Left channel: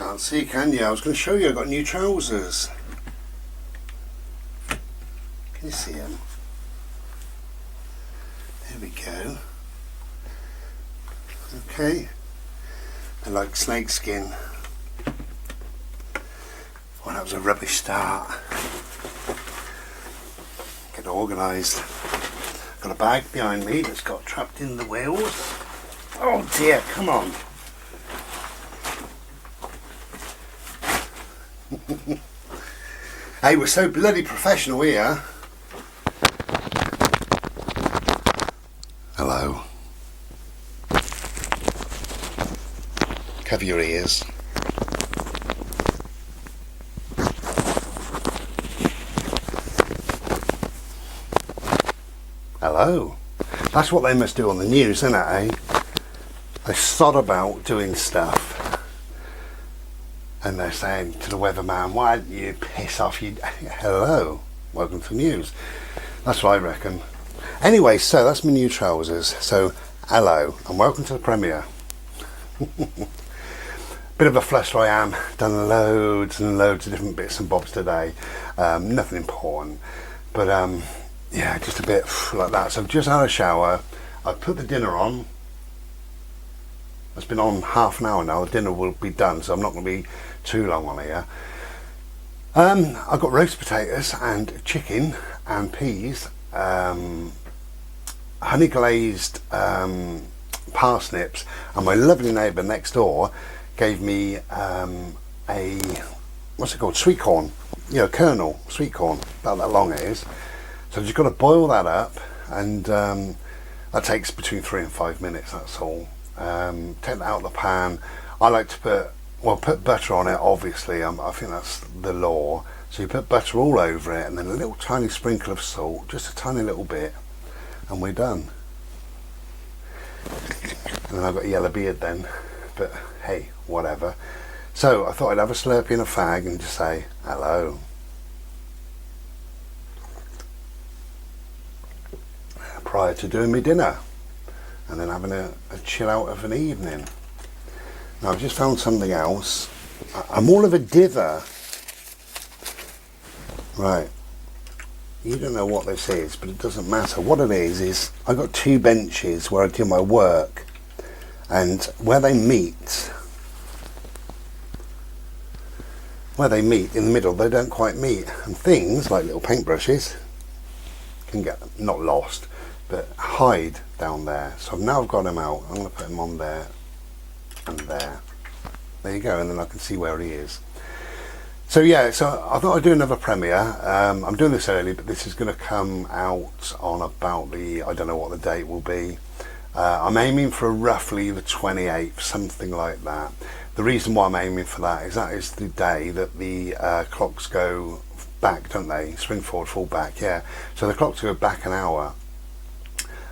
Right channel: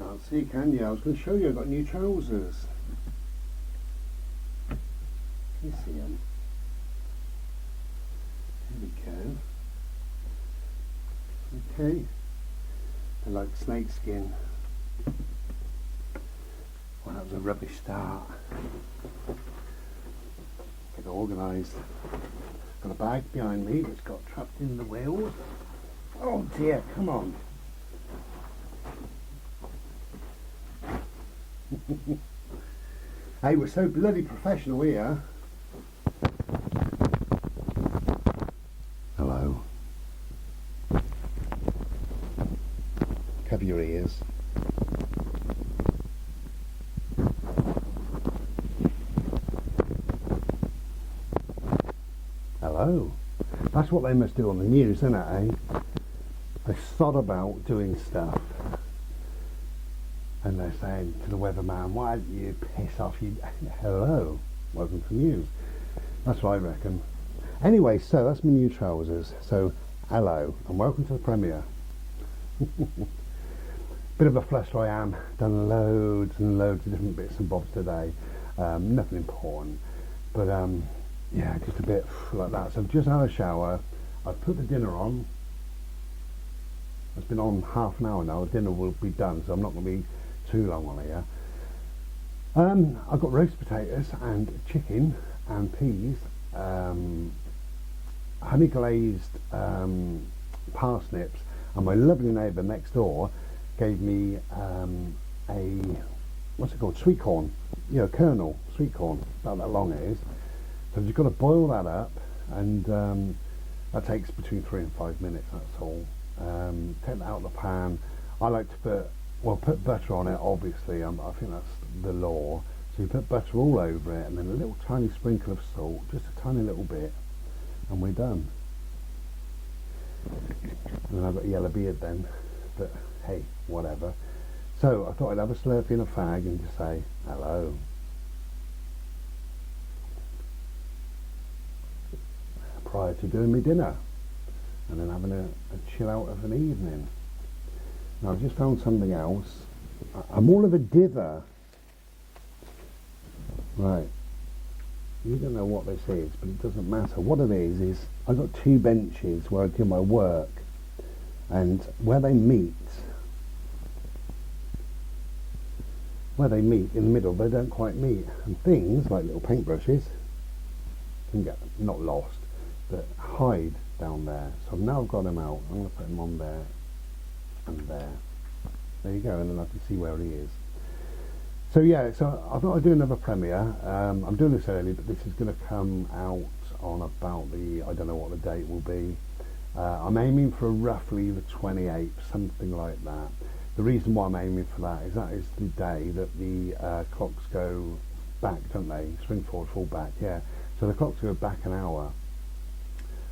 Can't see, can you? I was going to show you, I've got new trousers. Can you see them? There we go. Okay. They're like snake skin. Well, that was a rubbish start. Get organised. Got a bag behind me that's got trapped in the wheels. Oh dear, come on. Hey, we're so bloody professional here. Hello. Cover your ears. Hello. That's what they must do on the news, isn't it, eh? They sod about doing stuff. And they're saying to the weatherman, why don't you piss off? You hello, welcome to the news. That's what I reckon. Anyway, so that's my new trousers. So hello and welcome to the premiere. Bit of a fluster I am. Done loads and loads of different bits and bobs today. Nothing important, but yeah, just a bit like that. So I've just had a shower. I've put the dinner on. It's been on half an hour now. The dinner will be done, so I'm not going to be too long on here. I've got roast potatoes and chicken and peas, honey glazed parsnips, and my lovely neighbour next door gave me a, what's it called, sweet corn, you know, kernel sweet corn, about that long it is. So I've just got to boil that up, and that takes between 3 and 5 minutes, that's all. Take that out of the pan. I like to put butter on it, obviously. I think that's the law. So you put butter all over it and then a little tiny sprinkle of salt, just a tiny little bit, and we're done. And then I've got a yellow beard then, but hey, whatever. So I thought I'd have a Slurpee and a fag and just say hello. Prior to doing my dinner. And then having a chill out of an evening. Now I've just found something else. I'm all of a dither. Right. You don't know what this is, but it doesn't matter. What it is I've got 2 benches where I do my work. And where they meet in the middle, they don't quite meet. And things like little paintbrushes can get not lost, but hide down there. So now I've got them out. I'm going to put them on there and there. There you go, and then I can see where he is. So yeah, so I thought I'd do another premiere. I'm doing this early, but this is going to come out on about the, I don't know what the date will be. I'm aiming for roughly the 28th, something like that. The reason why I'm aiming for that is the day that the clocks go back, don't they? Spring forward, fall back, yeah. So the clocks go back an hour.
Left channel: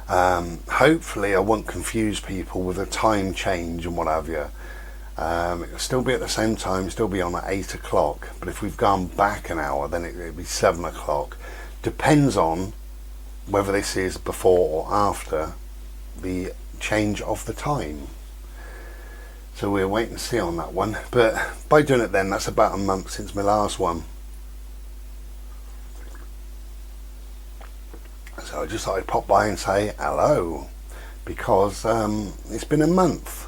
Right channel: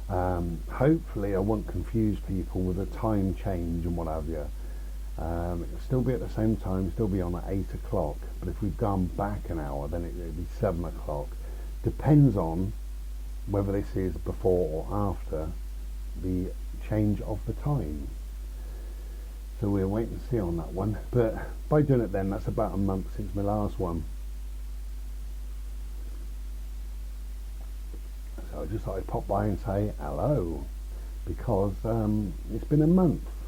Hopefully I won't confuse people with a time change and what have you. It'll still be at the same time, still be on at 8 o'clock, but if we've gone back an hour then it'll be 7 o'clock. Depends on whether this is before or after the change of the time. So we'll wait and see on that one, but by doing it then, that's about a month since my last one. So I just thought I'd pop by and say hello, because it's been a month,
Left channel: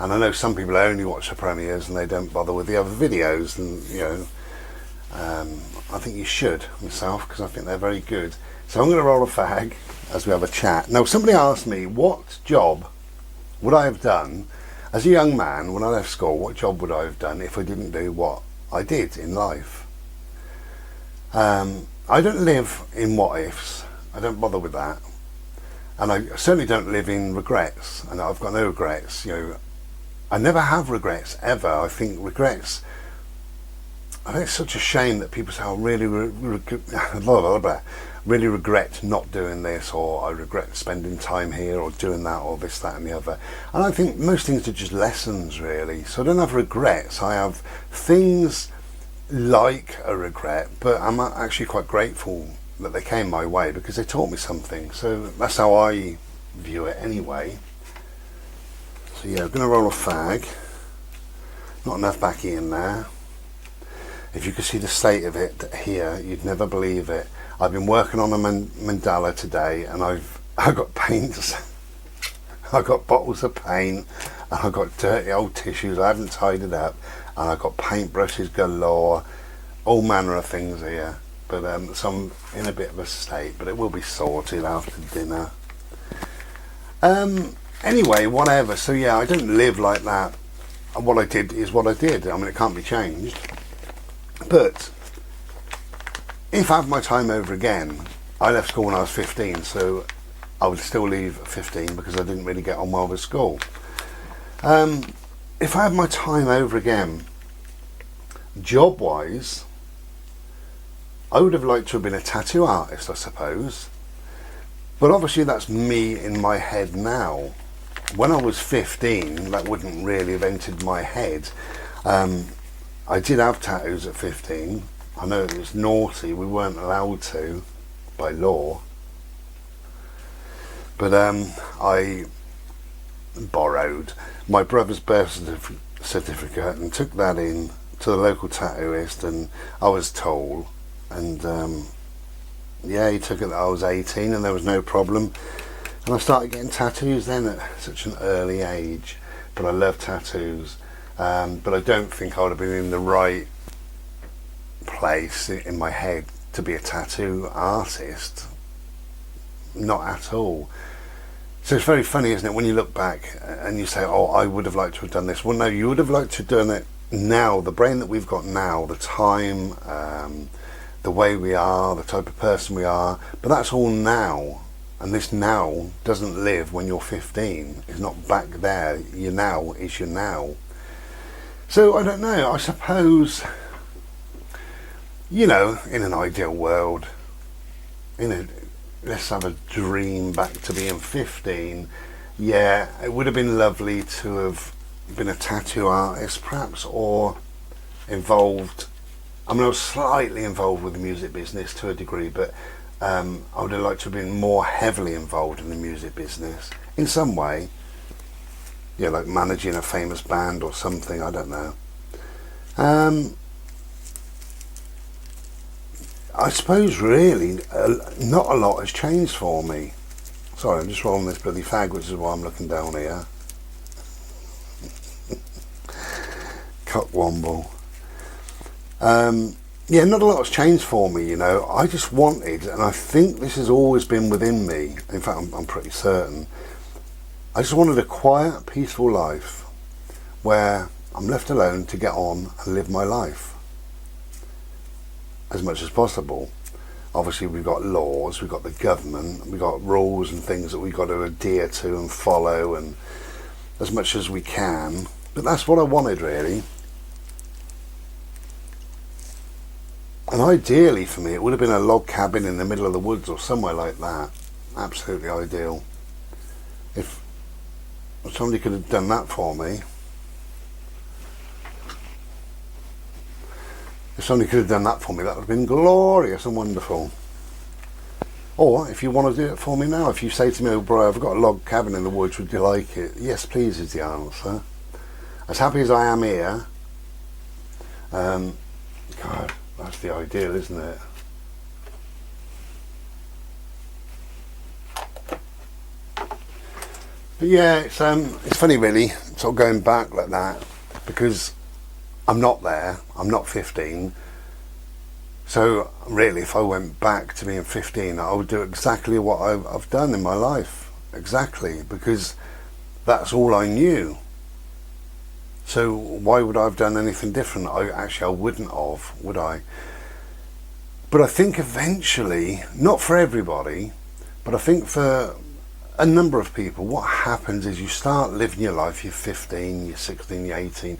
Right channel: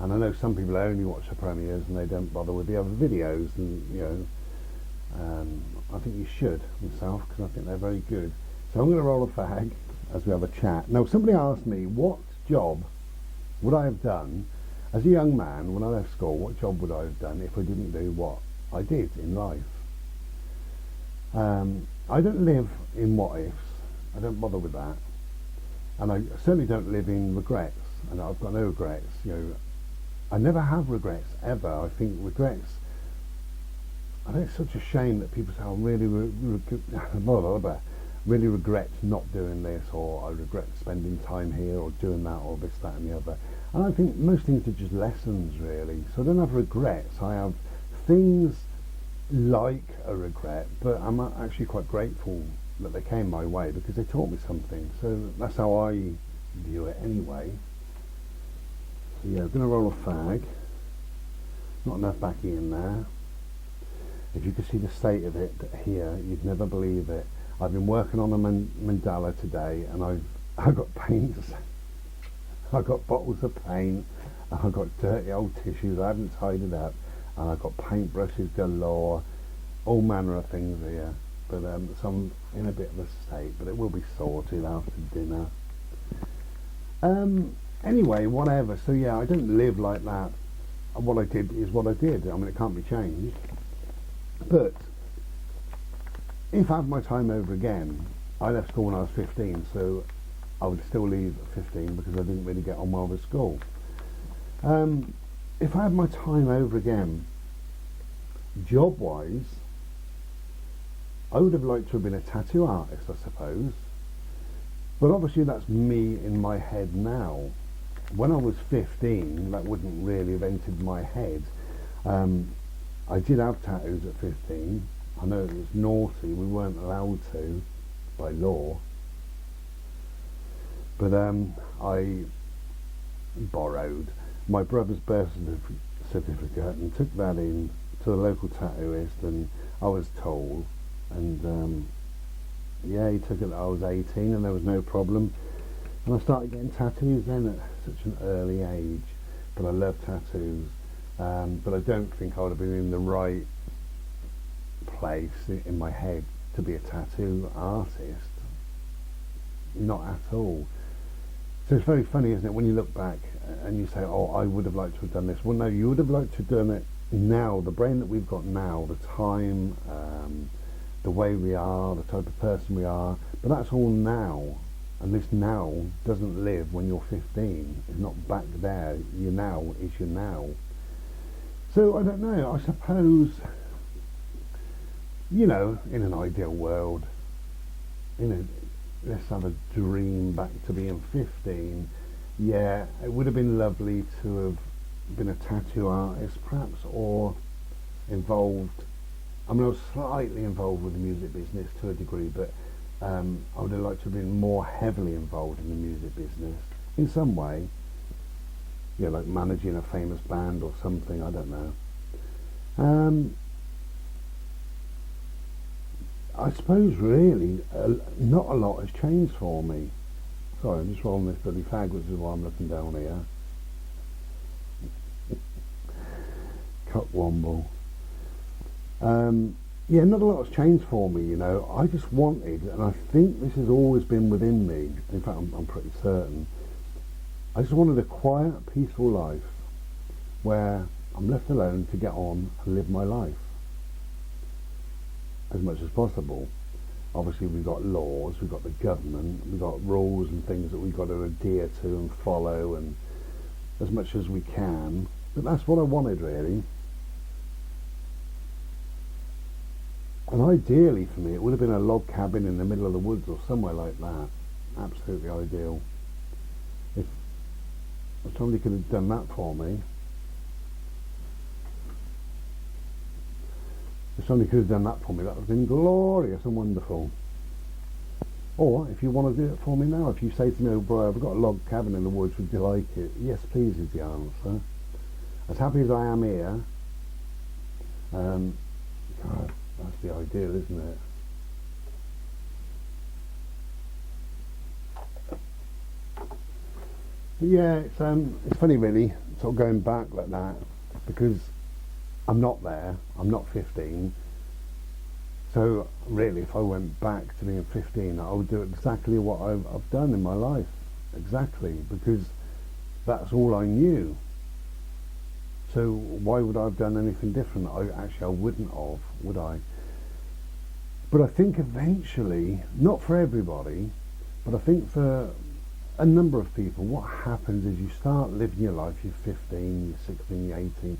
and I know some people only watch the premieres and they don't bother with the other videos, and you know, I think you should myself, because I think they're very good. So I'm going to roll a fag as we have a chat. Now somebody asked me what job would I have done as a young man when I left school. What job would I have done if I didn't do what I did in life? I don't live in what ifs. I don't bother with that, and I certainly don't live in regrets, and I've got no regrets. You know, I never have regrets ever. I think regrets, I think it's such a shame that people say, I really really regret not doing this, or I regret spending time here, or doing that, or this, that and the other. And I think most things are just lessons really. So I don't have regrets. I have things like a regret, but I'm actually quite grateful that they came my way, because they taught me something. So that's how I view it anyway. So yeah, I'm going to roll a fag. Not enough backy in there. If you could see the state of it here, you'd never believe it. I've been working on a mandala today, and I got paints. I got bottles of paint, and I got dirty old tissues. I haven't tidied up, and I got paintbrushes galore, all manner of things here. But so I'm in a bit of a state, but it will be sorted after dinner. Anyway, whatever. So yeah, I don't live like that. What I did is what I did. I mean, it can't be changed. But if I have my time over again, I left school when I was 15, so I would still leave at 15 because I didn't really get on well with school. If I had my time over again, job-wise, I would have liked to have been a tattoo artist, I suppose. But obviously that's me in my head now. When I was 15, that wouldn't really have entered my head. I did have tattoos at 15. I know it was naughty, we weren't allowed to by law. But I borrowed my brother's birth certificate and took that in to the local tattooist, and I was told, and yeah, he took it that I was 18 and there was no problem. And I started getting tattoos then at such an early age. But I love tattoos. But I don't think I would have been in the right place in my head to be a tattoo artist. Not at all. So it's very funny, isn't it, when you look back and you say, oh, I would have liked to have done this. Well, no, you would have liked to have done it now. The brain that we've got now, the time, the way we are, the type of person we are, but that's all now. And this now doesn't live when you're 15. It's not back there. Your now is your now. So I don't know, I suppose, you know, in an ideal world, let's have a dream back to being 15. Yeah, it would have been lovely to have been a tattoo artist perhaps, or involved. I mean, I was slightly involved with the music business to a degree, but I would have liked to have been more heavily involved in the music business in some way. Yeah, like managing a famous band or something, I don't know. I suppose really not a lot has changed for me. Sorry, I'm just rolling this bloody fag, which is why I'm looking down here. Cockwomble. Yeah, not a lot has changed for me, you know. I just wanted, and I think this has always been within me, in fact I'm pretty certain, I just wanted a quiet, peaceful life where I'm left alone to get on and live my life as much as possible. Obviously we've got laws, we've got the government, we've got rules and things that we've got to adhere to and follow, and as much as we can. But that's what I wanted, really. And ideally for me, it would have been a log cabin in the middle of the woods or somewhere like that. Absolutely ideal. If somebody could have done that for me. If somebody could have done that for me, that would have been glorious and wonderful. Or if you want to do it for me now, if you say to me, oh bro, I've got a log cabin in the woods, would you like it? Yes, please is the answer. As happy as I am here, God, that's the ideal, isn't it? But yeah, it's funny really, sort of going back like that, because I'm not there, I'm not 15. So really, if I went back to being 15, I would do exactly what I've done in my life, exactly, because that's all I knew. So why would I have done anything different? I wouldn't have, would I? But I think eventually, not for everybody, but I think for a number of people, what happens is you start living your life, you're 15, you're 16, you're 18,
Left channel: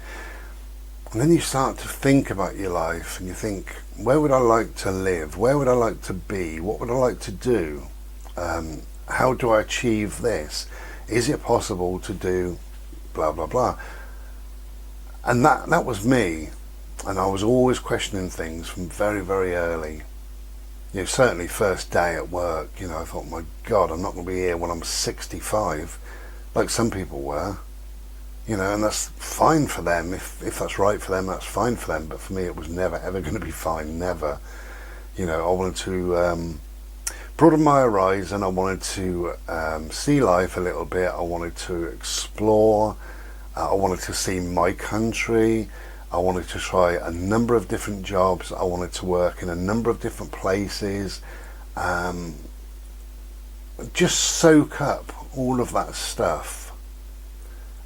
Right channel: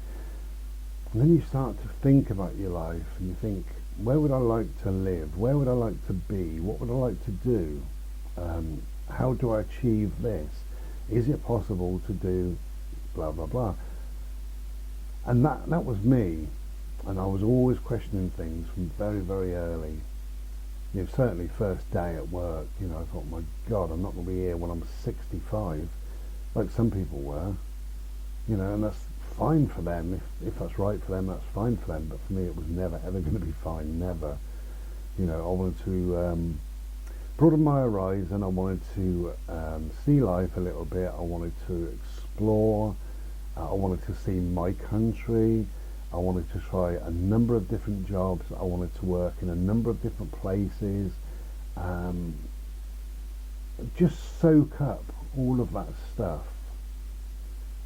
and then you start to think about your life, and you think, where would I like to live? Where would I like to be? What would I like to do? How do I achieve this? Is it possible to do blah, blah, blah? And that was me. And I was always questioning things from very, very early. You know, certainly first day at work, you know, I thought, my God, I'm not going to be here when I'm 65, like some people were. you know, and that's fine for them. If that's right for them, that's fine for them. But for me, it was never ever going to be fine. Never. You know, I wanted to broaden my horizon. I wanted to see life a little bit. I wanted to explore. I wanted to see my country. I wanted to try a number of different jobs. I wanted to work in a number of different places. Just soak up all of that stuff.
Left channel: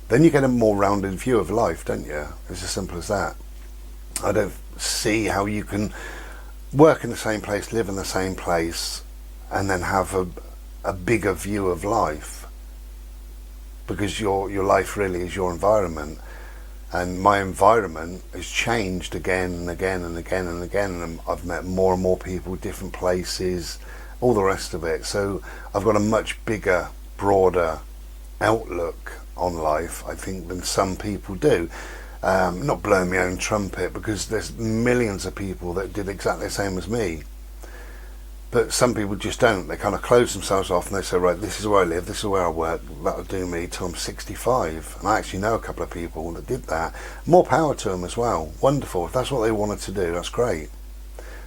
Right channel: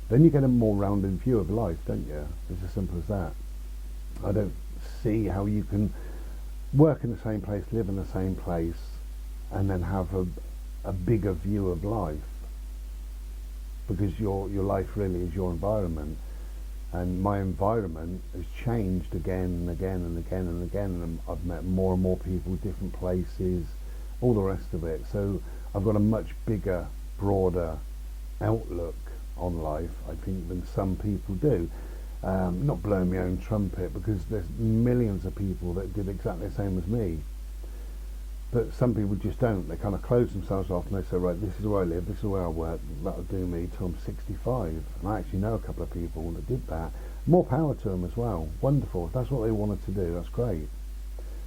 Then you get a more rounded view of life, don't you? It's as simple as that. I don't see how you can work in the same place, live in the same place, and then have a bigger view of life, because your life really is your environment. And my environment has changed again and again and again and again, and I've met more and more people, different places, all the rest of it. So I've got a much bigger, broader outlook on life, I think, than some people do. Not blowing my own trumpet, because there's millions of people that did exactly the same as me. But some people just don't. They kind of close themselves off and they say, right, this is where I live, this is where I work, that'll do me till I'm 65. And I actually know a couple of people that did that. More power to them as well. Wonderful. If that's what they wanted to do, that's great.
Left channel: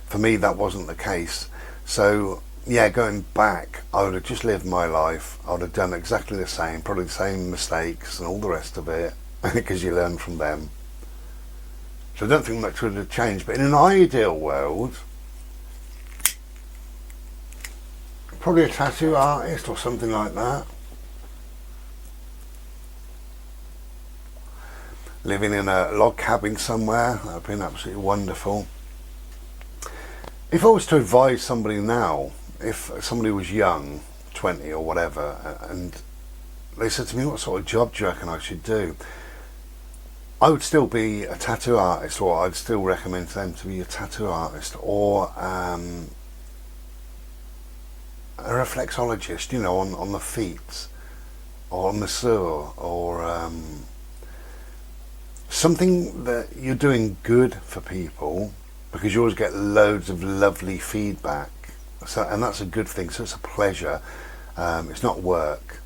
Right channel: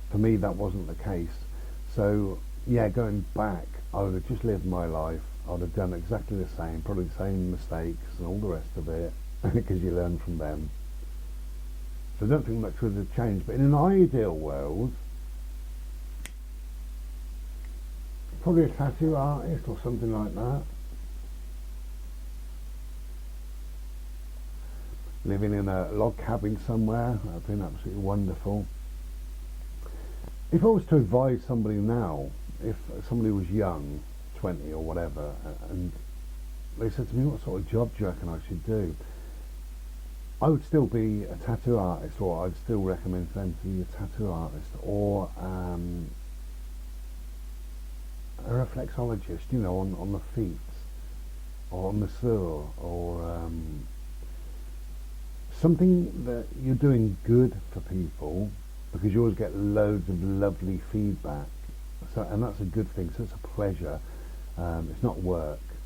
For me, that wasn't the case. So yeah, going back, I would have just lived my life. I would have done exactly the same, probably the same mistakes and all the rest of it, because you learn from them. So I don't think much would have changed. But in an ideal world, probably a tattoo artist or something like that. Living in a log cabin somewhere, that would have been absolutely wonderful. If I was to advise somebody now, if somebody was young, 20 or whatever, and they said to me, what sort of job do you reckon I should do? I would still be a tattoo artist, or I'd still recommend to them to be a tattoo artist, or a reflexologist, you know, on the feet, or on the sewer, or something that you're doing good for people, because you always get loads of lovely feedback. So, and that's a good thing. So it's a pleasure. It's not work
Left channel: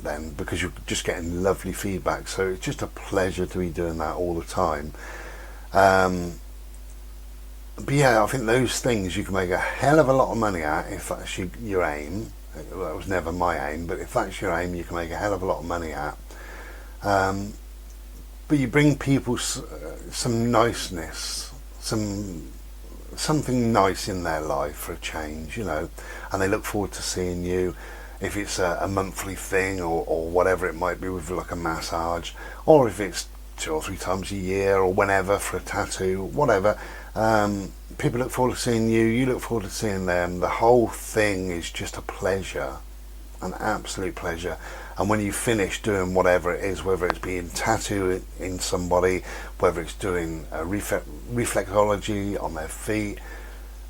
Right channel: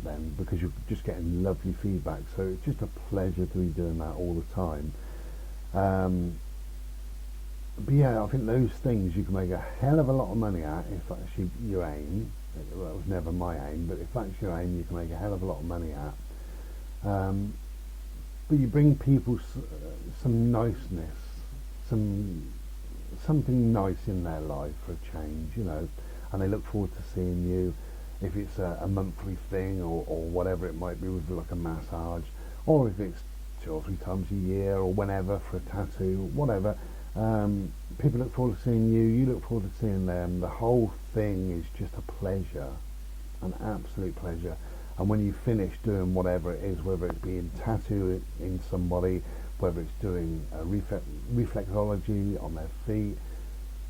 then, because you're just getting lovely feedback. So it's just a pleasure to be doing that all the time. But yeah, I think those things you can make a hell of a lot of money at, if that's your aim. That was never my aim, but if that's your aim, you can make a hell of a lot of money at. But you bring people some niceness, something nice in their life for a change, you know, and they look forward to seeing you. If it's a monthly thing, or whatever it might be, with like a massage, or if it's 2 or 3 times a year or whenever for a tattoo, whatever. People look forward to seeing you, you look forward to seeing them. The whole thing is just a pleasure, an absolute pleasure. And when you finish doing whatever it is, whether it's being tattooed in somebody, whether it's doing a reflexology on their feet,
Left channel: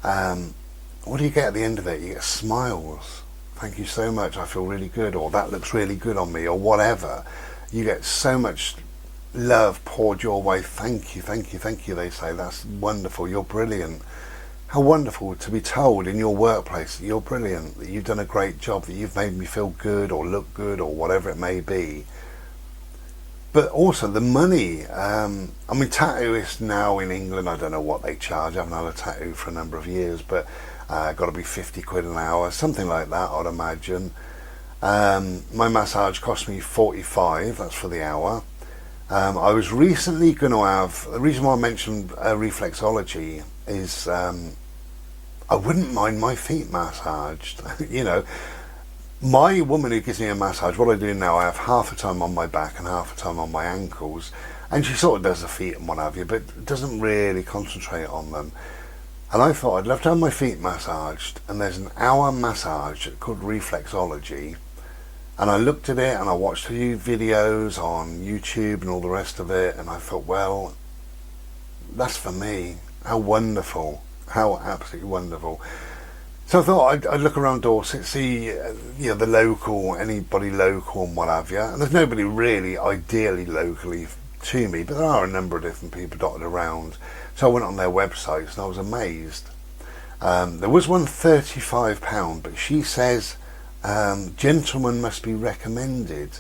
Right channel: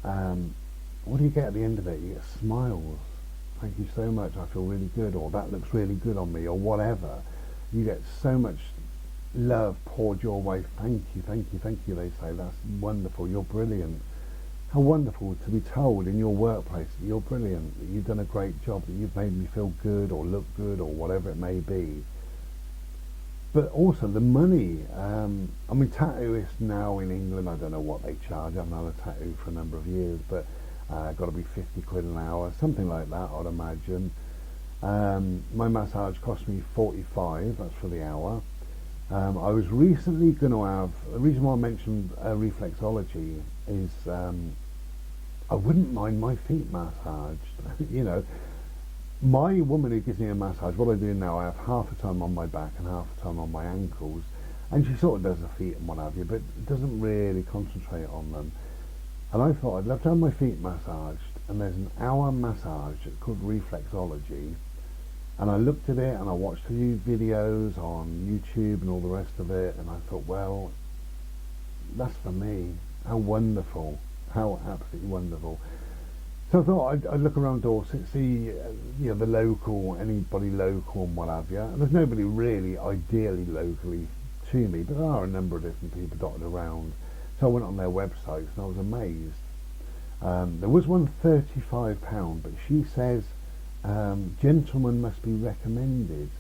what do you get at the end of it? You get smiles. Thank you so much, I feel really good, or that looks really good on me, or whatever. You get so much love poured your way. Thank you, thank you, thank you, they say. That's wonderful, you're brilliant. How wonderful to be told in your workplace that you're brilliant, that you've done a great job, that you've made me feel good or look good or whatever it may be. But also the money. I mean, tattooists now in England, I don't know what they charge. I haven't had a tattoo for a number of years, but got to be 50 quid an hour, something like that, I'd imagine. My massage cost me 45, that's for the hour. I was recently going to have, the reason why I mentioned reflexology is I wouldn't mind my feet massaged. You know, my woman who gives me a massage, what I do now, I have half the time on my back and half the time on my ankles, and she sort of does the feet and what have you, but doesn't really concentrate on them. And I thought I'd love to have my feet massaged, and there's an hour massage called reflexology. And I looked at it and I watched a few videos on YouTube and all the rest of it, and I thought, well, that's for me. How wonderful. How absolutely wonderful. So I thought I'd look around Dorset, see you know, the local, anybody local and what have you. And there's nobody really ideally locally to me, but there are a number of different people dotted around. So I went on their websites and I was amazed. There was one £35, but she says gentlemen must be recommended.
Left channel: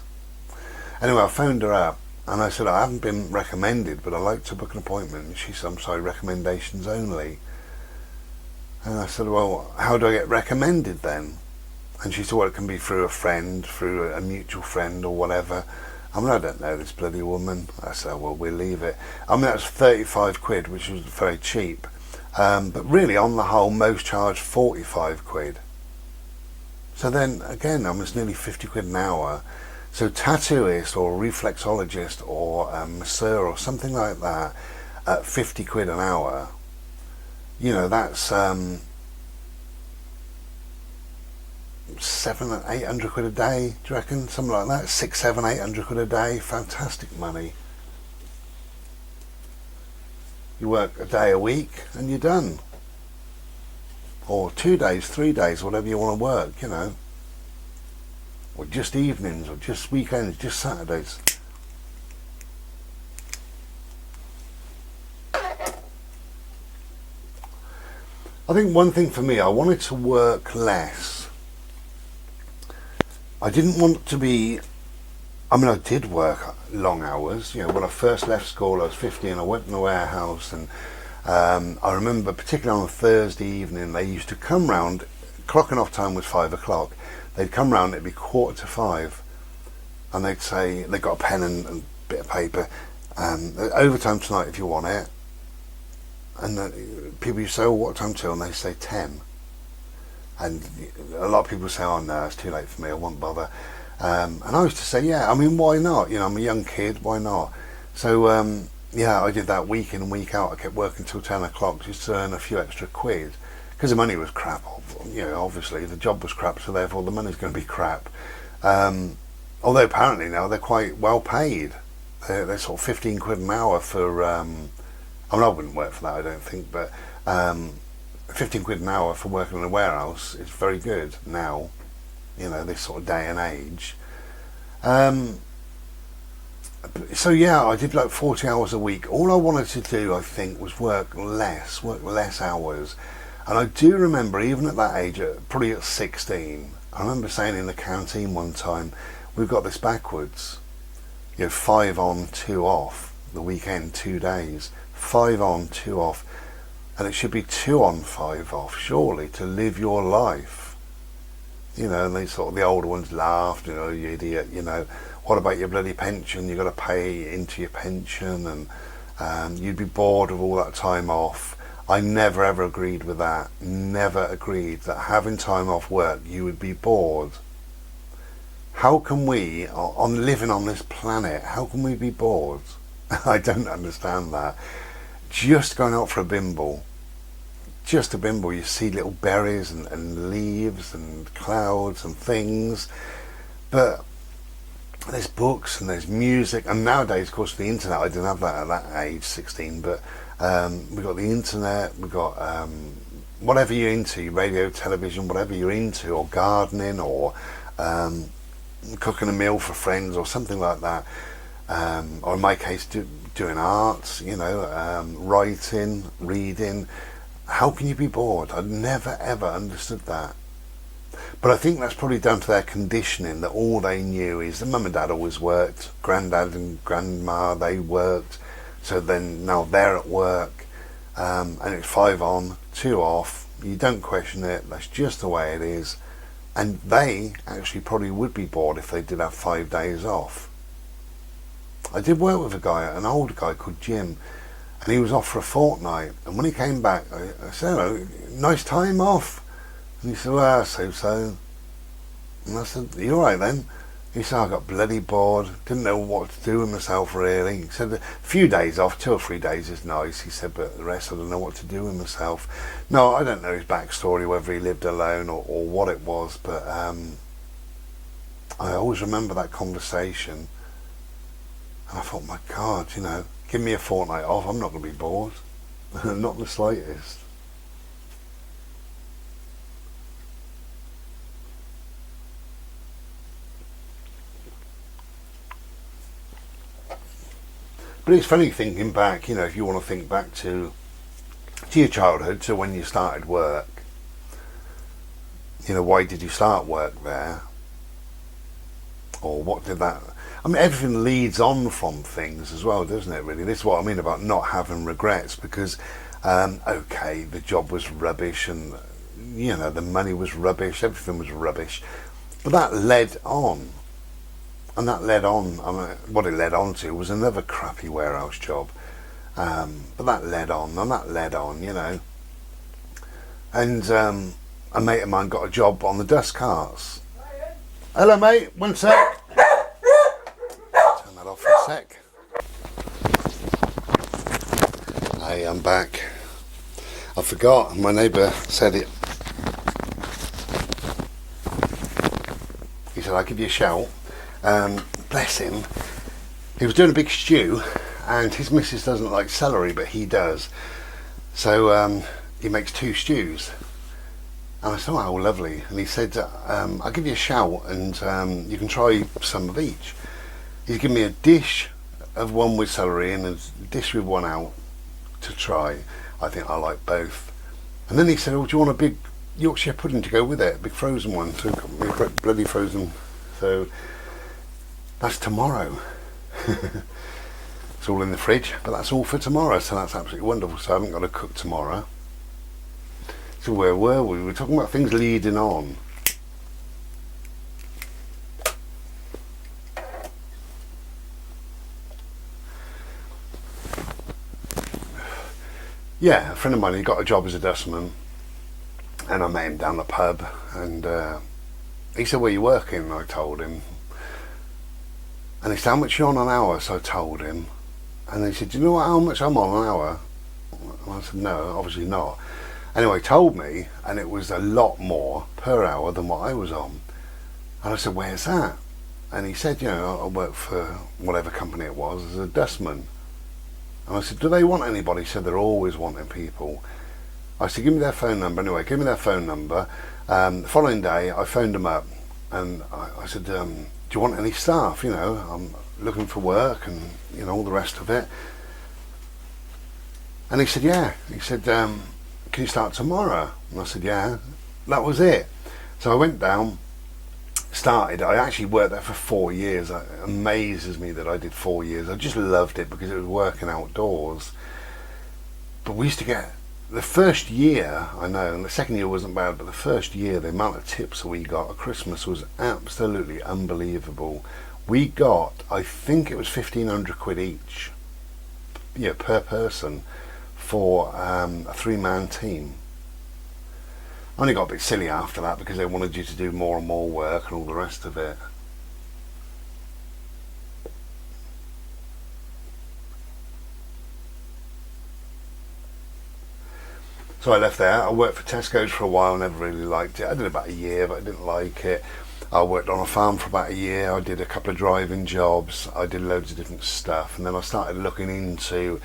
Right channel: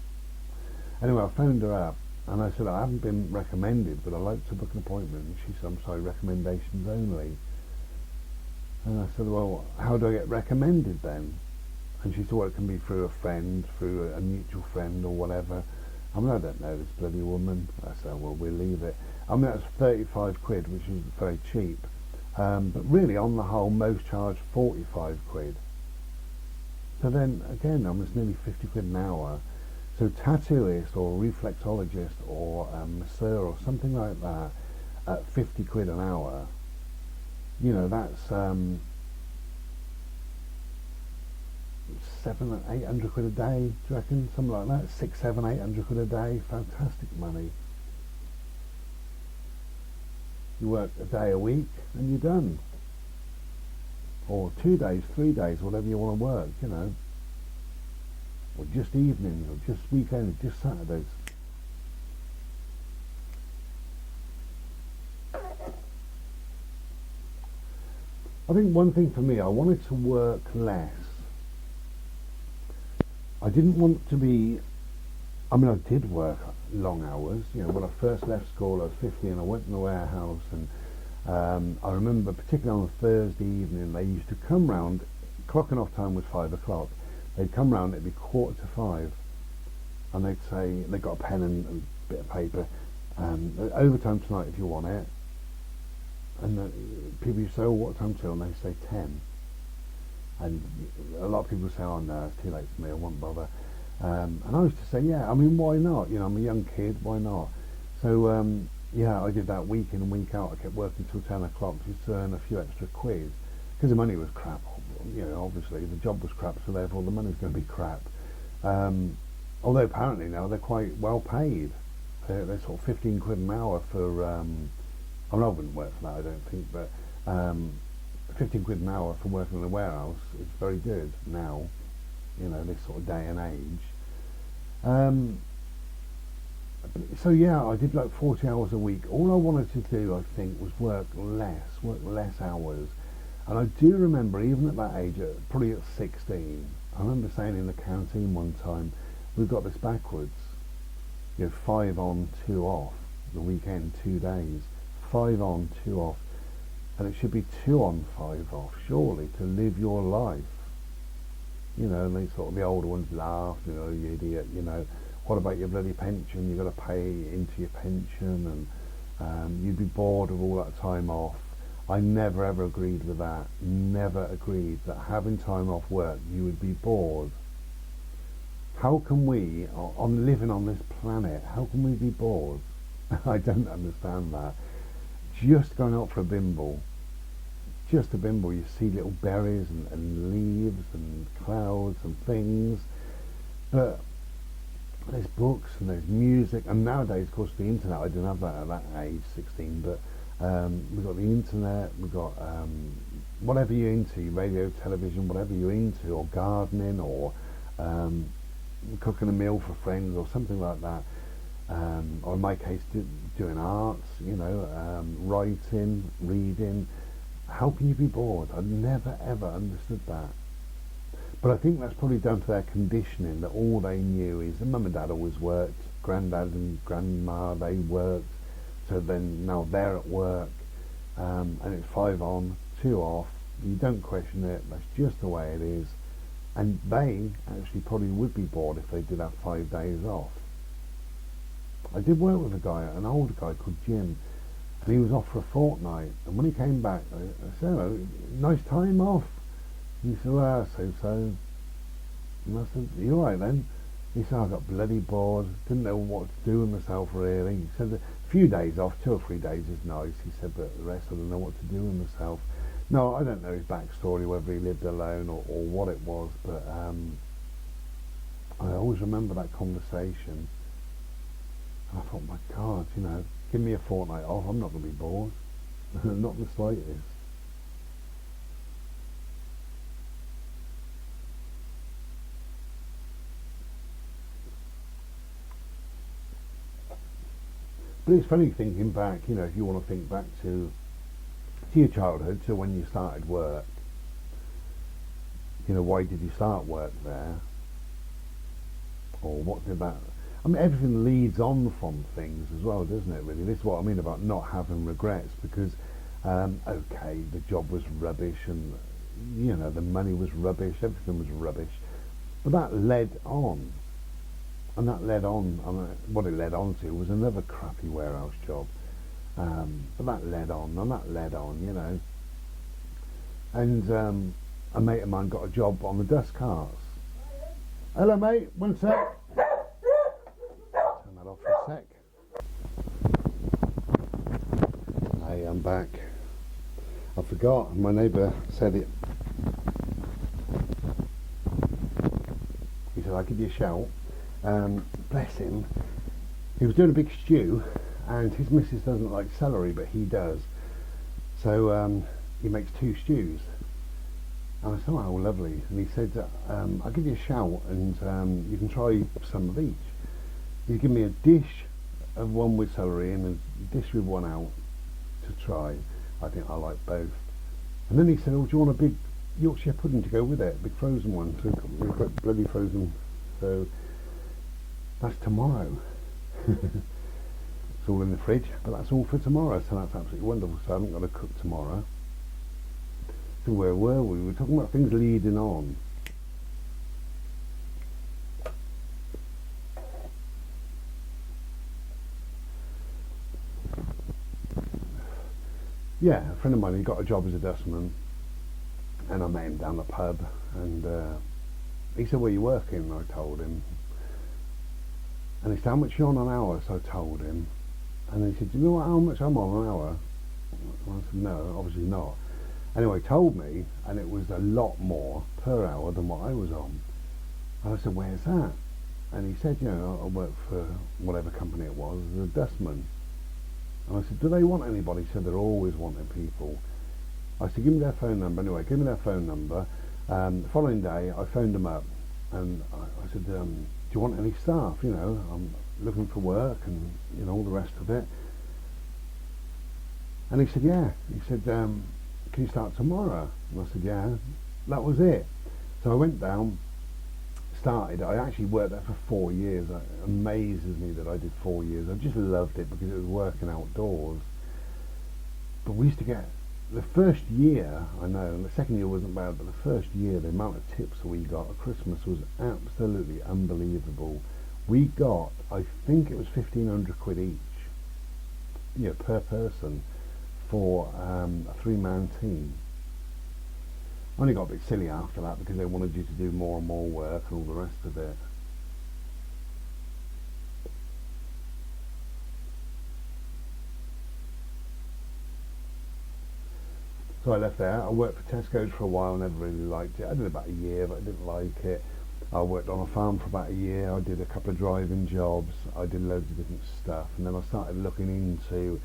Anyway, I phoned her up And I said, I haven't been recommended, but I'd like to book an appointment. And she said, I'm sorry, recommendations only. And I said, well, how do I get recommended then? And she said, well, it can be through a friend, through a mutual friend or whatever. I mean, I don't know this bloody woman. I said, well, we'll leave it. I mean, that was 35 quid, which was very cheap. But really, on the whole, most charged 45 quid. So then, again, almost nearly 50 quid an hour. So tattooist or reflexologist or masseur or something like that at 50 quid an hour, you know, that's 700, 800 quid a day, do you reckon? Something like that, 6, 7, 800 quid a day, fantastic money. You work a day a week and you're done. Or 2 days, 3 days, whatever you want to work, you know. Or just evenings, or just weekends, just Saturdays. I think one thing for me, I wanted to work less. I didn't want to be, I mean, I did work long hours. You know, when I first left school, I was 15, I went in the warehouse, and I remember particularly on a Thursday evening, they used to come round, clocking off time was 5 o'clock. They'd come round, it'd be 4:45, and they'd say, they got a pen and a bit of paper, overtime tonight if you want it. And people used to say, oh, what time till? And they say 10. And a lot of people say, oh no, it's too late for me, I won't bother. And I used to say, yeah, I mean, why not? You know, I'm a young kid, why not? So yeah, I did that week in and week out. I kept working till 10 o'clock just to earn a few extra quid, because the money was crap. You know, obviously the job was crap, so therefore the money's going to be crap. Although apparently now they're quite well paid. They're sort of 15 quid an hour for, I mean, I wouldn't work for that, I don't think, but 15 quid an hour for working in a warehouse is very good now, you know, this sort of day and age. So yeah, I did like 40 hours a week. All I wanted to do, I think, was work less hours. And I do remember, even at that age, probably at 16, I remember saying in the canteen one time, we've got this backwards. You know, 5 on, 2 off, the weekend, 2 days. 5 on, 2 off. And it should be 2 on, 5 off, surely, to live your life. You know, and they sort of, the older ones laughed, you know, you idiot, you know, what about your bloody pension? You've got to pay into your pension, and you'd be bored of all that time off. I never ever agreed with that. Never agreed that having time off work you would be bored. How can we, on living on this planet, how can we be bored? I don't understand that. Just going out for a bimble. Just a bimble, you see little berries and leaves and clouds and things. But there's books and there's music, and nowadays, of course, the internet. I didn't have that at that age, 16, but we've got the internet, we've got whatever you're into, radio, television, whatever you're into, or gardening, or cooking a meal for friends, or something like that, or in my case, doing arts, you know, writing, reading. How can you be bored? I never ever understood that. But I think that's probably down to their conditioning, that all they knew is that mum and dad always worked, granddad and grandma, they worked, so then now they're at work, and it's 5 on, 2 off, you don't question it, that's just the way it is. And they actually probably would be bored if they did have 5 days off. I did work with a guy, an older guy called Jim, and he was off for a fortnight, and when he came back, I said, oh, nice time off. And he said, well, so. And I said, are you alright then? He said, I got bloody bored, didn't know what to do with myself really. He said, a few days off, 2 or 3 days is nice. He said, but the rest I don't know what to do with myself. No, I don't know his backstory, whether he lived alone or what it was, but I always remember that conversation. And I thought, my God, you know, give me a fortnight off, I'm not going to be bored. Not the slightest. But it's funny thinking back, you know, if you want to think back to your childhood, to when you started work. You know, why did you start work there? Or what did that... I mean, everything leads on from things as well, doesn't it, really? This is what I mean about not having regrets, because, okay, the job was rubbish and, you know, the money was rubbish, everything was rubbish. But that led on. And that led on, I mean, what it led on to was another crappy warehouse job. But that led on, and that led on, you know. And a mate of mine got a job on the dust carts. Hello, mate, one sec. Turn that off for a sec. Hey, I'm back. I forgot, my neighbour said it. He said, I'll give you a shout. Bless him. He was doing a big stew, and his missus doesn't like celery, but he does. So he makes 2 stews. And I said, oh, lovely. And he said, I'll give you a shout, and you can try some of each. He's given me a dish of one with celery and a dish with one out to try. I think I like both. And then he said, oh, do you want a big Yorkshire pudding to go with it? A big frozen one. So bloody frozen. So that's tomorrow. It's all in the fridge, but that's all for tomorrow. So that's absolutely wonderful. So I haven't got to cook tomorrow. So where were we? We were talking about things leading on. Yeah, a friend of mine, he got a job as a dustman, and I met him down the pub, and he said, where are you working? And I told him. And he said, how much are you on an hour? So I told him. And he said, do you know how much I'm on an hour? And I said, no, obviously not. Anyway, he told me, and it was a lot more per hour than what I was on. And I said, where's that? And he said, you know, I work for whatever company it was as a dustman. And I said, do they want anybody? He said, they're always wanting people. I said, give me their phone number. Anyway, give me their phone number. The following day, I phoned them up, and I said, do you want any staff? You know, I'm looking for work, and, you know, all the rest of it. And he said, yeah. He said, can you start tomorrow? And I said, yeah. That was it. So I went down, started. I actually worked there for 4 years. It amazes me that I did 4 years. I just loved it because it was working outdoors. But we used to get, the first year, I know, and the second year wasn't bad, but the first year, the amount of tips we got at Christmas was absolutely unbelievable. We got, I think it was 1,500 quid each, yeah, per person, for a 3-man team. I only got a bit silly after that because they wanted you to do more and more work and all the rest of it. So I left there. I worked for Tesco's for a while, never really liked it. I did about a year, but I didn't like it. I worked on a farm for about a year. I did a couple of driving jobs. I did loads of different stuff. And then I started looking into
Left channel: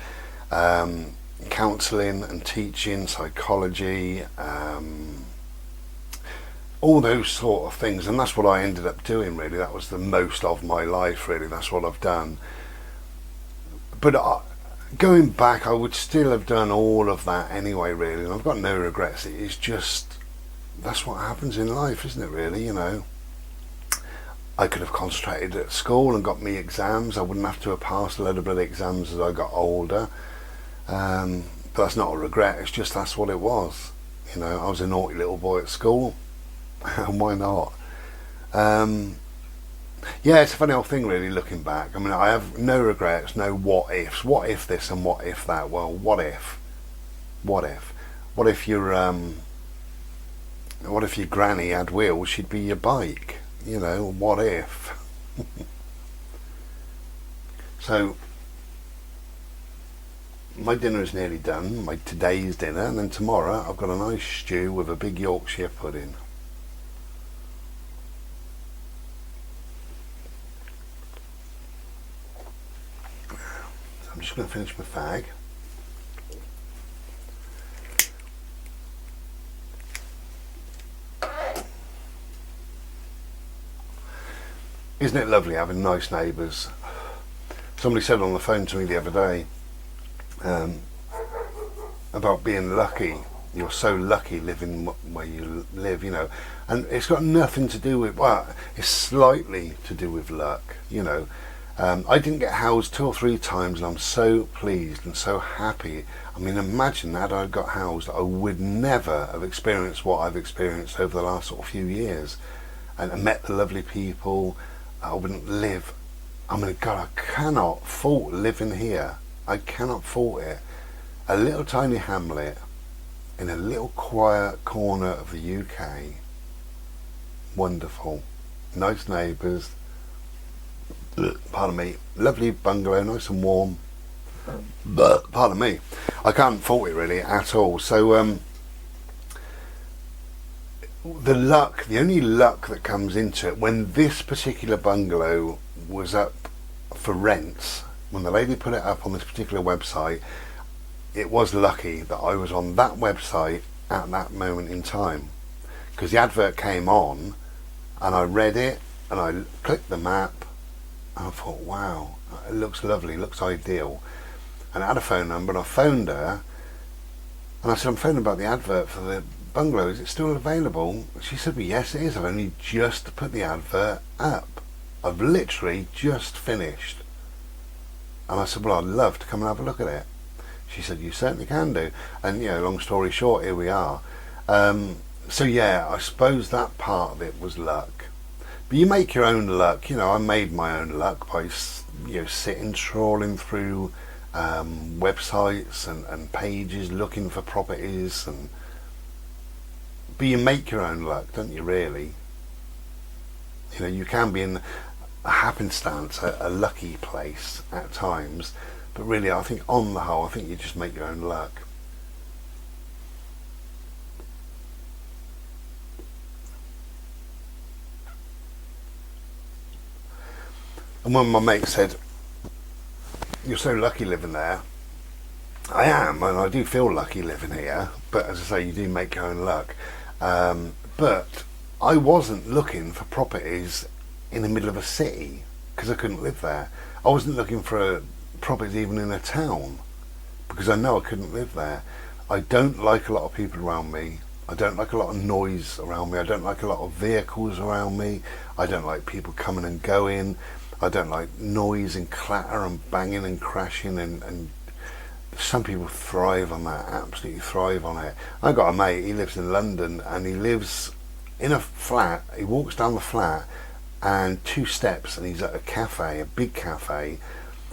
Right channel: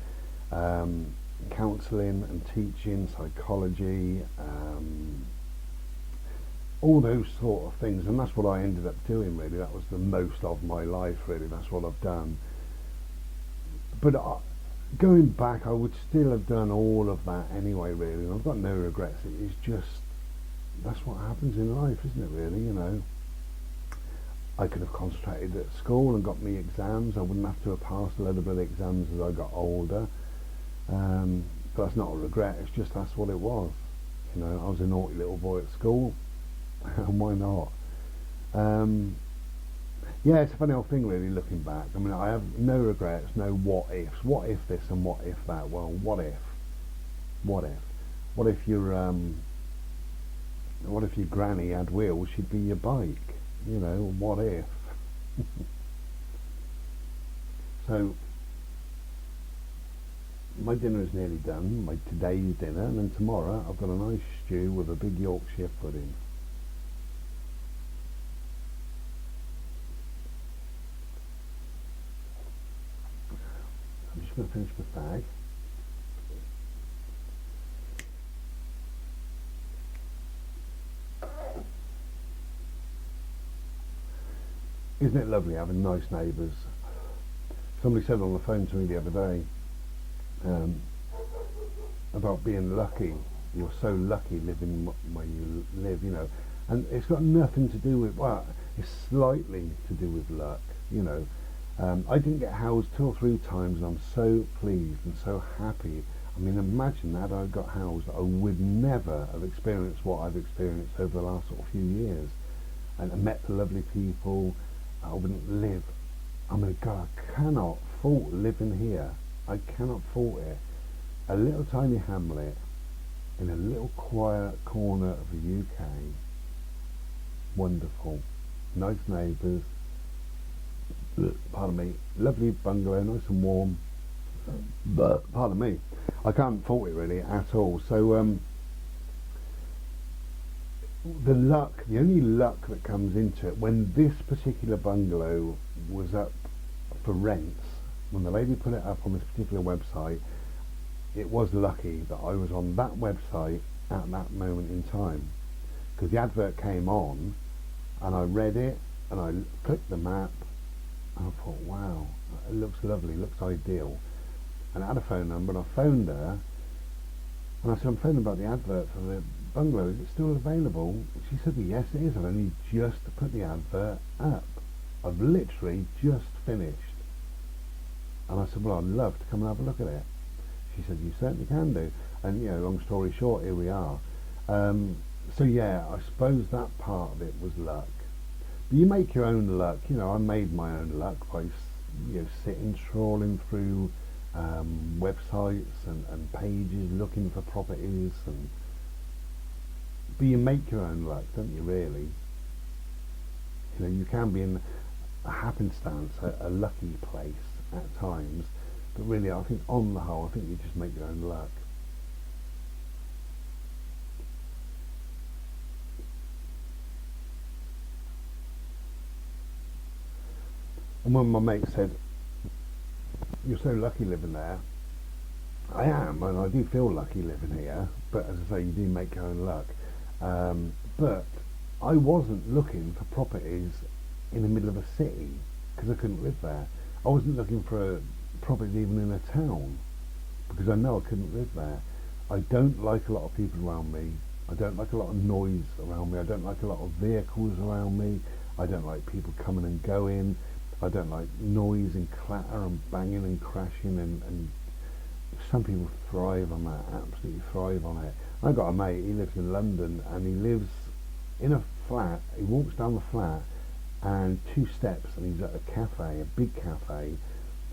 counselling and teaching, psychology, all those sort of things. And that's what I ended up doing, really. That was the most of my life, really. That's what I've done. But going back, I would still have done all of that anyway, really. And I've got no regrets. It's just, that's what happens in life, isn't it, really, you know? I could have concentrated at school and got me exams. I wouldn't have to have passed a load of bloody exams as I got older. But that's not a regret. It's just that's what it was. You know, I was a naughty little boy at school, and why not? Yeah, it's a funny old thing, really, looking back. I mean, I have no regrets, no what ifs. What if this and what if that? Well, what if? What if? What if your granny had wheels? She'd be your bike. You know, what if? So my dinner is nearly done, my today's dinner, and then tomorrow I've got a nice stew with a big Yorkshire pudding. So I'm just going to finish my fag. Isn't it lovely having nice neighbours? Somebody said on the phone to me the other day about being lucky. You're so lucky living where you live, you know. And it's got nothing to do with, well, it's slightly to do with luck, you know. I didn't get housed 2 or 3 times, and I'm so pleased and so happy. I mean, imagine that I got housed, I would never have experienced what I've experienced over the last sort of few years, and I met the lovely people. I wouldn't live. I mean, God, I cannot fault living here. I cannot fault it. A little tiny hamlet in a little quiet corner of the UK. Wonderful. Nice neighbours. Pardon me. Lovely bungalow, nice and warm. But pardon me, I can't fault it really at all. So the only luck that comes into it, when this particular bungalow was up for rents, when the lady put it up on this particular website, it was lucky that I was on that website at that moment in time, because the advert came on and I read it and I clicked the map and I thought, wow, it looks lovely, looks ideal. And I had a phone number, and I phoned her and I said, I'm phoning about the advert for the bungalow, is it still available? She said, well, yes it is, I've only just put the advert up, I've literally just finished. And I said, well, I'd love to come and have a look at it. She said, you certainly can do. And long story short, here we are. So yeah, I suppose that part of it was luck. But you make your own luck. I made my own luck by sitting, trawling through websites and pages looking for properties, but you make your own luck, don't you, really? You can be in a happenstance, a lucky place at times, but really I think on the whole, I think you just make your own luck. And when my mate said, you're so lucky living there, I am, and I do feel lucky living here, but as I say, you do make your own luck. But I wasn't looking for properties in the middle of a city, because I couldn't live there. I wasn't looking for properties even in a town, because I know I couldn't live there. I don't like a lot of people around me. I don't like a lot of noise around me. I don't like a lot of vehicles around me. I don't like people coming and going. I don't like noise and clatter and banging and crashing, and some people thrive on that, absolutely thrive on it. I got a mate, he lives in London, and he lives in a flat. He walks down the flat and 2 steps and he's at a cafe, a big cafe,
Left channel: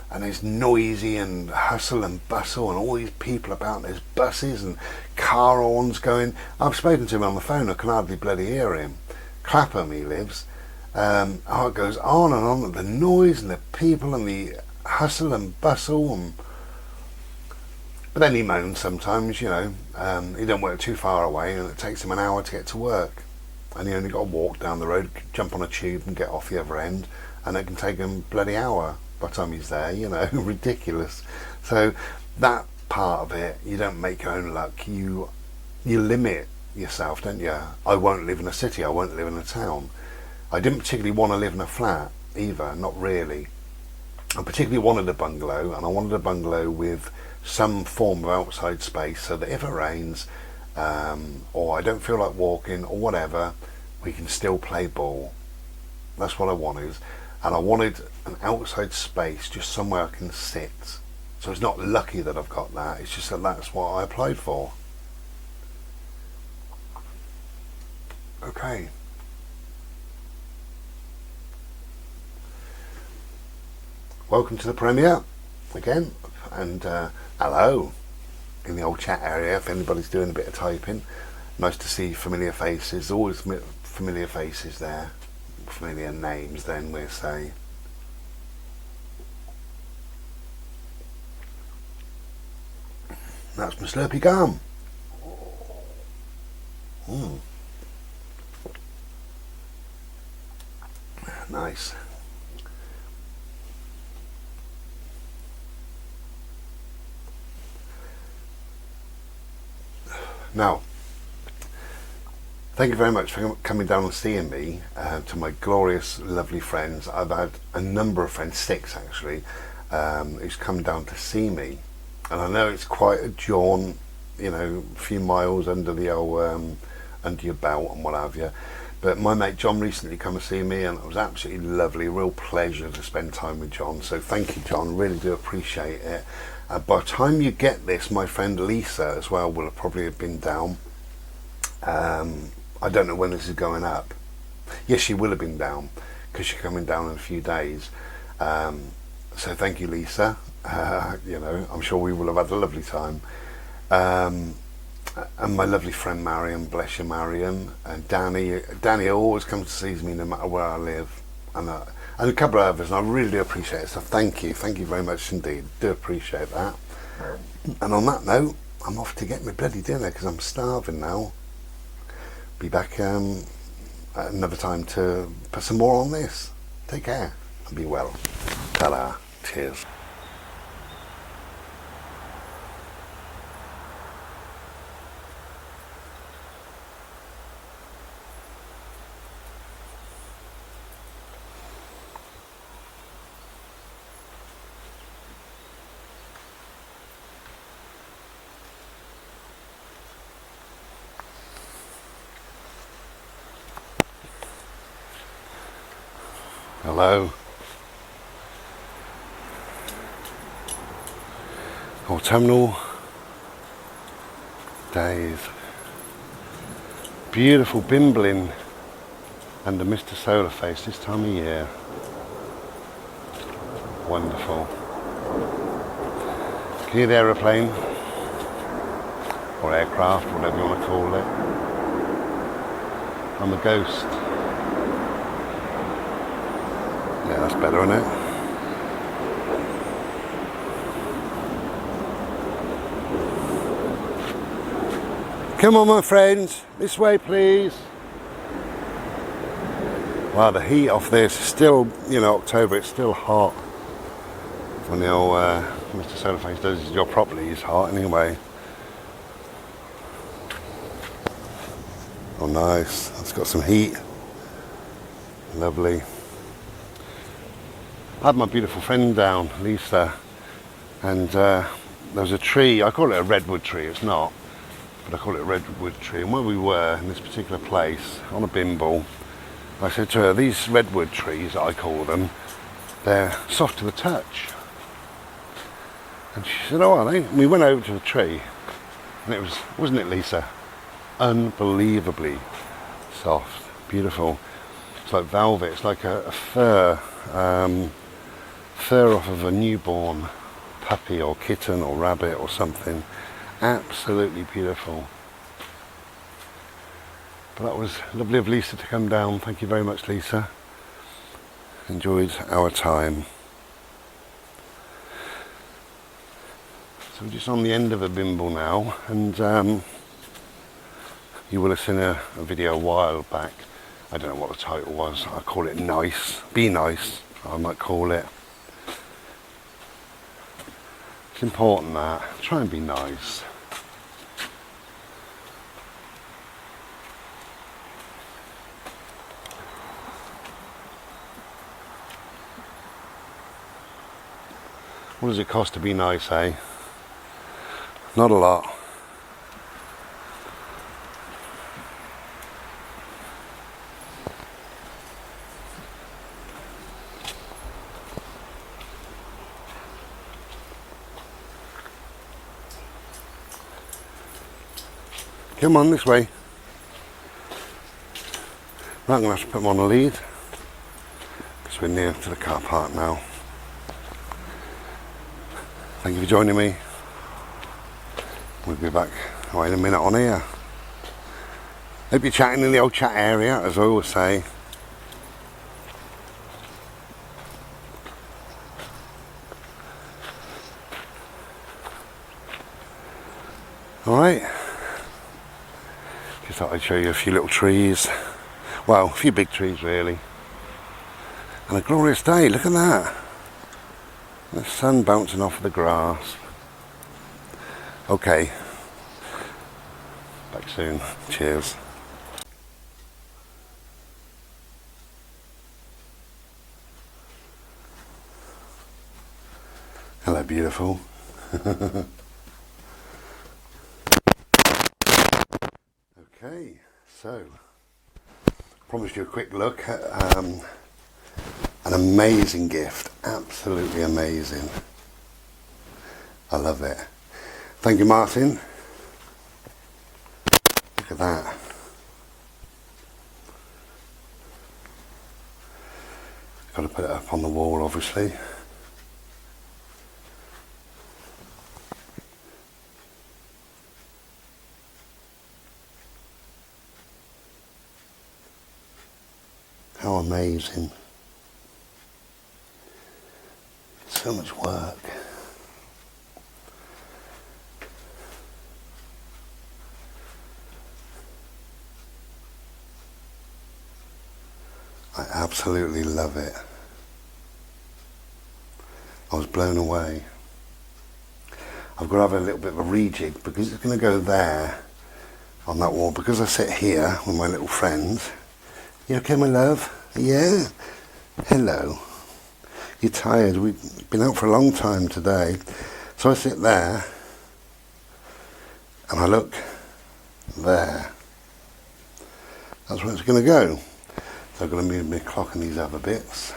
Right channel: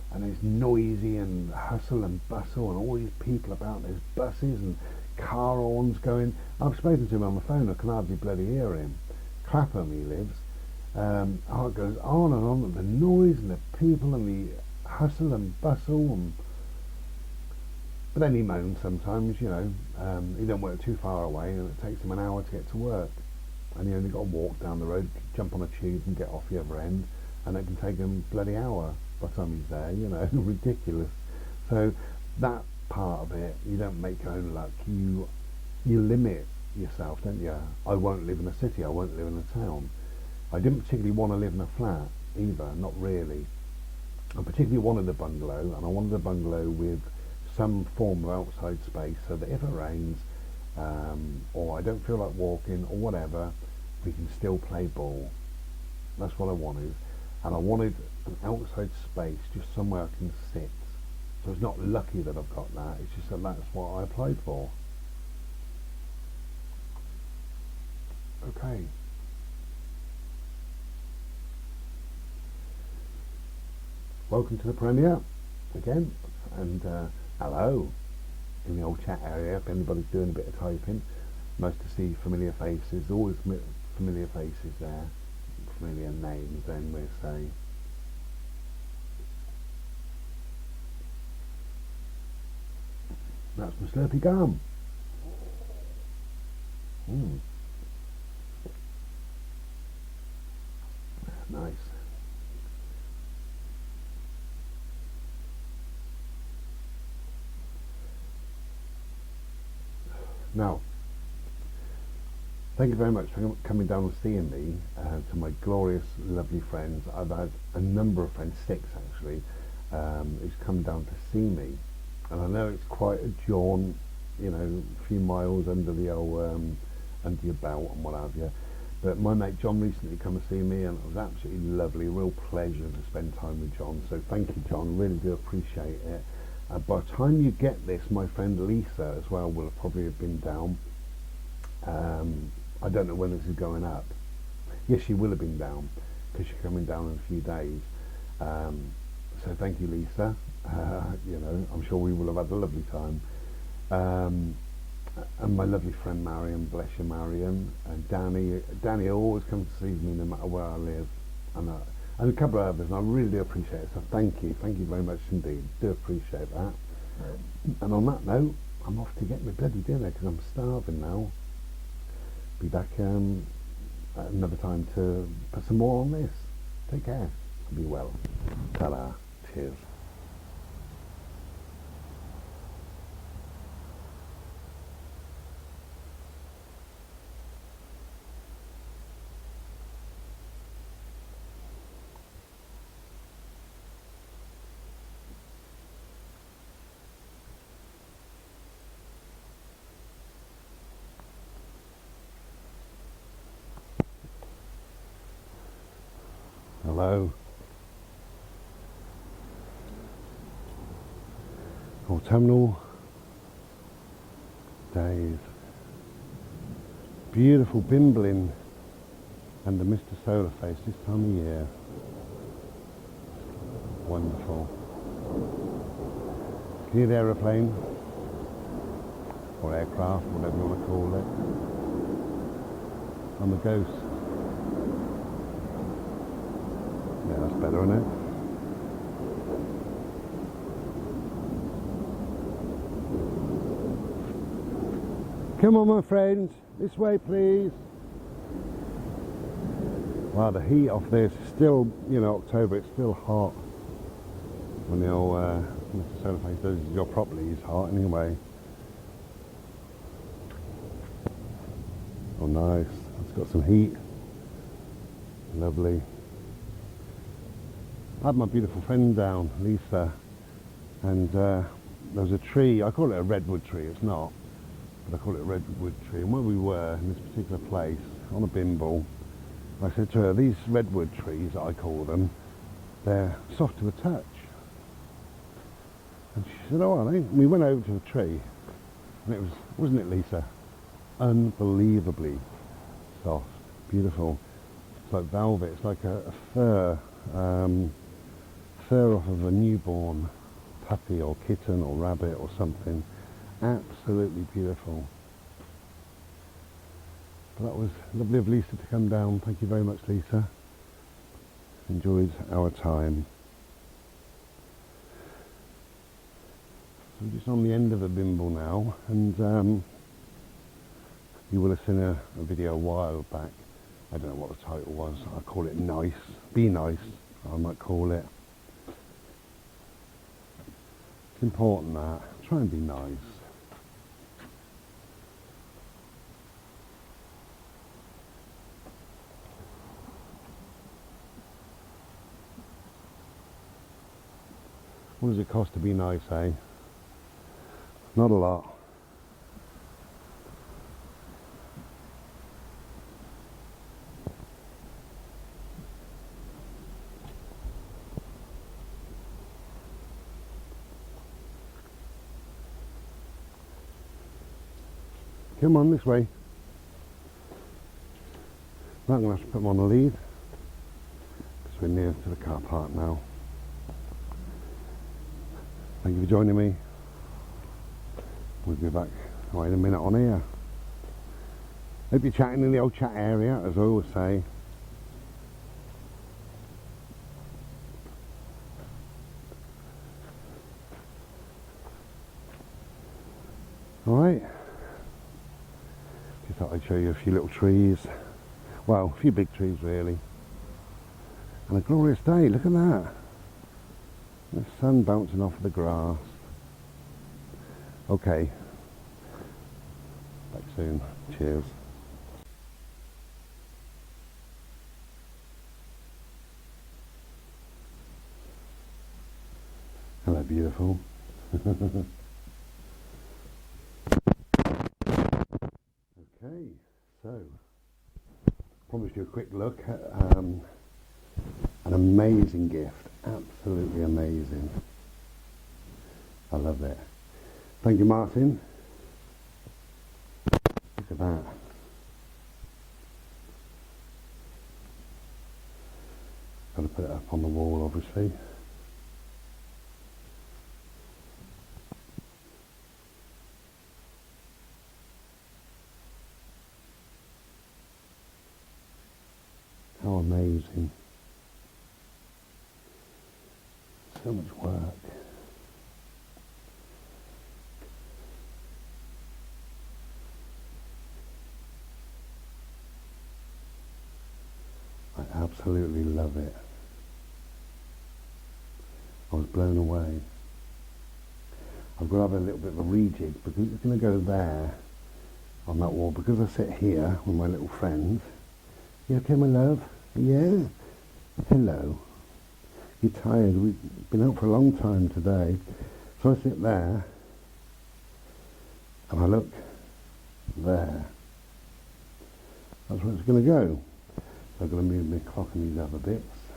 and it's noisy and hustle and bustle and all these people about. There's buses and car horns going. I've spoken to him on the phone, I can hardly bloody hear him. Clapham he lives. It goes on and on, the noise and the people and the hustle and bustle, but then he moans sometimes, he don't work too far away and it takes him an hour to get to work, and he only got to walk down the road, jump on a tube and get off the other end, and it can take him a bloody hour by the time he's there, ridiculous. So that part of it, you don't make your own luck, you limit yourself, don't you? I won't live in a city, I won't live in a town. I didn't particularly want to live in a flat either, not really. I particularly wanted a bungalow, and I wanted a bungalow with some form of outside space, so that if it rains or I don't feel like walking or whatever, we can still play ball. That's what I wanted. And I wanted an outside space, just somewhere I can sit. So it's not lucky that I've got that, it's just that that's what I applied for. Okay. Welcome to the premiere again, and hello in the old chat area if anybody's doing a bit of typing. Nice to see familiar faces, always familiar faces there, familiar names then we'll say. That's my Slurpee gum. Nice. Now, thank you very much for coming down and seeing me, to my glorious, lovely friends. I've had a number of friends, 6 actually, who's come down to see me. And I know it's quite a jaunt, a few miles under the old, under your belt and what have you. But my mate John recently come to see me, and it was absolutely lovely, a real pleasure to spend time with John. So thank you, John, really do appreciate it. By the time you get this, my friend Lisa as well will probably have been down. I don't know when this is going up. Yes, she will have been down, because she's coming down in a few days. So thank you, Lisa. You know, I'm sure we will have had a lovely time. And my lovely friend Marion, bless you, Marion, and Danny always comes to see me no matter where I live, and a couple of others, and I really do appreciate it. So thank you very much indeed. Do appreciate that. And on that note, I'm off to get my bloody dinner because I'm starving now. Be back at another time to put some more on this. Take care and be well. Ta-da. Cheers. Hello. Autumnal days. Beautiful bimbling under Mr. Solar Face this time of year. Wonderful. Can you hear the aeroplane? Or aircraft, whatever you want to call it. I'm a ghost. Yeah, that's better, isn't it? Come on, my friends, this way, please. Wow, the heat off this is still, you know, October, it's still hot. When the old Mr. Solarface does his job properly, he's hot anyway. Oh, nice. It's got some heat. Lovely. I had my beautiful friend down, Lisa, and there was a tree. I call it a redwood tree, it's not, but I call it a redwood tree. And where we were in this particular place, on a bimble, I said to her, these redwood trees, I call them, they're soft to the touch. And she said, oh, are they? And we went over to the tree, and it was, wasn't it, Lisa? Unbelievably soft, beautiful. It's like velvet, it's like a fur. Fur off of a newborn puppy or kitten or rabbit or something. Absolutely beautiful. But that was lovely of Lisa to come down. Thank you very much, Lisa. Enjoyed our time. So we're just on the end of a bimble now, and you will have seen a video a while back. I don't know what the title was. I call it Nice. Be Nice, I might call it. It's important that. Try and be nice. What does it cost to be nice, eh? Not a lot. Come on, this way. Right, I'm going to have to put them on a lead because we're near to the car park now. Thank you for joining me. We'll be back in a minute on here. Hope you're chatting in the old chat area, as I always say. Alright. Just thought I'd show you a few little trees. Well, a few big trees really. And a glorious day, look at that. The sun bouncing off the grass. Okay. Back soon. Cheers. Hello, beautiful. Okay, so promised you a quick look at an amazing gift. Absolutely amazing. I love it. Thank you, Martin. Look at that. Got to put it up on the wall, obviously. How amazing. So much work. I absolutely love it. I was blown away. I've got to have a little bit of a rejig because it's going to go there on that wall. Because I sit here with my little friends. You okay, my love? Yeah. Hello. You're tired. We've been out for a long time today. So I sit there and I look there. That's where it's going to go. So I've got to move my clock and these other bits.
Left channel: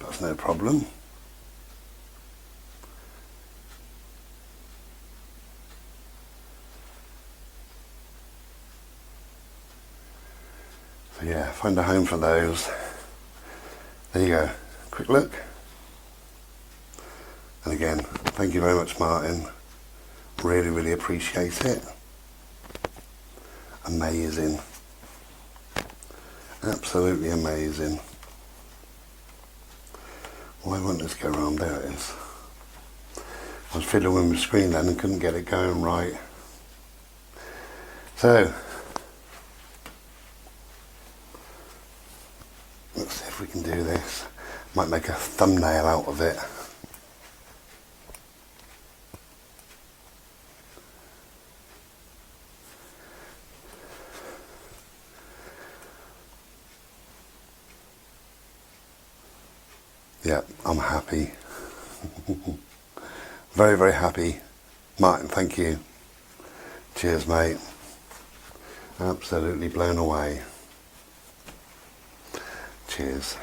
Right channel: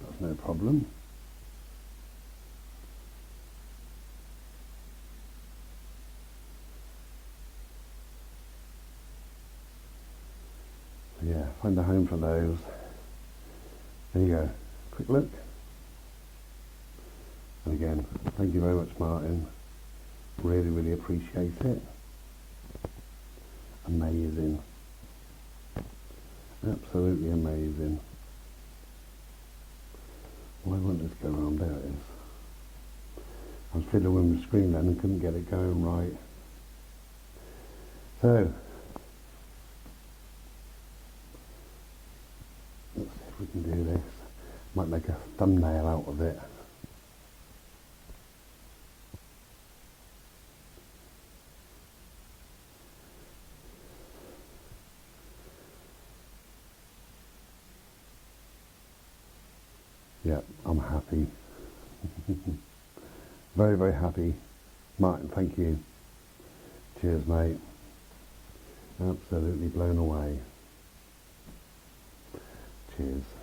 That's no problem. So yeah, find a home for those. There you go. Quick look. And again, thank you very much, Martin. Really, really appreciate it. Amazing. Absolutely amazing. Why won't this go around? There it is. I was fiddling with my screen then and couldn't get it going right. So, let's see if we can do this. Might make a thumbnail out of it. Yeah, I'm happy. Very, very happy. Martin, thank you. Cheers, mate. Absolutely blown away. Cheers.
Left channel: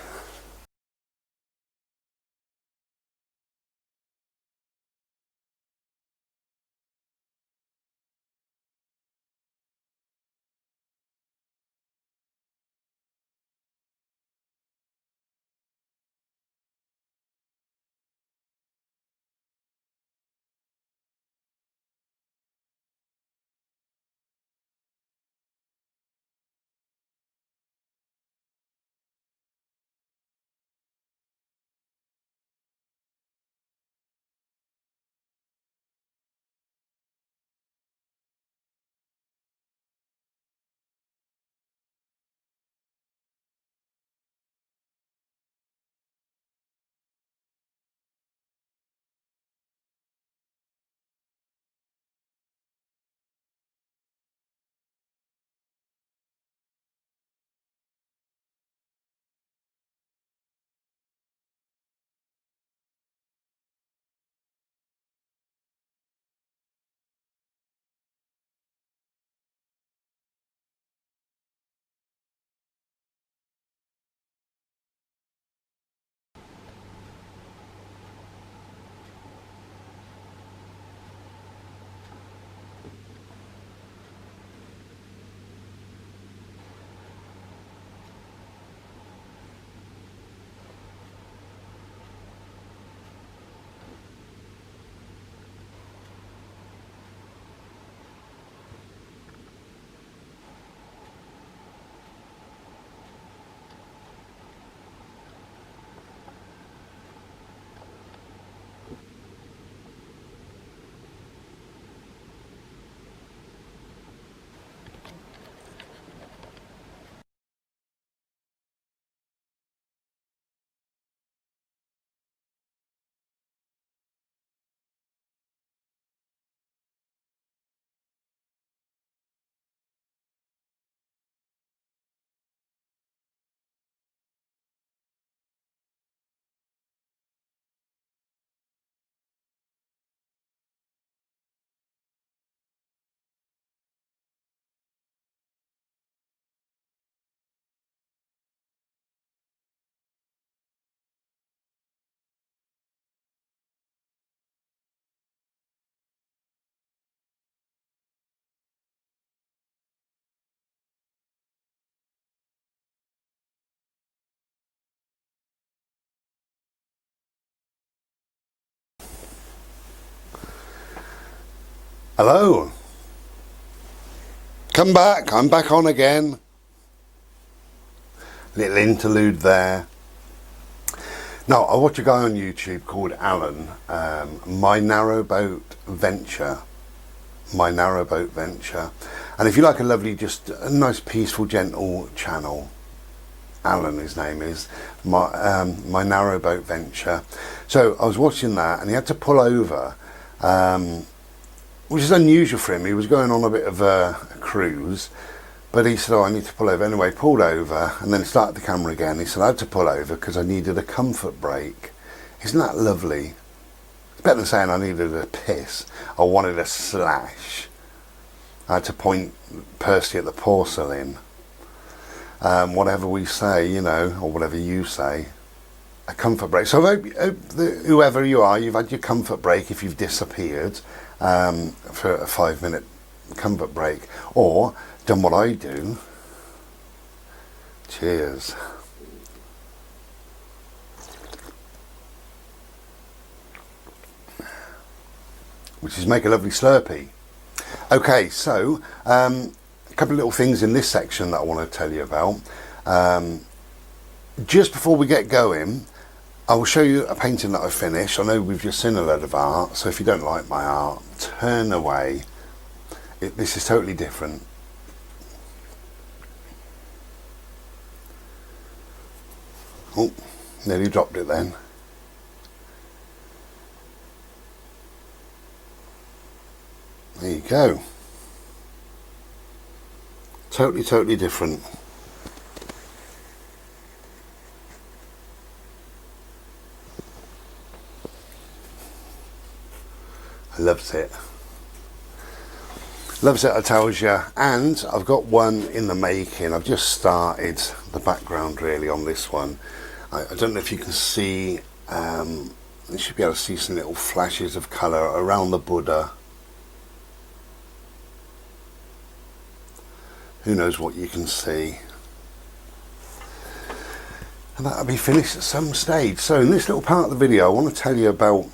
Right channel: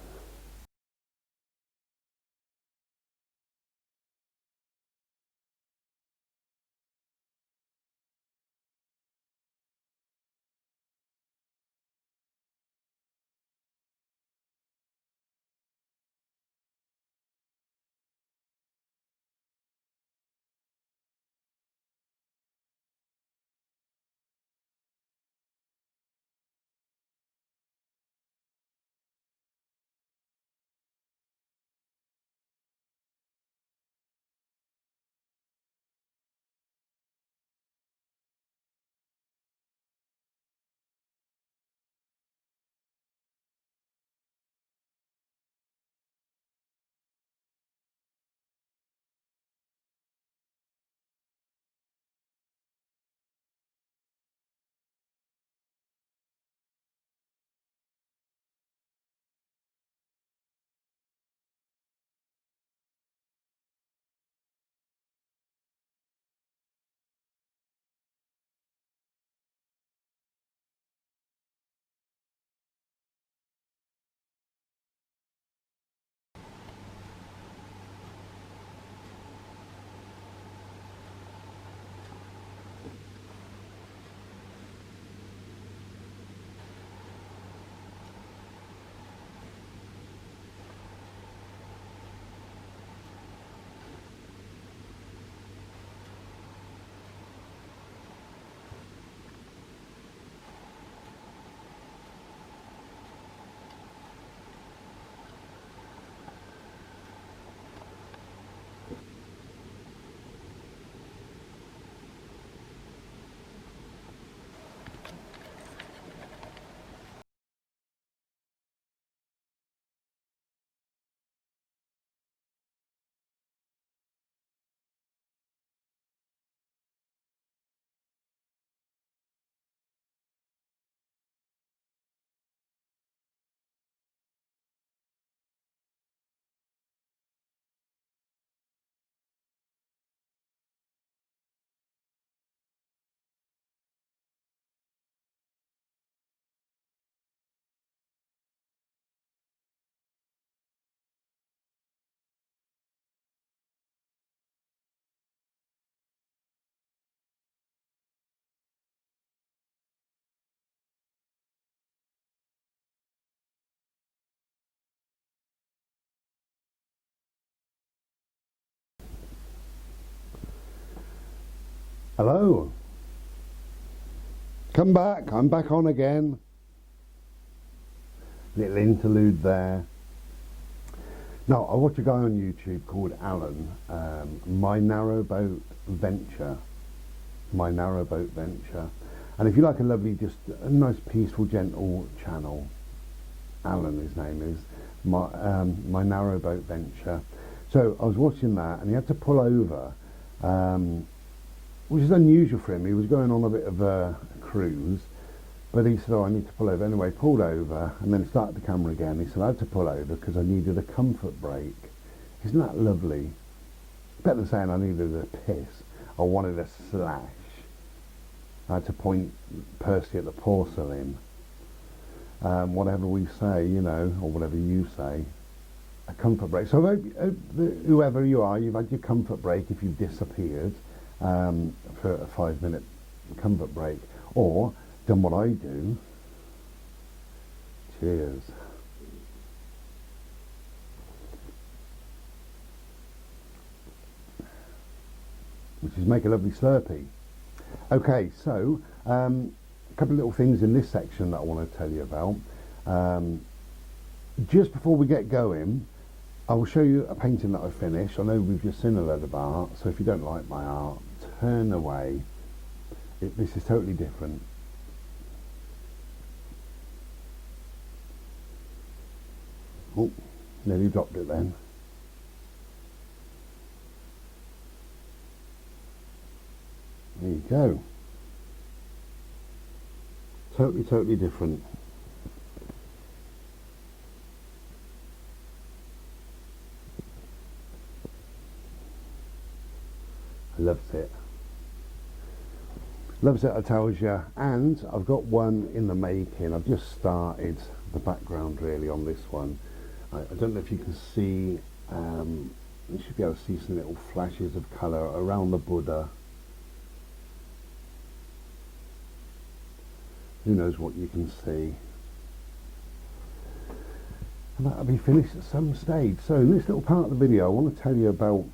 Hello. Come back. I'm back on again. Little interlude there. Now, I watch a guy on YouTube called Alan, My Narrowboat Venture. My Narrowboat Venture. And if you like a lovely, just a nice, peaceful, gentle channel, Alan, his name is, My Narrowboat Venture. So I was watching that, and he had to pull over, which is unusual for him. He was going on a bit of a cruise, but he said, oh, I need to pull over. Anyway, pulled over, and then started the camera again. He said, I had to pull over because I needed a comfort break. Isn't that lovely? It's better than saying I needed a piss. I wanted a slash. I had to point Percy at the porcelain. Whatever we say, you know, or whatever you say, a comfort break. So I hope that whoever you are, you've had your comfort break if you've disappeared for a 5-minute comfort break, or done what I do. Cheers. Which is make a lovely Slurpee. Okay, so a couple of little things in this section that I want to tell you about. Just before we get going, I will show you a painting that I finished. I know we've just seen a load of art, so if you don't like my art, turn away. This is totally different. Oh, nearly dropped it then. There you go. Totally different. I loves it. Loves it, I tells you. And I've got one in the making. I've just started the background really on this one. I don't know if you can see, you should be able to see some little flashes of colour around the Buddha. Who knows what you can see. And that'll be finished at some stage. So in this little part of the video, I want to tell you about,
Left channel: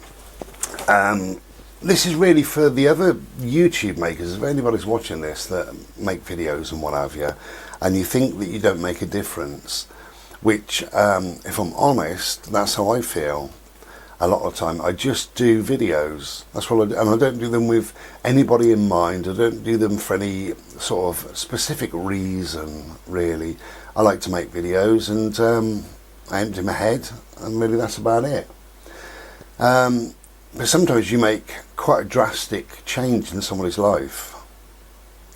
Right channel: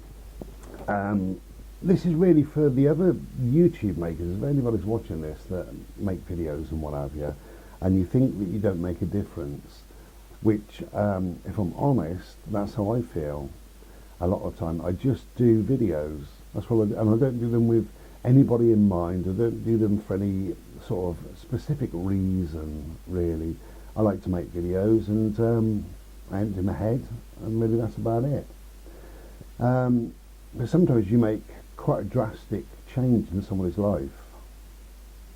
this is really for the other YouTube makers. If anybody's watching this that make videos and what have you, and you think that you don't make a difference, which, if I'm honest, that's how I feel. A lot of the time I just do videos. That's what I do, and I don't do them with anybody in mind. I don't do them for any sort of specific reason, really. I like to make videos, and I empty my head, and really that's about it. But sometimes you make quite a drastic change in somebody's life,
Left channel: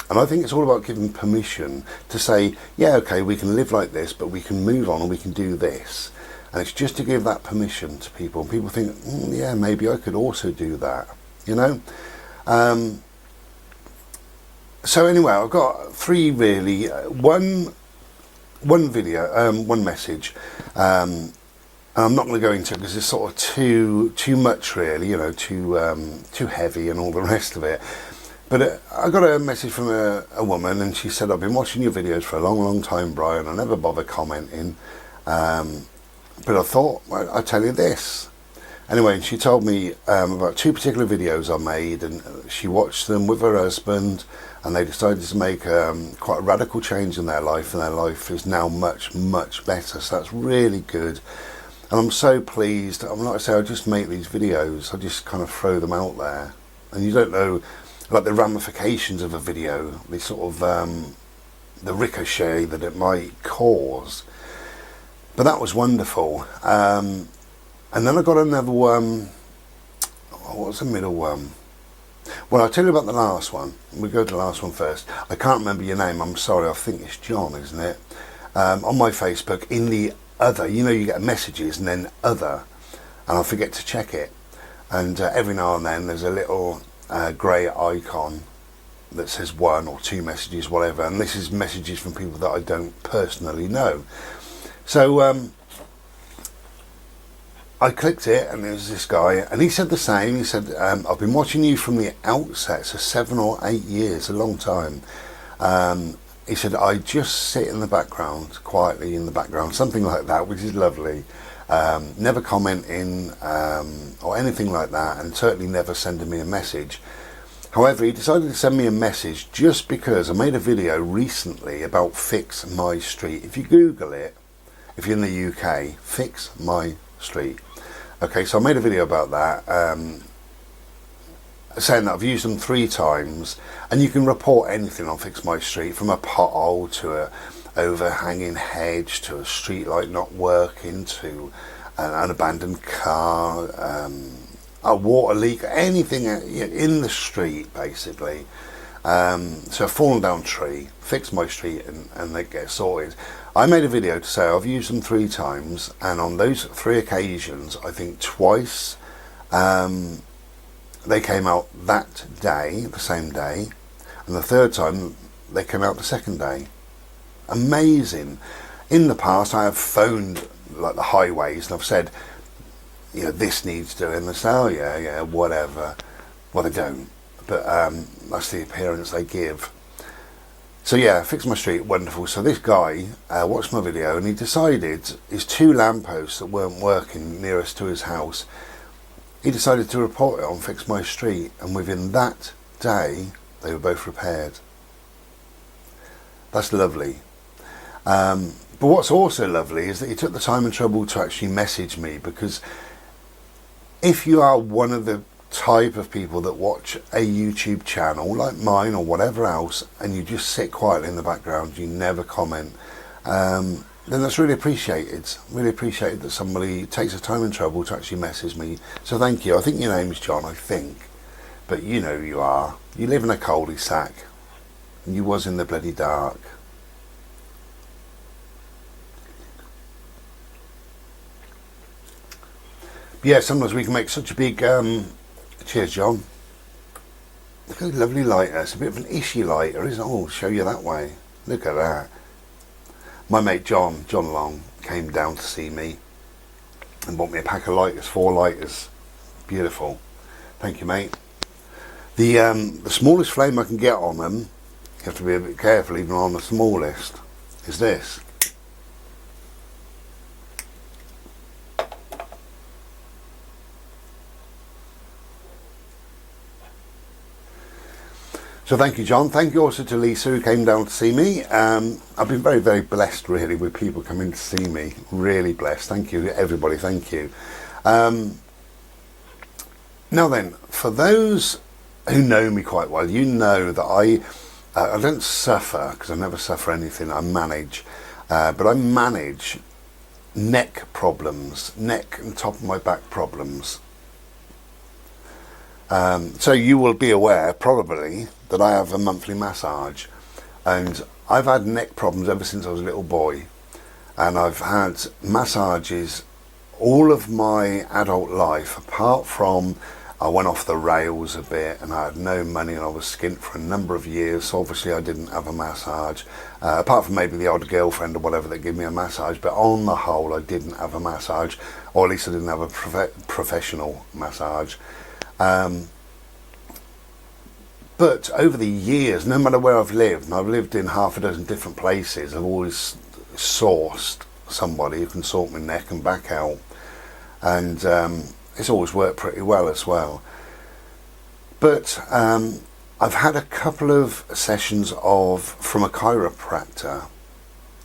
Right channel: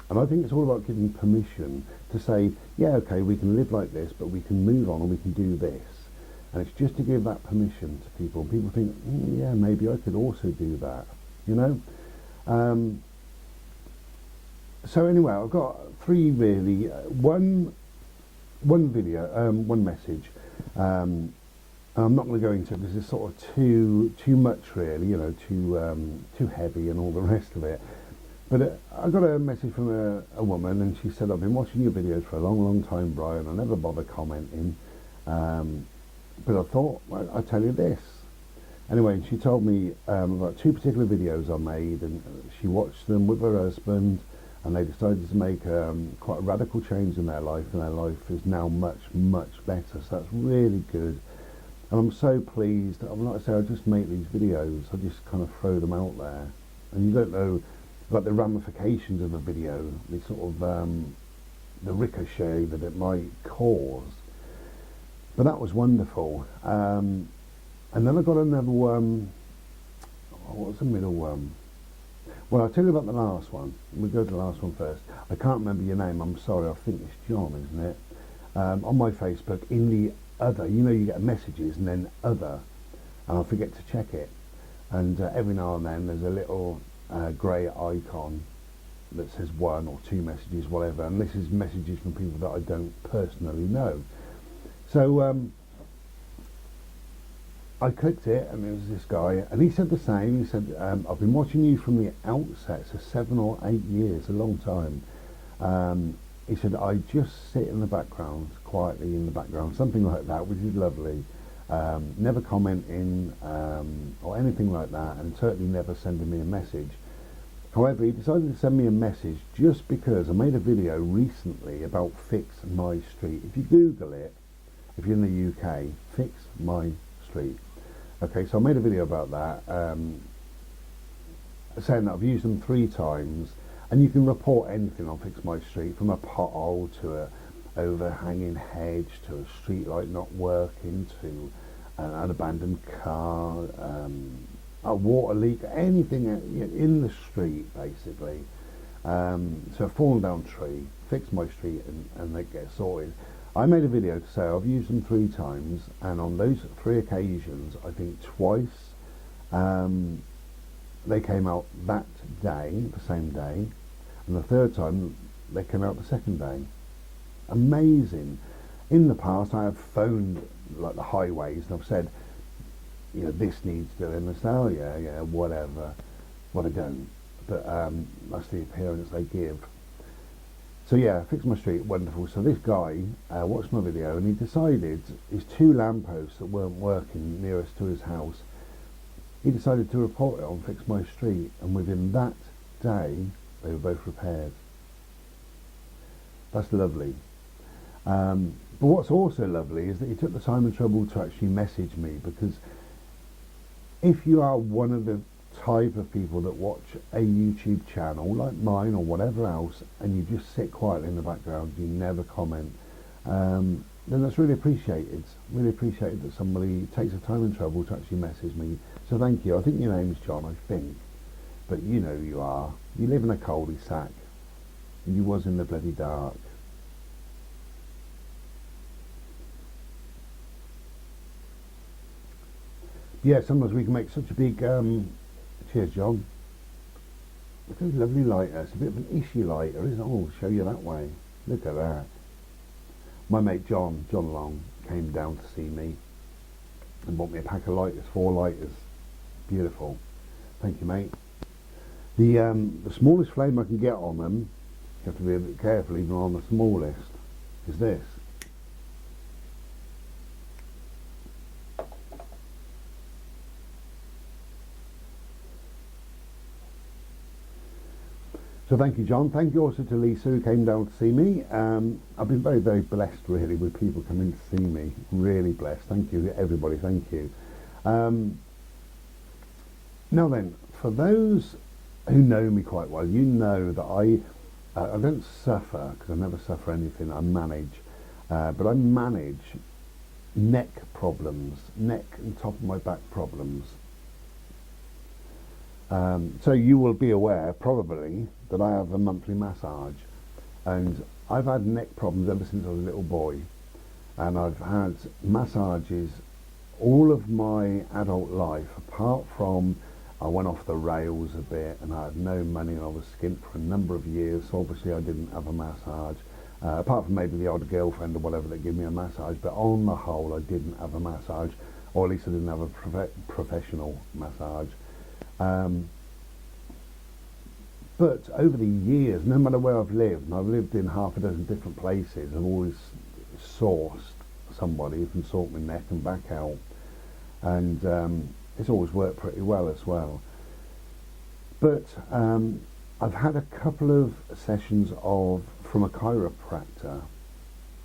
and I think it's all about giving permission to say, yeah, okay, we can live like this, but we can move on and we can do this. And it's just to give that permission to people. And people think, yeah, maybe I could also do that, you know? So anyway, I've got three really. One video, one message. And I'm not going to go into it because it's sort of too much really, you know, too heavy and all the rest of it. But I got a message from a woman, and she said, I've been watching your videos for a long time, Brian. I never bother commenting. But I thought, well, I'll tell you this. Anyway, she told me about two particular videos I made, and she watched them with her husband, and they decided to make quite a radical change in their life, and their life is now much better. So that's really good. And I'm so pleased. I'm like I say, I just make these videos. I just kind of throw them out there. And you don't know, like the ramifications of a video, the sort of, the ricochet that it might cause. But that was wonderful. And then I got another one. What was the middle one? Well, I'll tell you about the last one. We'll go to the last one first. I can't remember your name. I'm sorry. I think it's John, isn't it? On my Facebook, in the other, you know, you get messages and then other, and I forget to check it. And every now and then there's a little grey icon that says one or two messages, whatever. And this is messages from people that I don't personally know. So I clicked it, and there was this guy, and he said the same. He said, I've been watching you from the outset, so 7 or 8 years, a long time. He said, I just sit in the background, quietly in the background, something like that, which is lovely. Never commenting or anything like that, and certainly never sending me a message. However, he decided to send me a message just because I made a video recently about Fix My Street. If you Google it, if you're in the UK, Fix My Street. Okay, so I made a video about that, saying that I've used them 3 times, and you can report anything on Fix My Street, from a pothole to a overhanging hedge to a street light not working to an abandoned car, a water leak, anything in the street basically. So a fallen down tree, Fix My Street, and they get sorted. I made a video to say I've used them 3 times, and on those 3 occasions, I think twice they came out that day, the same day, and the 3rd time they came out the 2nd day. Amazing. In the past, I have phoned like the highways and I've said, you know, this needs doing. And they say, oh yeah, whatever. Well, they don't, but that's the appearance they give. So yeah, Fix My Street, wonderful. So this guy watched my video, and he decided his 2 lampposts that weren't working nearest to his house, he decided to report it on Fix My Street, and within that day they were both repaired. That's lovely. But what's also lovely is that he took the time and trouble to actually message me, because if you are one of the type of people that watch a YouTube channel like mine or whatever else, and you just sit quietly in the background, you never comment, then that's really appreciated. Really appreciated that somebody takes the time and trouble to actually message me. So thank you. I think your name is John, I think, but you know who you are. You live in a cul-de-sac, and you was in the bloody dark. Yeah, sometimes we can make such a big cheers, John. Look at the lovely lighter. It's a bit of an ishy lighter, isn't it? Oh, I'll show you that way. Look at that. My mate John Long, came down to see me and bought me a pack of lighters, 4 lighters. Beautiful. Thank you, mate. The smallest flame I can get on them, you have to be a bit careful even on the smallest, is this. So thank you, John. Thank you also to Lisa, who came down to see me. I've been very, very blessed, really, with people coming to see me. Really blessed. Thank you, everybody. Thank you. Now then, for those who know me quite well, you know that I don't suffer, because I never suffer anything. I manage. But I manage neck problems, neck and top of my back problems. So you will be aware, probably, that I have a monthly massage, and I've had neck problems ever since I was a little boy, and I've had massages all of my adult life, apart from I went off the rails a bit and I had no money and I was skint for a number of years, so obviously I didn't have a massage, apart from maybe the odd girlfriend or whatever that gave me a massage, but on the whole I didn't have a massage, or at least I didn't have a professional massage. But over the years, no matter where I've lived, and I've lived in half a dozen different places, I've always sourced somebody who can sort my neck and back out, and it's always worked pretty well as well. But I've had a couple of sessions from a chiropractor.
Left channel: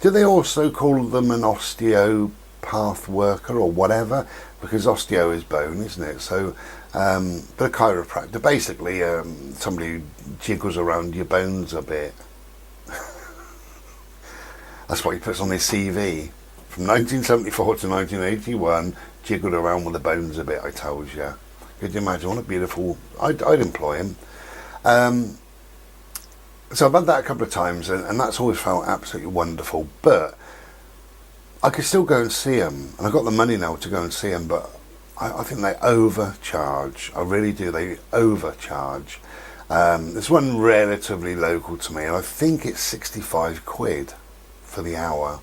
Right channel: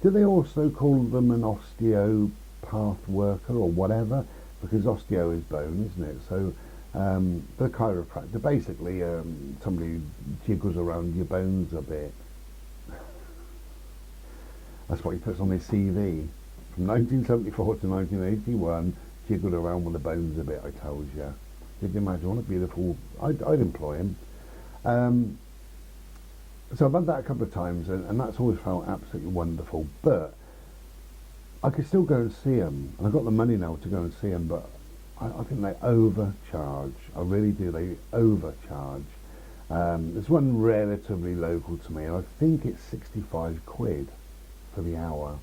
Do they also call them an osteopath worker or whatever? Because osteo is bone, isn't it? So but a chiropractor, basically somebody who jiggles around your bones a bit. That's what he puts on his CV. From 1974 to 1981, jiggled around with the bones a bit, I told you. Could you imagine? What a beautiful... I'd employ him. So I've had that a couple of times, and that's always felt absolutely wonderful. But I could still go and see him, and I've got the money now to go and see him, but I think they overcharge. I really do. They overcharge. There's one relatively local to me, and I think it's 65 quid for the hour.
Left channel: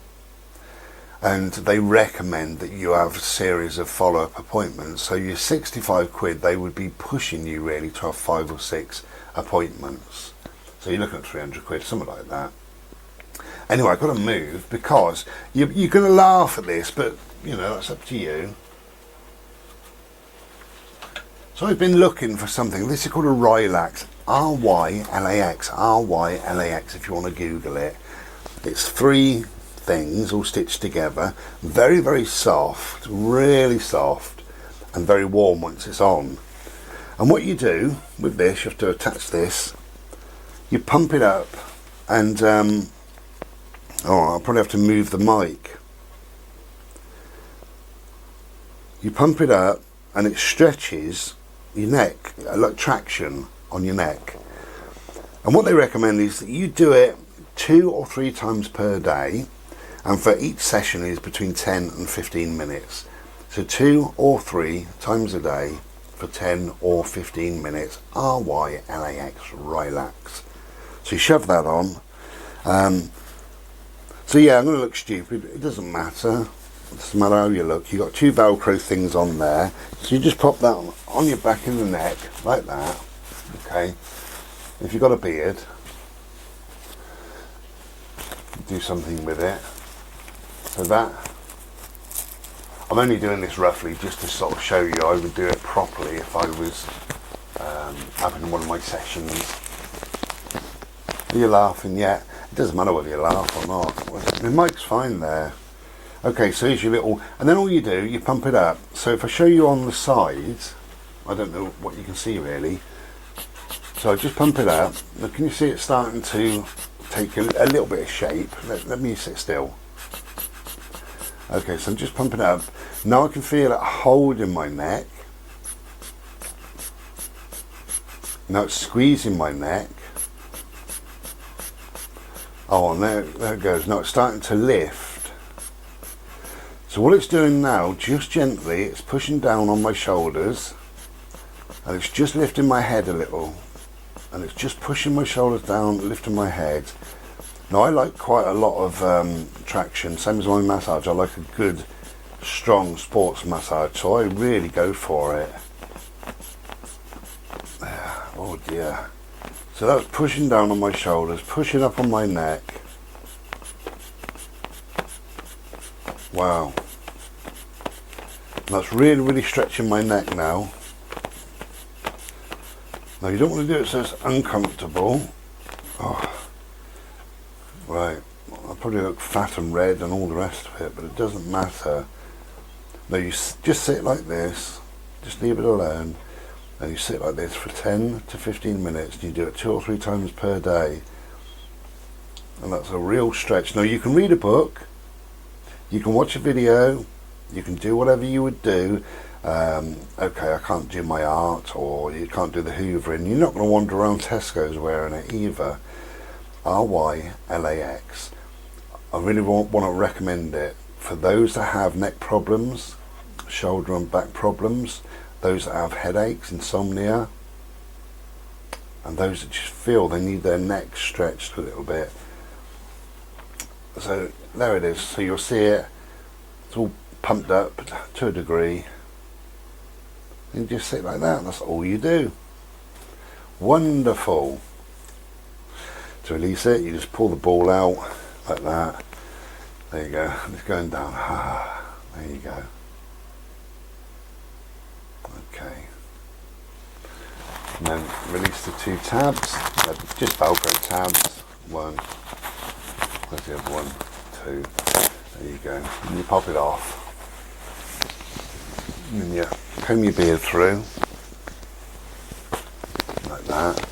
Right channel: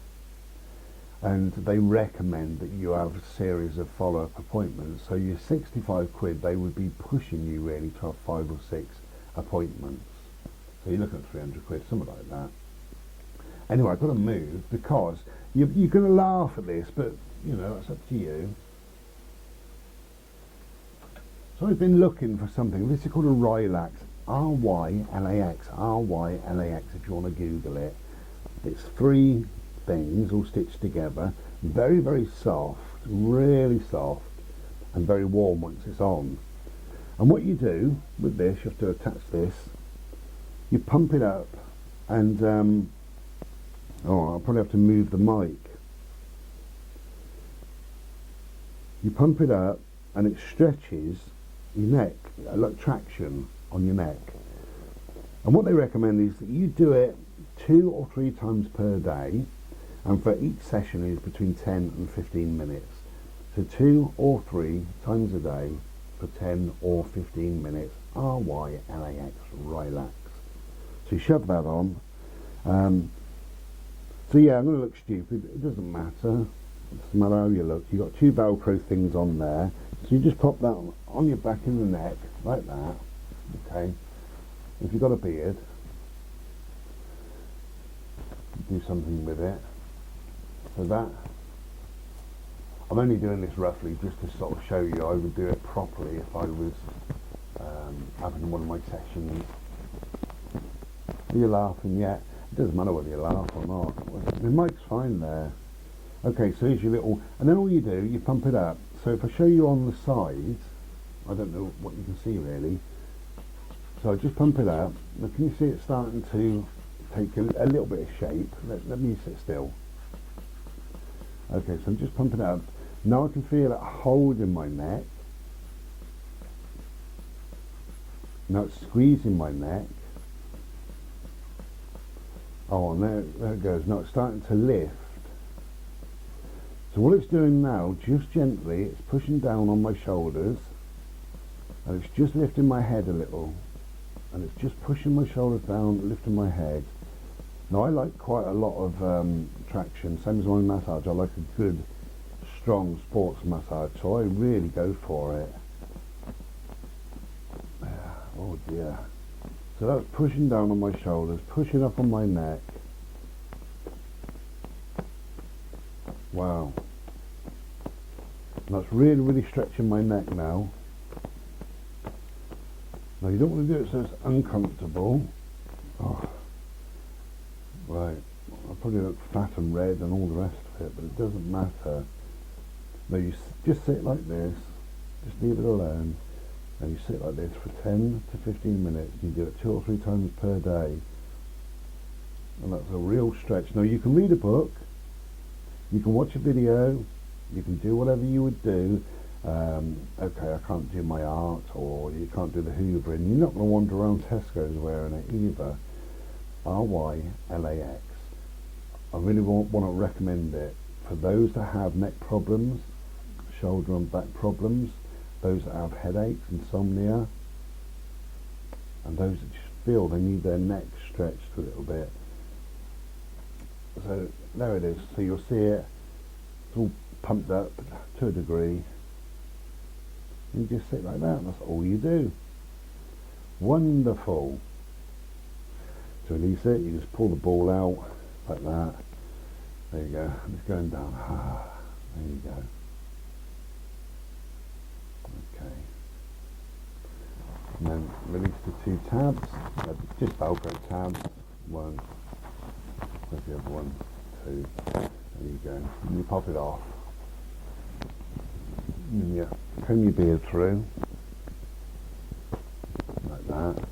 And they recommend that you have a series of follow-up appointments. So your 65 quid, they would be pushing you really to have 5 or 6 appointments. So you're looking at 300 quid, something like that. Anyway, I've got to move, because you're going to laugh at this, but you know, that's up to you. So I've been looking for something. This is called a Relax RYLAX, RYLAX if you want to Google it. It's 3 things all stitched together, very, very soft, really soft, and very warm once it's on. And what you do with this, you have to attach this, you pump it up, and I'll probably have to move the mic. You pump it up and it stretches your neck, like traction on your neck. And what they recommend is that you do it 2 or 3 times per day, and for each session is between 10 and 15 minutes. So 2 or 3 times a day for 10 or 15 minutes, RYLAX, relax. So you shove that on. So yeah, I'm going to look stupid, it doesn't matter. It doesn't matter how you look. You've got 2 Velcro things on there. So you just pop that on your back of the neck, like that. Okay. If you've got a beard, do something with it. So that, I'm only doing this roughly just to sort of show you I would do it properly if I was having one of my sessions. Are you laughing yet? It doesn't matter whether you laugh or not. The mic's fine there. Okay, so here's your little, and then all you do, you pump it up. So if I show you on the sides, I don't know what you can see really. So I just pump it up. Now can you see it starting to take a little bit of shape? Let me sit still. Okay, so I'm just pumping it up. Now I can feel it holding my neck. Now it's squeezing my neck. Oh, and there it goes. Now it's starting to lift. So what it's doing now, just gently, it's pushing down on my shoulders, and it's just lifting my head a little, and it's just pushing my shoulders down, lifting my head. Now I like quite a lot of traction, same as my massage. I like a good, strong sports massage, so I really go for it. Oh dear. So that's pushing down on my shoulders, pushing up on my neck. Wow. That's really, really stretching my neck now. Now you don't want to do it so it's uncomfortable. Oh. Right. I'll probably look fat and red and all the rest of it, but it doesn't matter. Now you just sit like this, just leave it alone. And you sit like this for 10 to 15 minutes, and you do it 2 or 3 times per day, and that's a real stretch. Now you can read a book, you can watch a video, you can do whatever you would do. Okay, I can't do my art, or you can't do the hoovering. You're not going to wander around Tesco's wearing it either. RYLAX. I really want to recommend it for those that have neck problems, shoulder and back problems, those that have headaches, insomnia, and those that just feel they need their neck stretched a little bit. So there it is. So you'll see it, it's all pumped up to a degree. You just sit like that, that's all you do. Wonderful. To release it, you just pull the ball out like that. There you go, it's going down. There you go. Okay, and then release the 2 tabs, just Velcro tabs. 1, where's the other one? 2, there you go. And you pop it off, and then you comb your beard through, like that.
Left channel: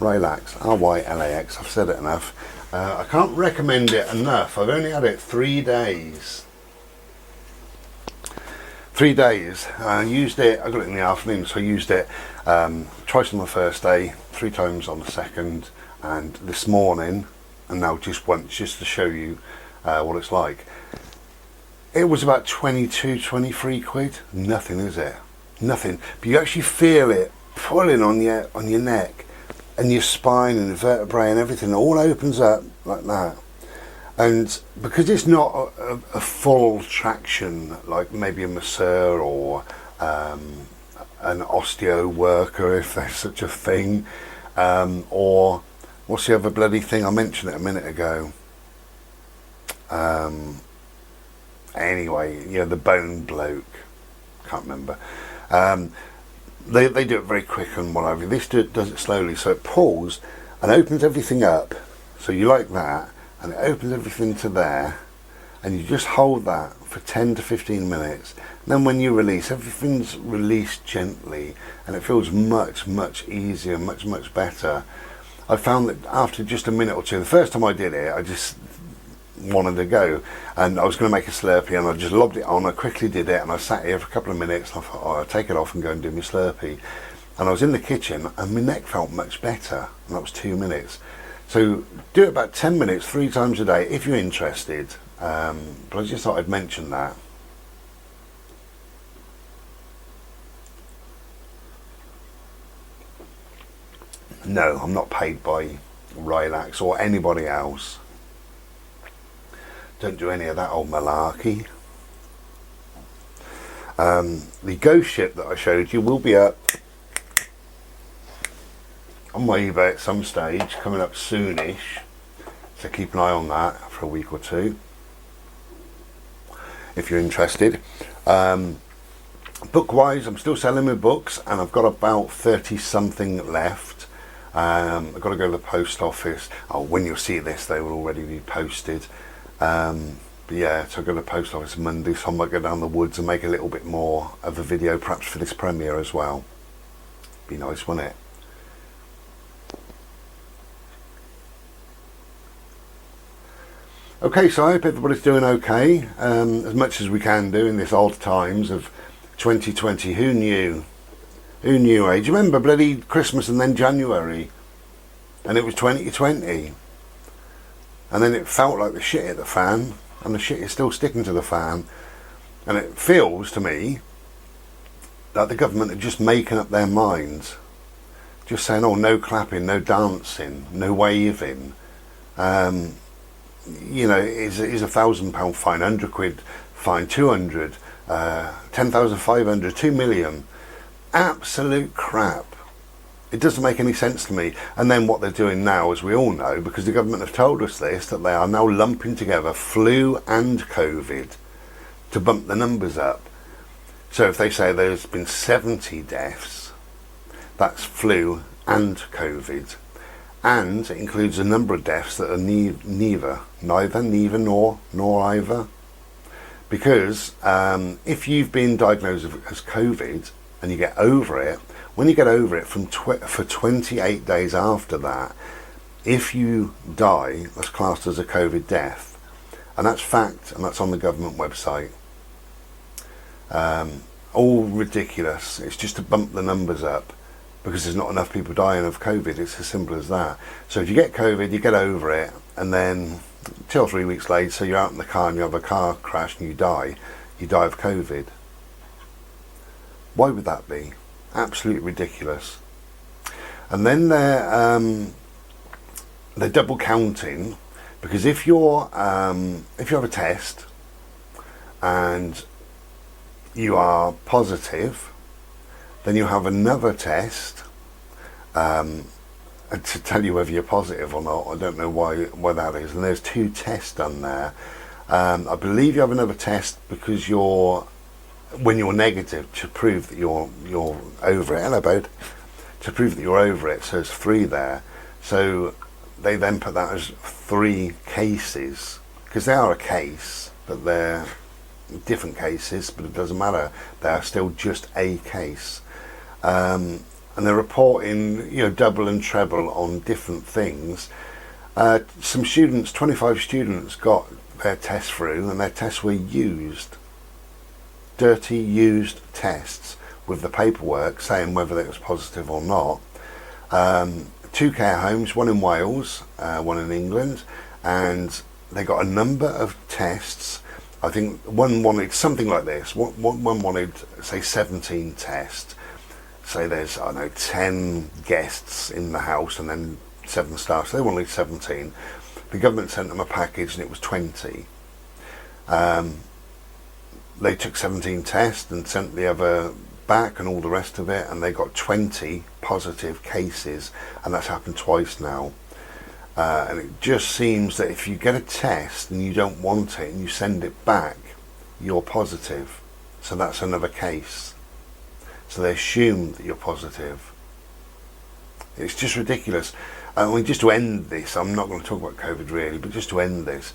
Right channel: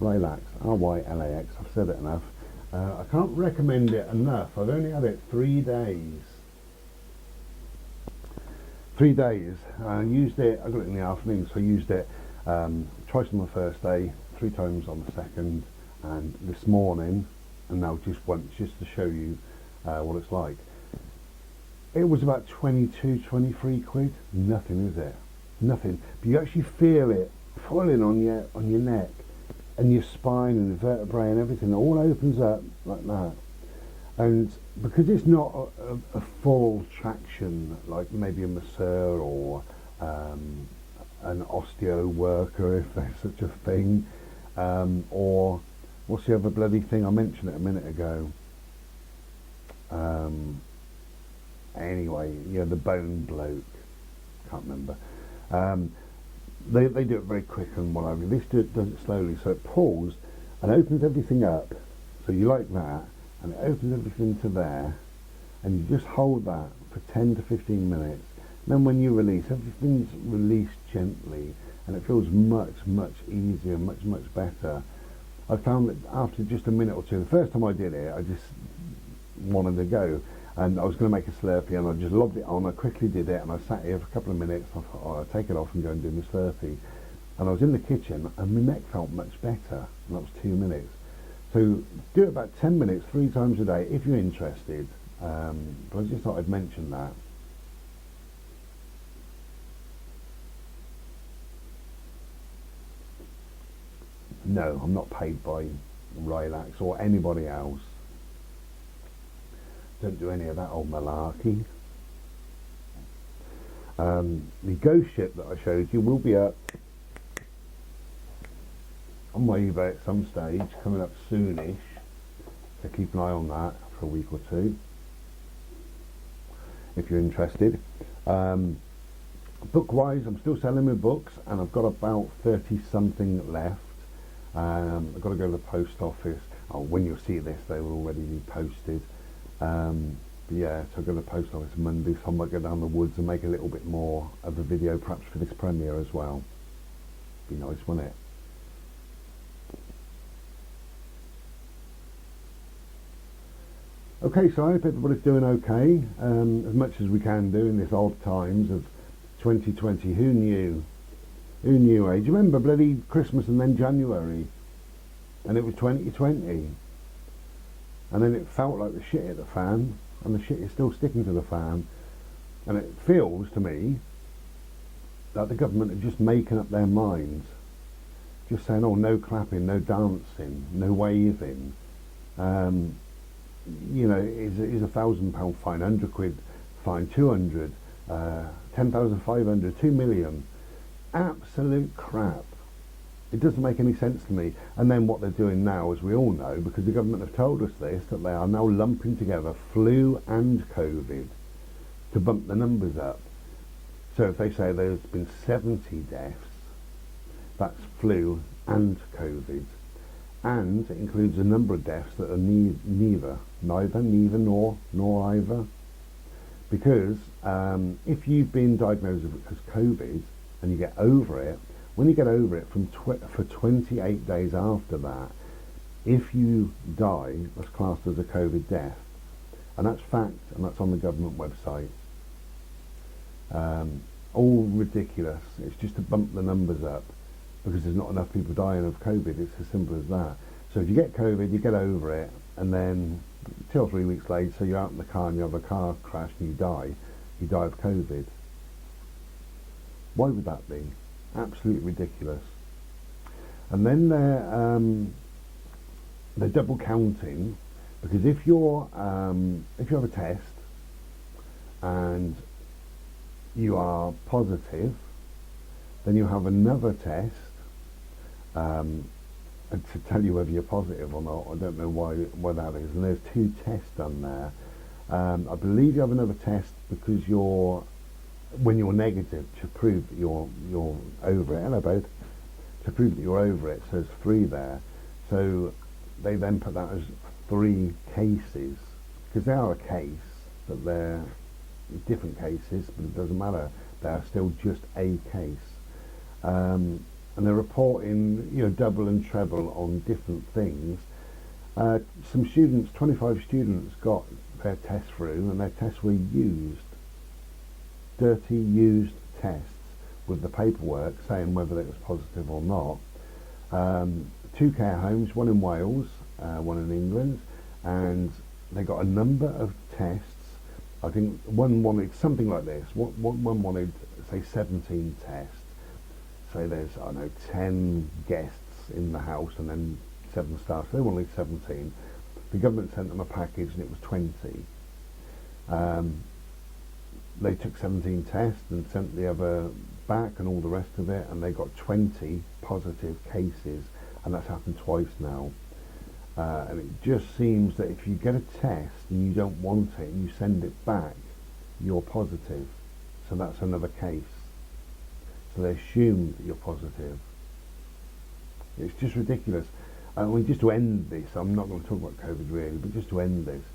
Relax, RYLAX, I've said it enough. I can't recommend it enough. I've only had it 3 days. 3 days. I used it, I got it in the afternoon, so I used it twice on the first day, 3 times on the second, and this morning, and now just once, just to show you what it's like. It was about 22, 23 quid. Nothing, is it? Nothing. But you actually feel it pulling on your neck, and your spine and the vertebrae and everything all opens up like that. And because it's not a full traction like maybe a masseur or an osteo worker, if there's such a thing, or what's the other bloody thing, I mentioned it a minute ago, anyway, the bone bloke, can't remember, they do it very quick and whatever. This does it slowly, so it pulls and opens everything up. So you like that, and it opens everything to there, and you just hold that for 10 to 15 minutes. And then when you release, everything's released gently, and it feels much, much easier, much, much better. I found that after just a minute or two, the first time I did it, I just wanted to go, and I was going to make a Slurpee, and I just lobbed it on. I quickly did it, and I sat here for a couple of minutes, and I thought, oh, I'll take it off and go and do my Slurpee. And I was in the kitchen, and my neck felt much better, and that was 2 minutes. So do it about 10 minutes 3 times a day if you're interested, but I just thought I'd mention that. No, I'm not paid by Relax or anybody else. Don't do any of that old malarkey. The ghost ship that I showed you will be up on my eBay at some stage, coming up soonish, so keep an eye on that for a week or two if you're interested. Book wise, I'm still selling my books, and I've got about 30 something left. I've got to go to the post office. When you'll see this, they will already be posted. But yeah, so I go to the post office Monday, so I might go down the woods and make a little bit more of a video, perhaps for this premiere as well. Be nice, wouldn't it? Okay, so I hope everybody's doing okay, as much as we can do in this odd times of 2020. Who knew? Who knew, eh? Do you remember bloody Christmas and then January? And it was 2020. And then it felt like the shit hit the fan, and the shit is still sticking to the fan. And it feels to me that the government are just making up their minds. Just saying, oh, no clapping, no dancing, no waving. You know, is £1,000 fine, £100 fine, 200, 10,500, 2 million. Absolute crap. It doesn't make any sense to me. And then what they're doing now, as we all know, because the government have told us this, that they are now lumping together flu and COVID to bump the numbers up. So if they say there's been 70 deaths, that's flu and COVID. And it includes a number of deaths that are neither nor either. Because if you've been diagnosed as COVID and you get over it, when you get over it for 28 days after that, if you die, that's classed as a COVID death. And that's fact, and that's on the government website. All ridiculous. It's just to bump the numbers up, because there's not enough people dying of COVID. It's as simple as that. So if you get COVID, you get over it, and then 2 or 3 weeks later, so you're out in the car and you have a car crash and you die of COVID. Why would that be? Absolutely ridiculous. And then they're double counting, because if you have a test and you are positive, then you have another test to tell you whether you're positive or not. I don't know why that is. And there's 2 tests done there. I believe you have another test because when you're negative, to prove that you're over it. Hello, bud. To prove that you're over it. So there's 3 there. So they then put that as 3 cases, because they are a case, but they're different cases. But it doesn't matter. They are still just a case. And they're reporting, double and treble on different things. Some students, 25 students, got their tests through, and their tests were used. Dirty, used tests with the paperwork saying whether it was positive or not. 2 care homes, one in Wales, one in England, and they got a number of tests. I think one wanted something like this. One wanted, say, 17 tests. Say there's, 10 guests in the house and then 7 staff, so they wanted 17. The government sent them a package and it was 20. They took 17 tests and sent the other back and all the rest of it, and they got 20 positive cases, and that's happened twice now. And it just seems that if you get a test and you don't want it and you send it back, you're positive. So that's another case. so they assume that you're positive. It's just ridiculous. I mean, just to end this, I'm not going to talk about COVID really, but just to end this,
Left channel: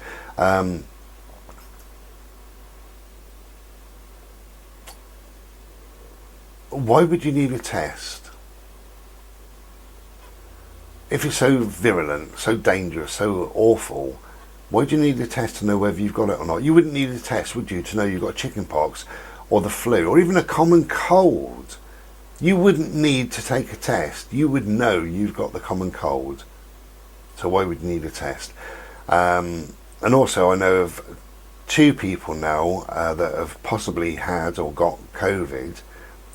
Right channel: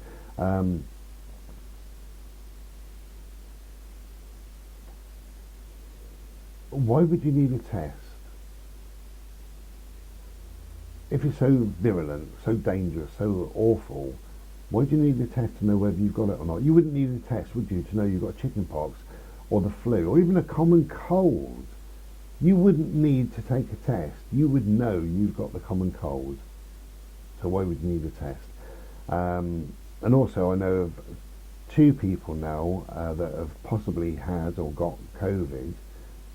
why would you need a test? If it's so virulent, so dangerous, so awful, why do you need a test to know whether you've got it or not? You wouldn't need a test, would you, to know you've got chickenpox or the flu or even a common cold? You wouldn't need to take a test. You would know you've got the common cold. So why would you need a test? And also I know of 2 people now that have possibly had or got COVID,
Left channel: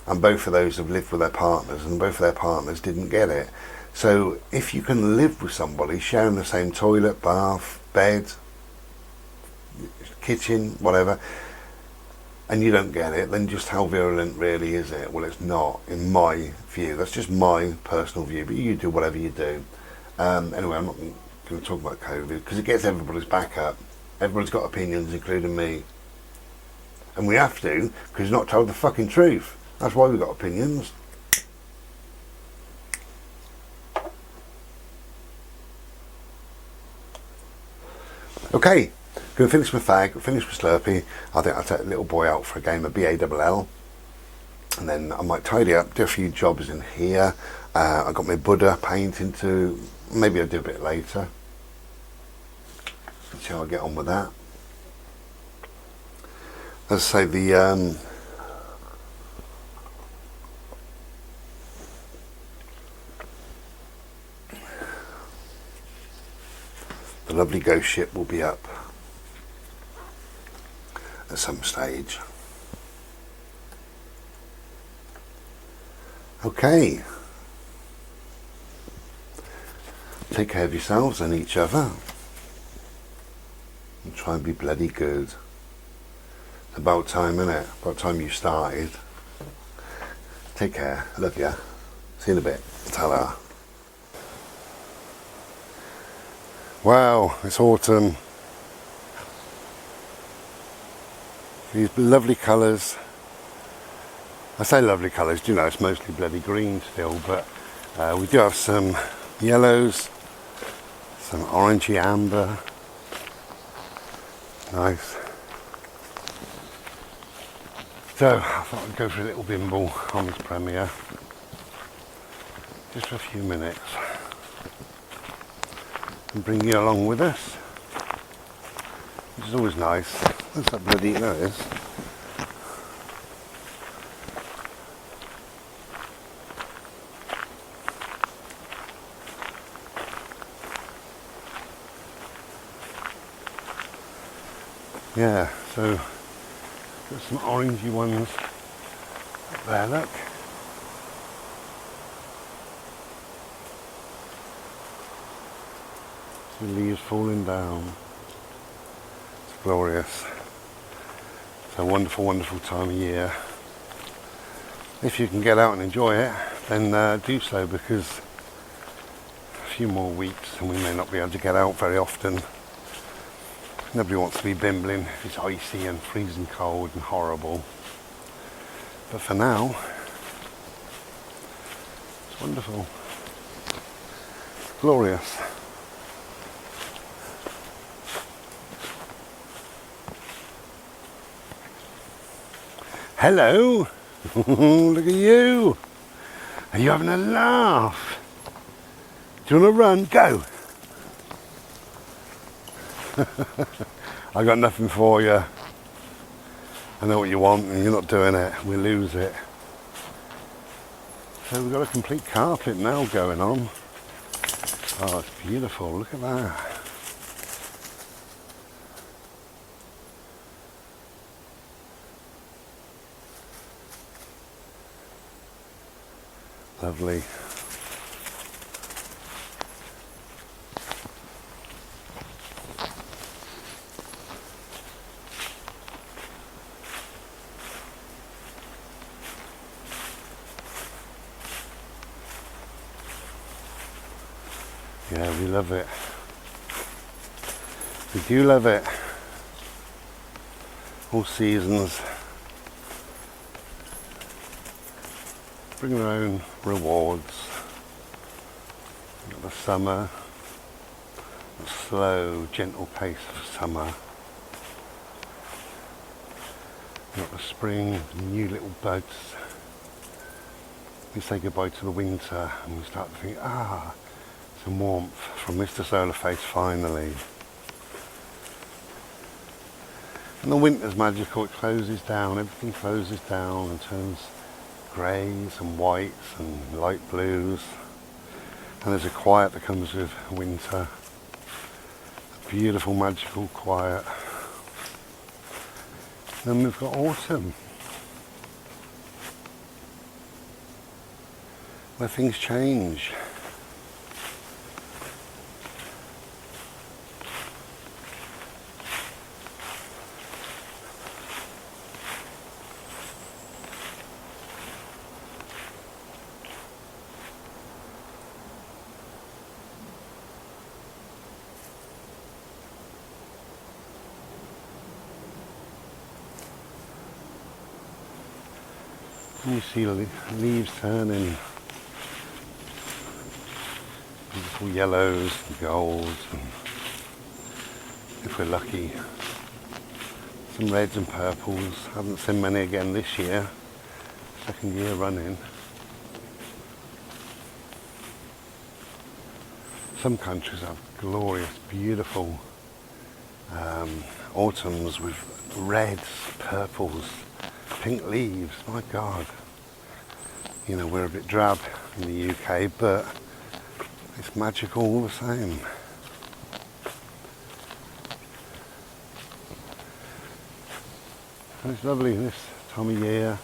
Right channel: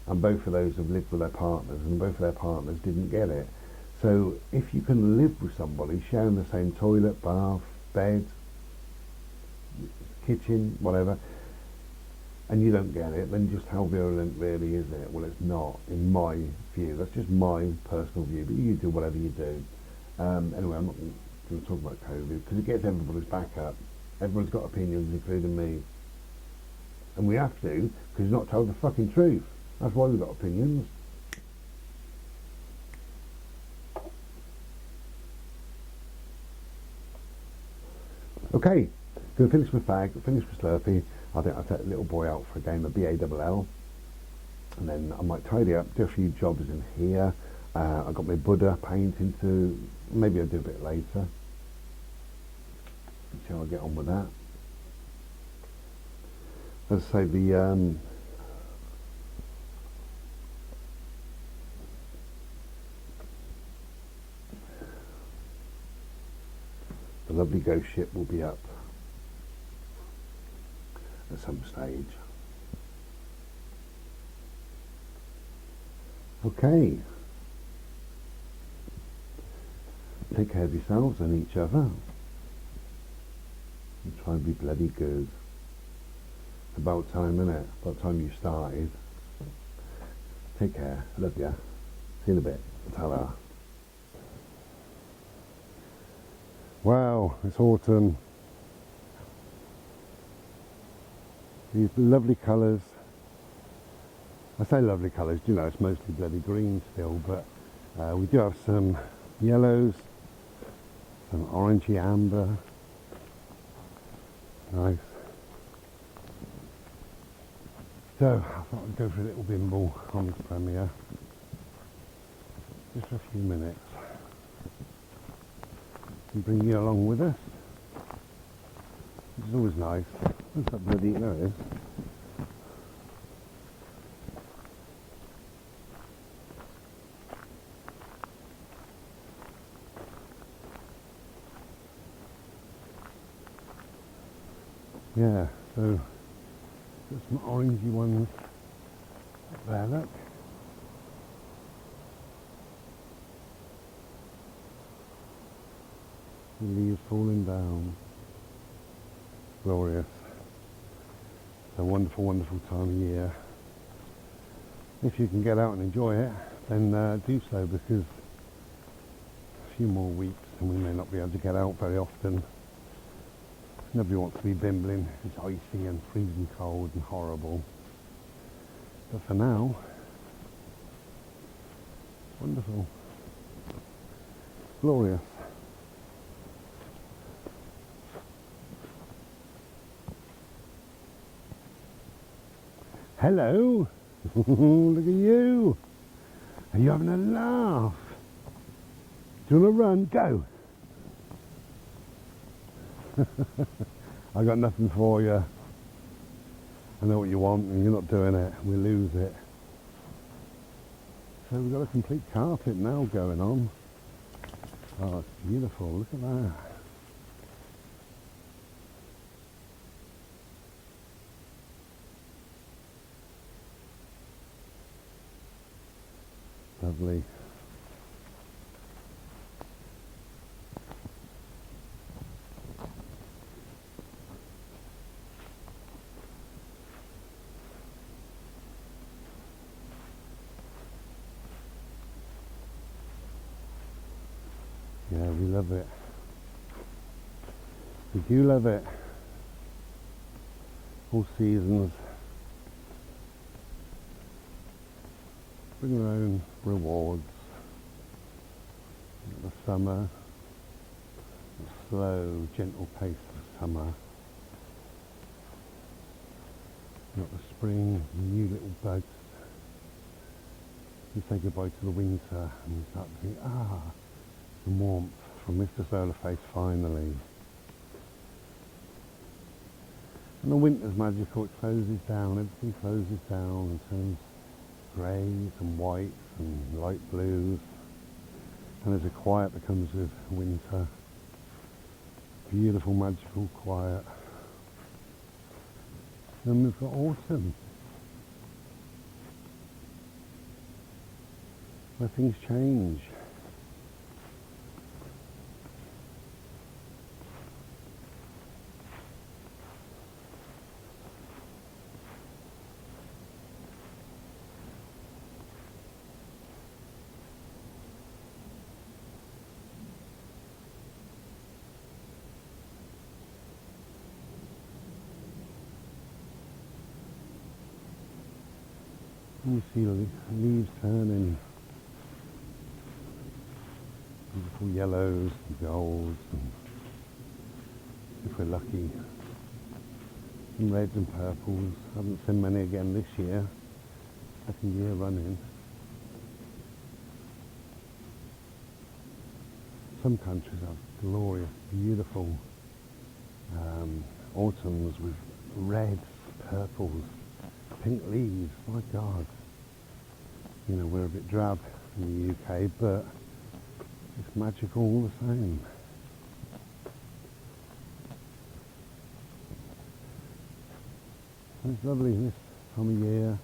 and both of those have lived with their partners, and both of their partners didn't get it. So if you can live with somebody sharing the same toilet, bath, bed, kitchen, whatever, and you don't get it, then just how virulent really is it? Well, it's not, in my view. That's just my personal view, but you do whatever you do. Anyway, I'm not going to talk about COVID because it gets everybody's back up. Everybody's got opinions, including me. And we have to, because you're not told the fucking truth. That's why we've got opinions. Okay, going to finish my fag, finish my Slurpee. I think I'll take the little boy out for a game of BALL. And then I might tidy up, do a few jobs in here. I've got my Buddha painting to, maybe I'll do a bit later. See how I get on with that. As I say, the lovely ghost ship will be up at some stage. Okay. Take care of yourselves and each other. And try and be bloody good. It's about time, innit? About time you started. Take care. Love ya. See you in a bit. Ta-ra. Wow, it's autumn. These lovely colours. I say lovely colours, you know, it's mostly bloody green still, but we do have some yellows, some orangey amber. Nice. So, I thought I'd go for a little bimble on this premiere. Just for a few minutes. And bring you along with us, which is always nice. What's that bloody, there it is. Yeah, so got some orangey ones up there, look. The leaves falling down. It's glorious. It's a wonderful, wonderful time of year. If you can get out and enjoy it, then do so, because a few more weeks and we may not be able to get out very often. Nobody wants to be bimbling if it's icy and freezing cold and horrible. But for now, it's wonderful. It's glorious. Hello, look at you. Are you having a laugh? Do you want to run? Go. I got nothing for you. I know what you want and you're not doing it. We lose it. So we've got a complete carpet now going on. Oh, it's beautiful. Look at that. Lovely. Yeah, we love it. We do love it. All seasons. bring their own rewards. You've got the summer, the slow, gentle pace of summer. You've got the spring, new little buds. We say goodbye to the winter and we start to think, some warmth from Mr. Solar Face finally. And the winter's magical, it closes down, everything closes down and turns greys and whites and light blues. And there's a quiet that comes with winter. A beautiful, magical quiet. Then we've got autumn, where things change. And you see leaves turning, beautiful yellows and golds, and if we're lucky, some reds and purples. Haven't seen many again this year, second year running. Some countries have glorious, beautiful autumns with reds, purples, pink leaves. My God, you know, we're a bit drab in the UK, but it's magical all the same. And it's lovely this time of year,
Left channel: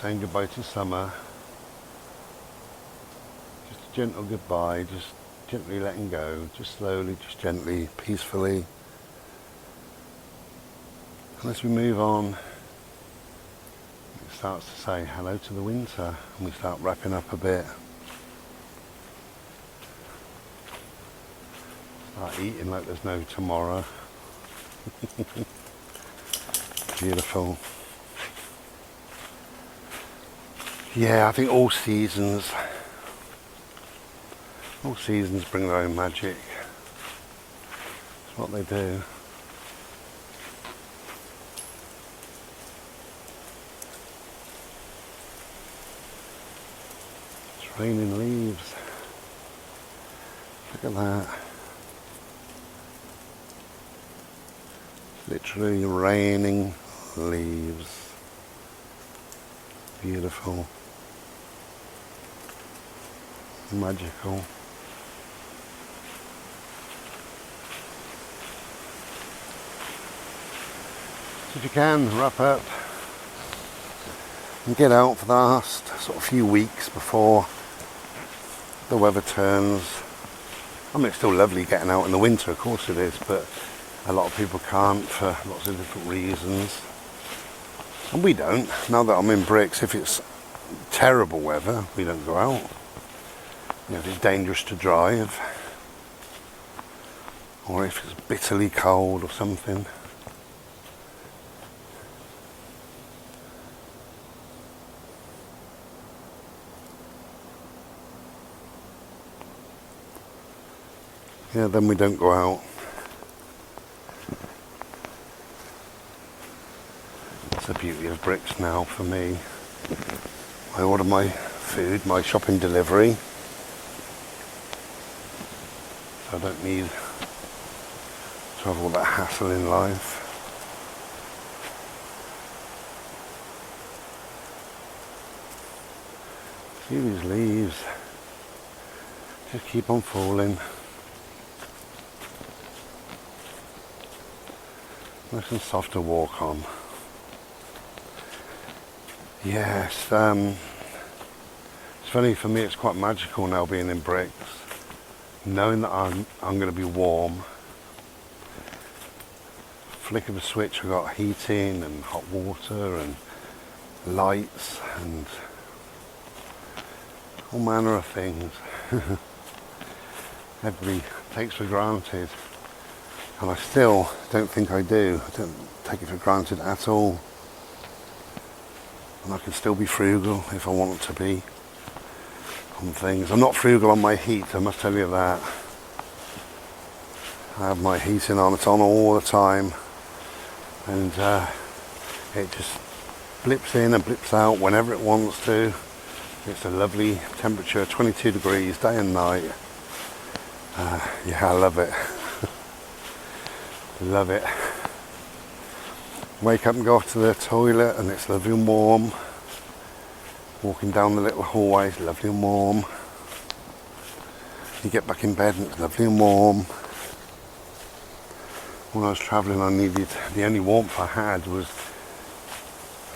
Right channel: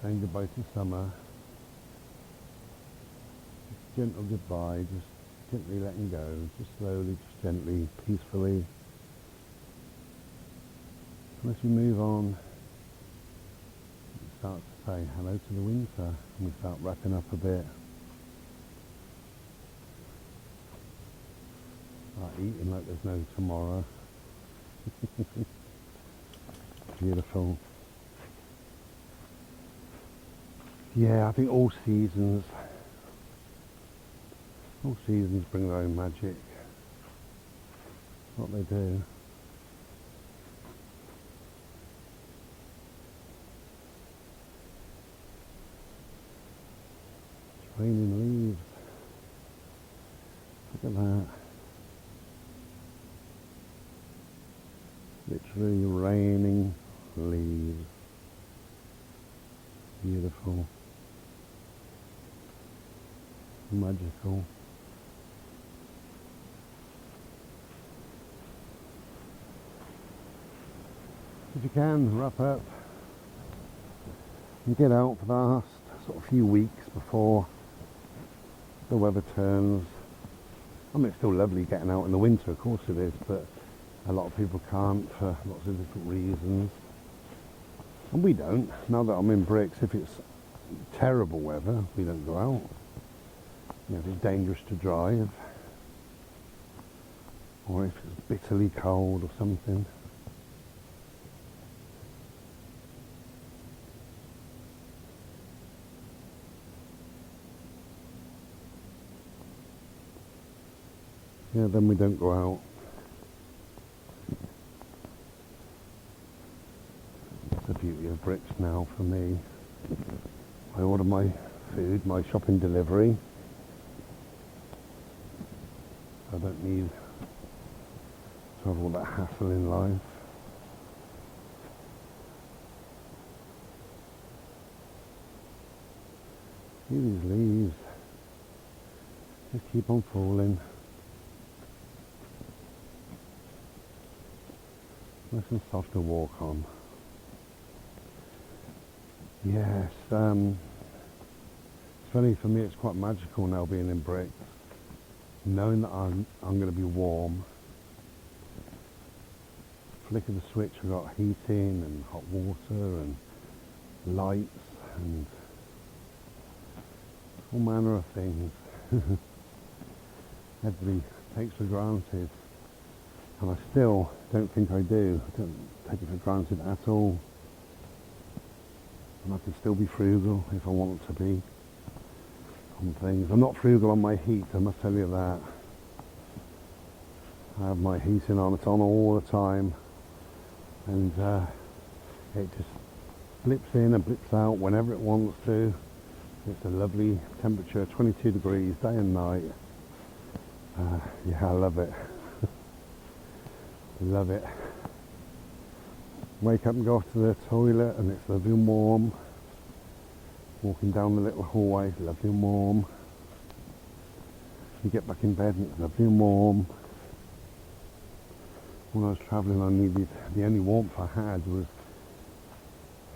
saying goodbye to summer. Just a gentle goodbye, just gently letting go, just slowly, just gently, peacefully. And as we move on, it starts to say hello to the winter, and we start wrapping up a bit. Start eating like there's no tomorrow. Beautiful. Yeah, I think all seasons bring their own magic. It's what they do. It's raining leaves. Look at that. It's literally raining leaves. Beautiful. Magical. So if you can, wrap up and get out for the last sort of few weeks before the weather turns. I mean, it's still lovely getting out in the winter, of course it is, but a lot of people can't for lots of different reasons. And we don't. Now that I'm in bricks, if it's terrible weather, we don't go out. You know, if it's dangerous to drive, or if it's bitterly cold or something. Yeah, then we don't go out. That's the beauty of bricks now for me. I order my food, my shopping delivery. So I don't need to have all that hassle in life. See these leaves, just keep on falling. Nice and soft to walk on. Yes, it's funny for me, it's quite magical now being in bricks. Knowing that I'm going to be warm. Flick of a switch, I've got heating and hot water and lights and all manner of things. Everybody takes for granted, and I still don't think I do. I don't take it for granted at all. and I can still be frugal if I want to be on things. I'm not frugal on my heat, I must tell you that. I have my heating on, it's on all the time, and it just blips in and blips out whenever it wants to. It's a lovely temperature, 22 degrees day and night. Yeah, I love it. Love it. Wake up and go to the toilet and it's lovely and warm. Walking down the little hallway, it's lovely and warm. You get back in bed and it's lovely and warm. When I was travelling, I needed, the only warmth I had was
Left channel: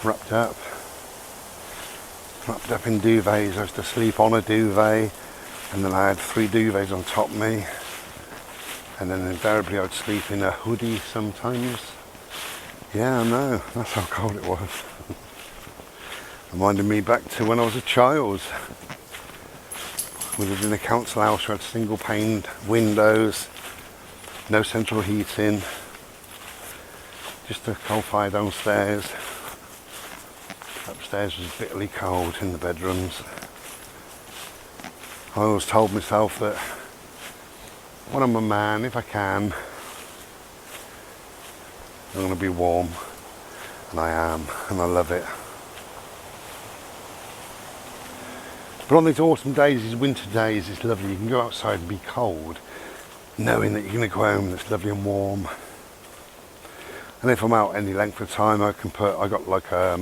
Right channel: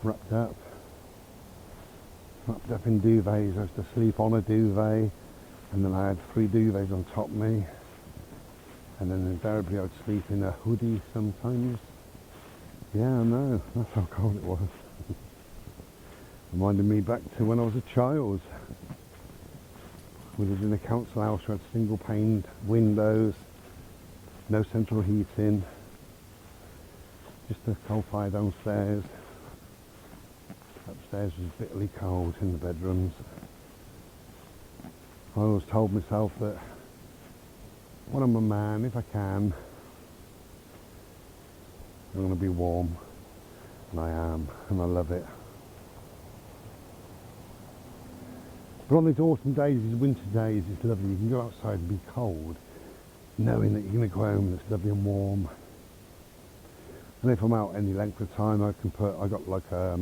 wrapped up in duvets. I used to sleep on a duvet, and then I had 3 duvets on top of me, and then invariably I'd sleep in a hoodie sometimes. Yeah, I know, that's how cold it was. Reminded me back to when I was a child. We lived in a council house, we had single paned windows, no central heating, just a coal fire downstairs. Upstairs was bitterly cold in the bedrooms. I always told myself that when I'm a man, if I can, I'm going to be warm, and I am, and I love it. But on these autumn days, these winter days, it's lovely. You can go outside and be cold, knowing that you're going to go home and it's lovely and warm. And if I'm out any length of time, I got like a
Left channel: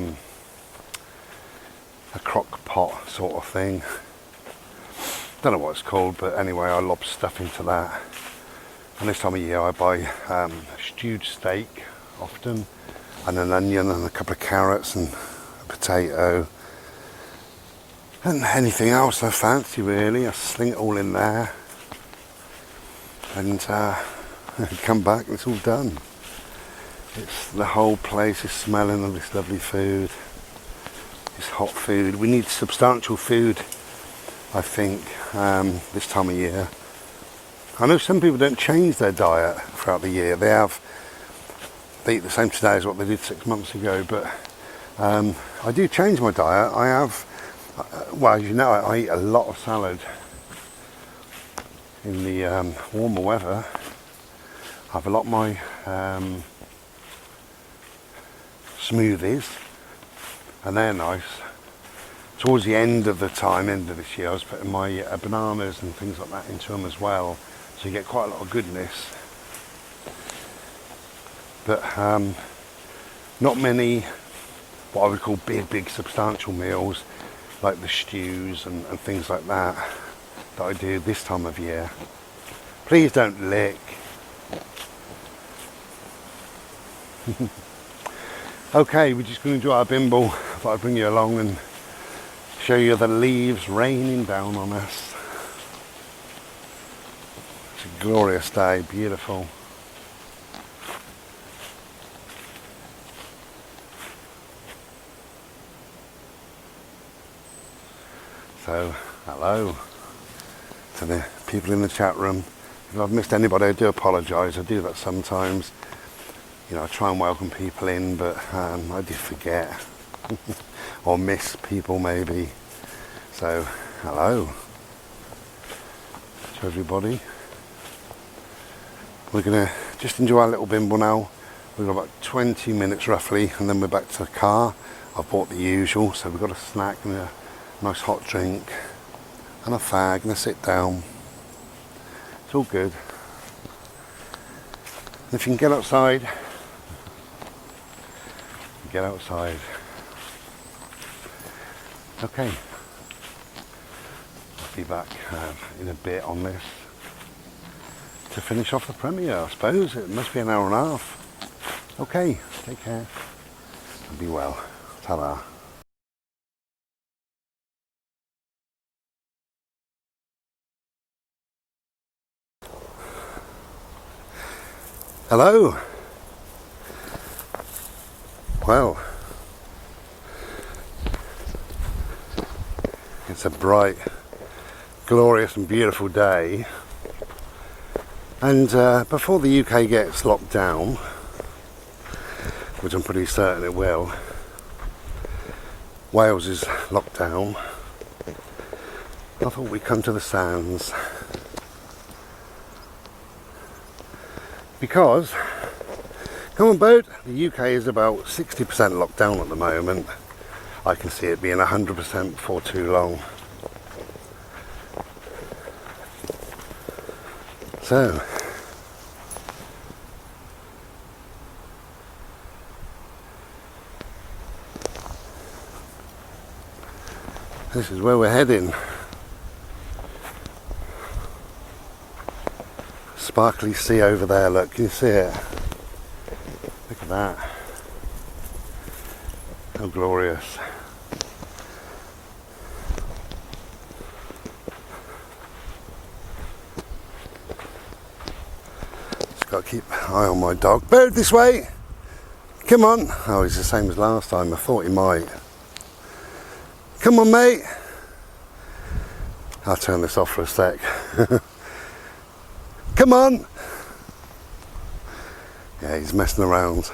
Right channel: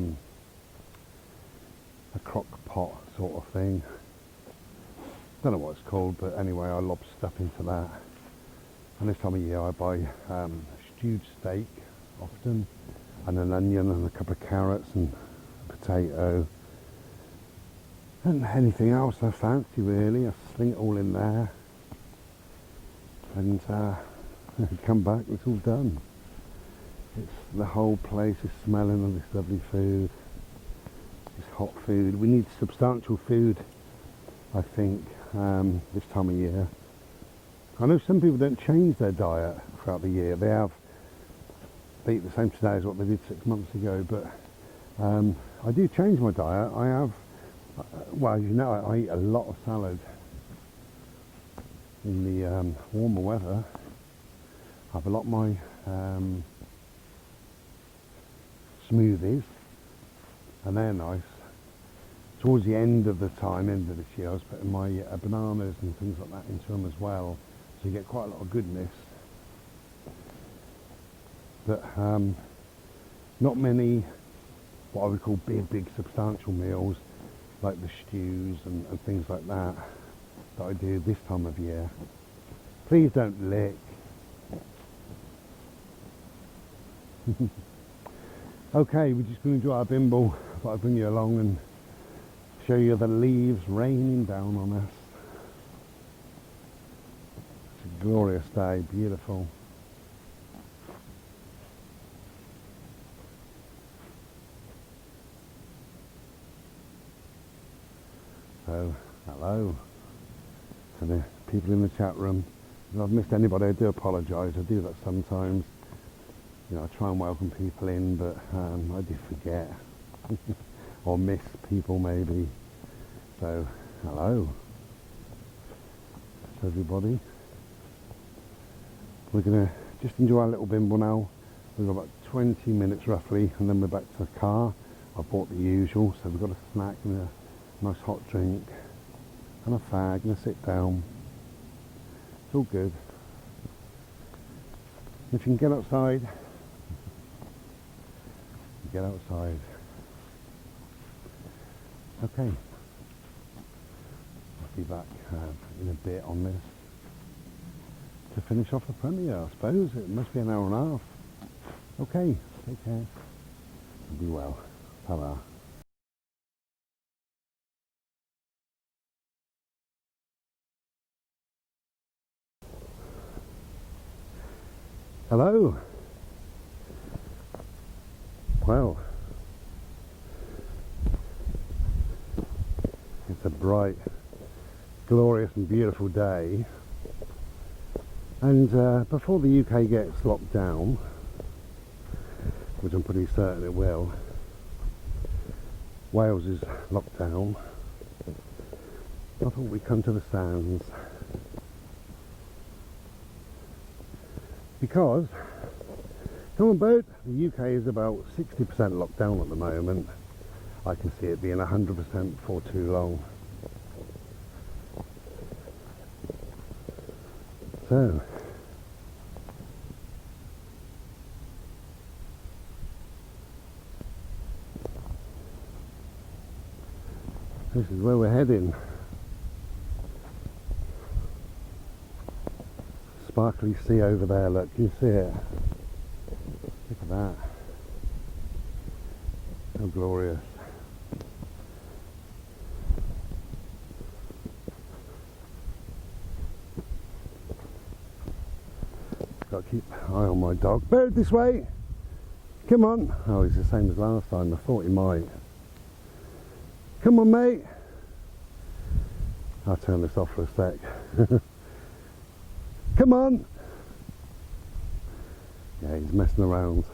crock pot sort of thing. Don't know what it's called, but anyway, I lob stuff into that. And this time of year I buy stewed steak often, and an onion and a couple of carrots and a potato. And anything else I fancy really, I sling it all in there. And come back and it's all done. The whole place is smelling of this lovely food. It's hot food. We need substantial food, I think, this time of year. I know some people don't change their diet throughout the year. They eat the same today as what they did 6 months ago, but I do change my diet. I have, well, as you know, I eat a lot of salad in the warmer weather. I have a lot of my smoothies, and they're nice. Towards the end of this year, I was putting my bananas and things like that into them as well, so you get quite a lot of goodness. But not many what I would call big substantial meals, like the stews and things like that I do this time of year. Please don't lick. Okay, we're just going to enjoy our bimble. I thought I'd bring you along and show you the leaves raining down on us. It's a glorious day, beautiful. So, hello to the people in the chat room. If I've missed anybody, I do apologise. I do that sometimes. You know, I try and welcome people in, but I do forget or miss people maybe. So, hello to everybody. We're going to just enjoy our little bimble now. We've got about 20 minutes roughly, and then we're back to the car. I've bought the usual, so we've got a snack and a nice hot drink and a fag and a sit down. It's all good. And if you can get outside, get outside. Okay, I'll be back in a bit on this to finish off the premiere, I suppose. It must be an hour and a half. Okay, take care and be well. Ta-da. Hello. Well, it's a bright, glorious and beautiful day, and before the UK gets locked down, which I'm pretty certain it will, Wales is locked down. I thought we'd come to the sands. Because, come on boat, the UK is about 60% locked down at the moment. I can see it being 100% before too long. So, this is where we're heading. Sparkly sea over there, look, can you see it? Look at that. How glorious. Just got to keep an eye on my dog. Bird, this way! Come on! Oh, he's the same as last time, I thought he might. Come on, mate! I'll turn this off for a sec. Come on! Yeah, he's messing around.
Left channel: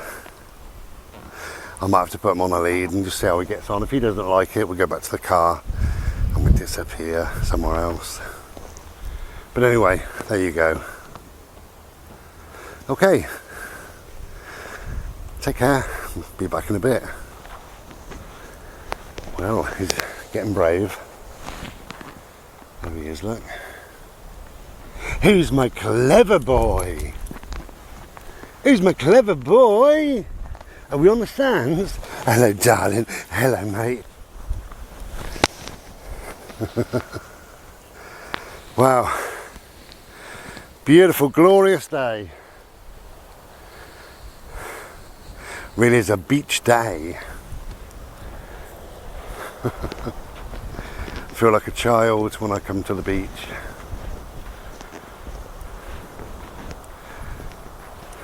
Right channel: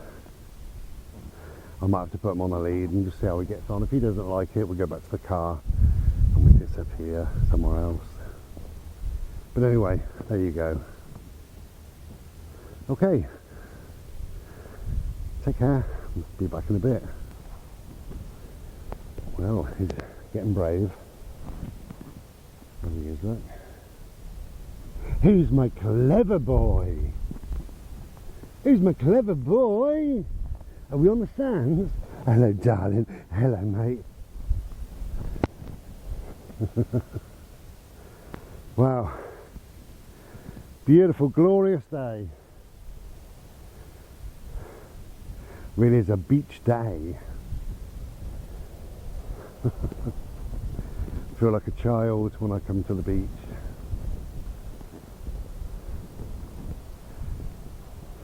I might have to put him on a lead and just see how he gets on. If he doesn't like it, we'll go back to the car and we disappear somewhere else. But anyway, there you go. Okay. Take care. Be back in a bit. Well, he's getting brave. There he is, look. Who's my clever boy? Who's my clever boy? Are we on the sands? Hello, darling. Hello, mate. Wow. Beautiful, glorious day. Really is a beach day. I feel like a child when I come to the beach.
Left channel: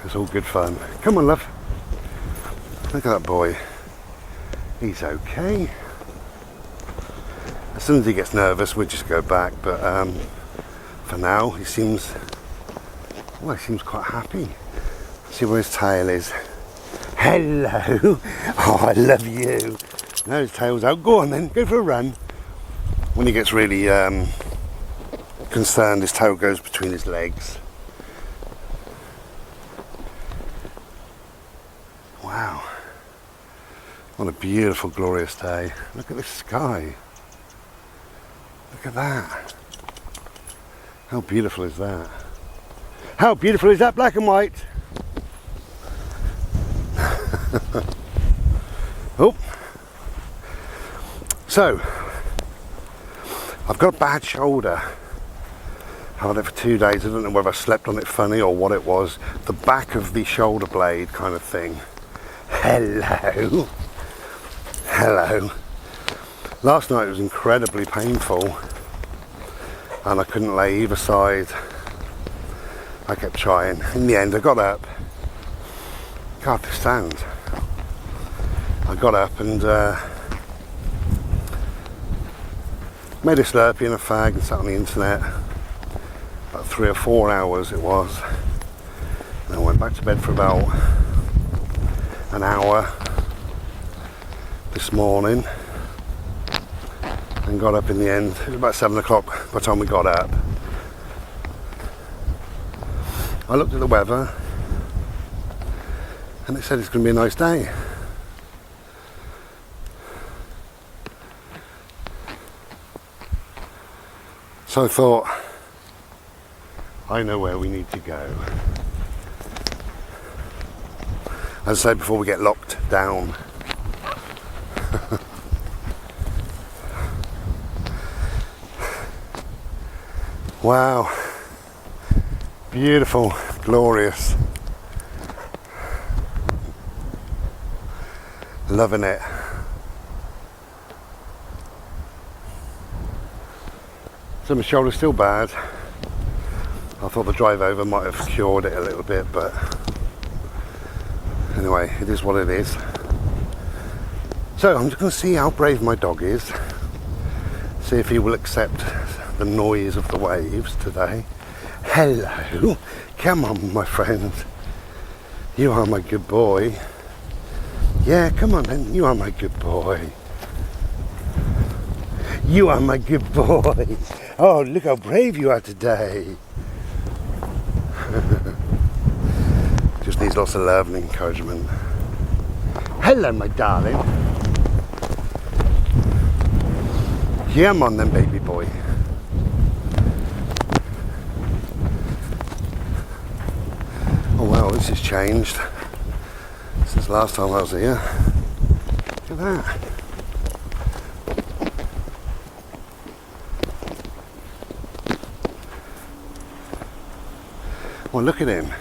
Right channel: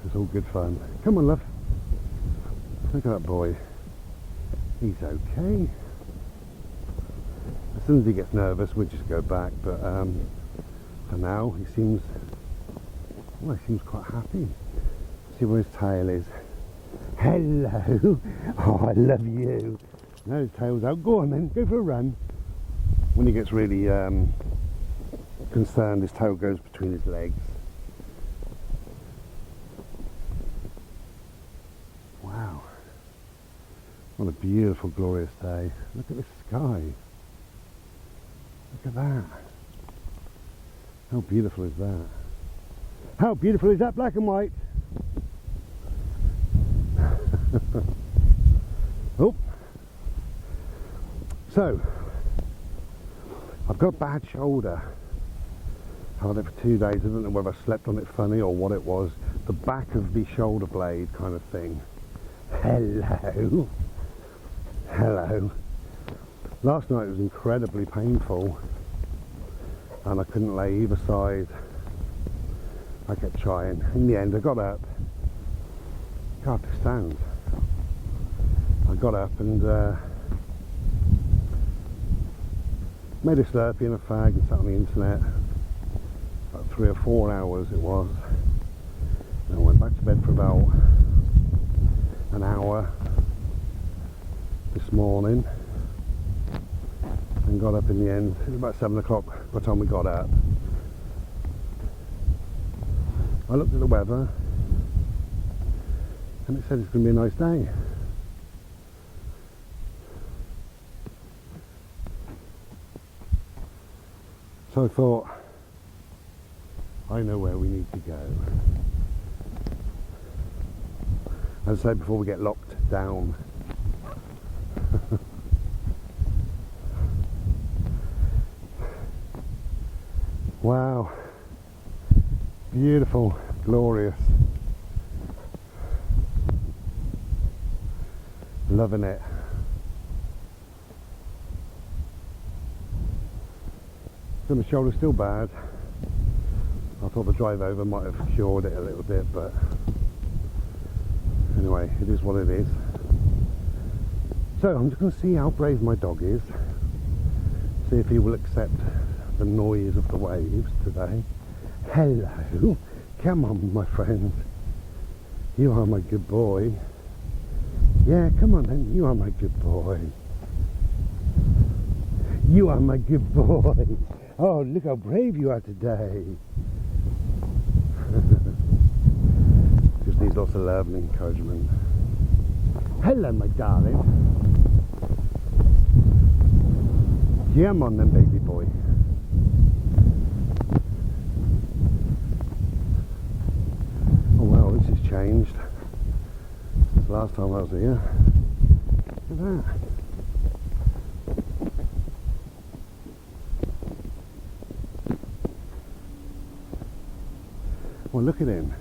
It's all good fun. Come on, love. Look at that boy. He's okay. As soon as he gets nervous, we'll just go back. But for now, he seems quite happy. See where his tail is. Hello. Oh, I love you. Now his tail's out. Go on then. Go for a run. When he gets really concerned, his tail goes between his legs. Wow. What a beautiful, glorious day. Look at the sky. Look at that. How beautiful is that? How beautiful is that, black and white? Oh. So, I've got a bad shoulder. I've had it for 2 days. I don't know whether I slept on it funny or what it was. The back of the shoulder blade kind of thing. Hello. Hello. Last night was incredibly painful and I couldn't lay either side. I kept trying. In the end I got up. God, this stand. I got up and made a Slurpee and a fag and sat on the internet. About 3 or 4 hours it was. And I went back to bed for about an hour this morning and got up in the end. It was about 7 o'clock by the time we got up. I looked at the weather and it said it's going to be a nice day. So I thought, I know where we need to go. As I said before, we get locked down. Wow. Beautiful, glorious. Loving it. So my shoulder's still bad. I thought the drive over might have cured it a little bit, but anyway, it is what it is. So I'm just going to see how brave my dog is. See if he will accept the noise of the waves today. Hello. Come on, my friend. You are my good boy. Yeah, come on then. You are my good boy. You are my good boy. Oh, look how brave you are today. Just needs lots of love and encouragement. Hello, my darling. Come on then, baby boy. Oh wow, this has changed since last time I was here. Look at that. Well, look at him.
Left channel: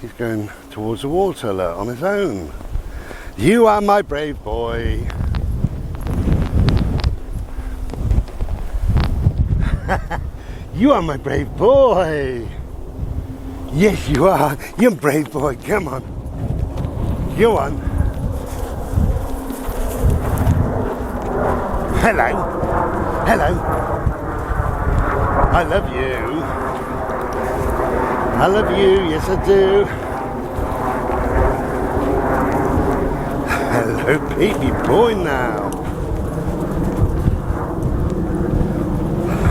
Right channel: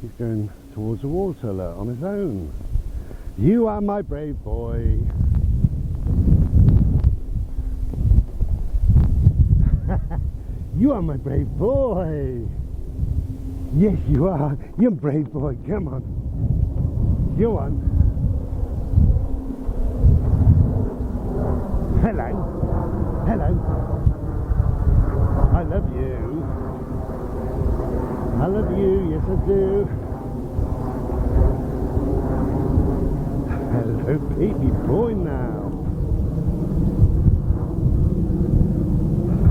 He's going towards the water on his own. You are my brave boy. You are my brave boy. Yes, you are. You're a brave boy. Come on. Go on. Hello. Hello. I love you. I love you. Yes, I do. Hello, baby boy now.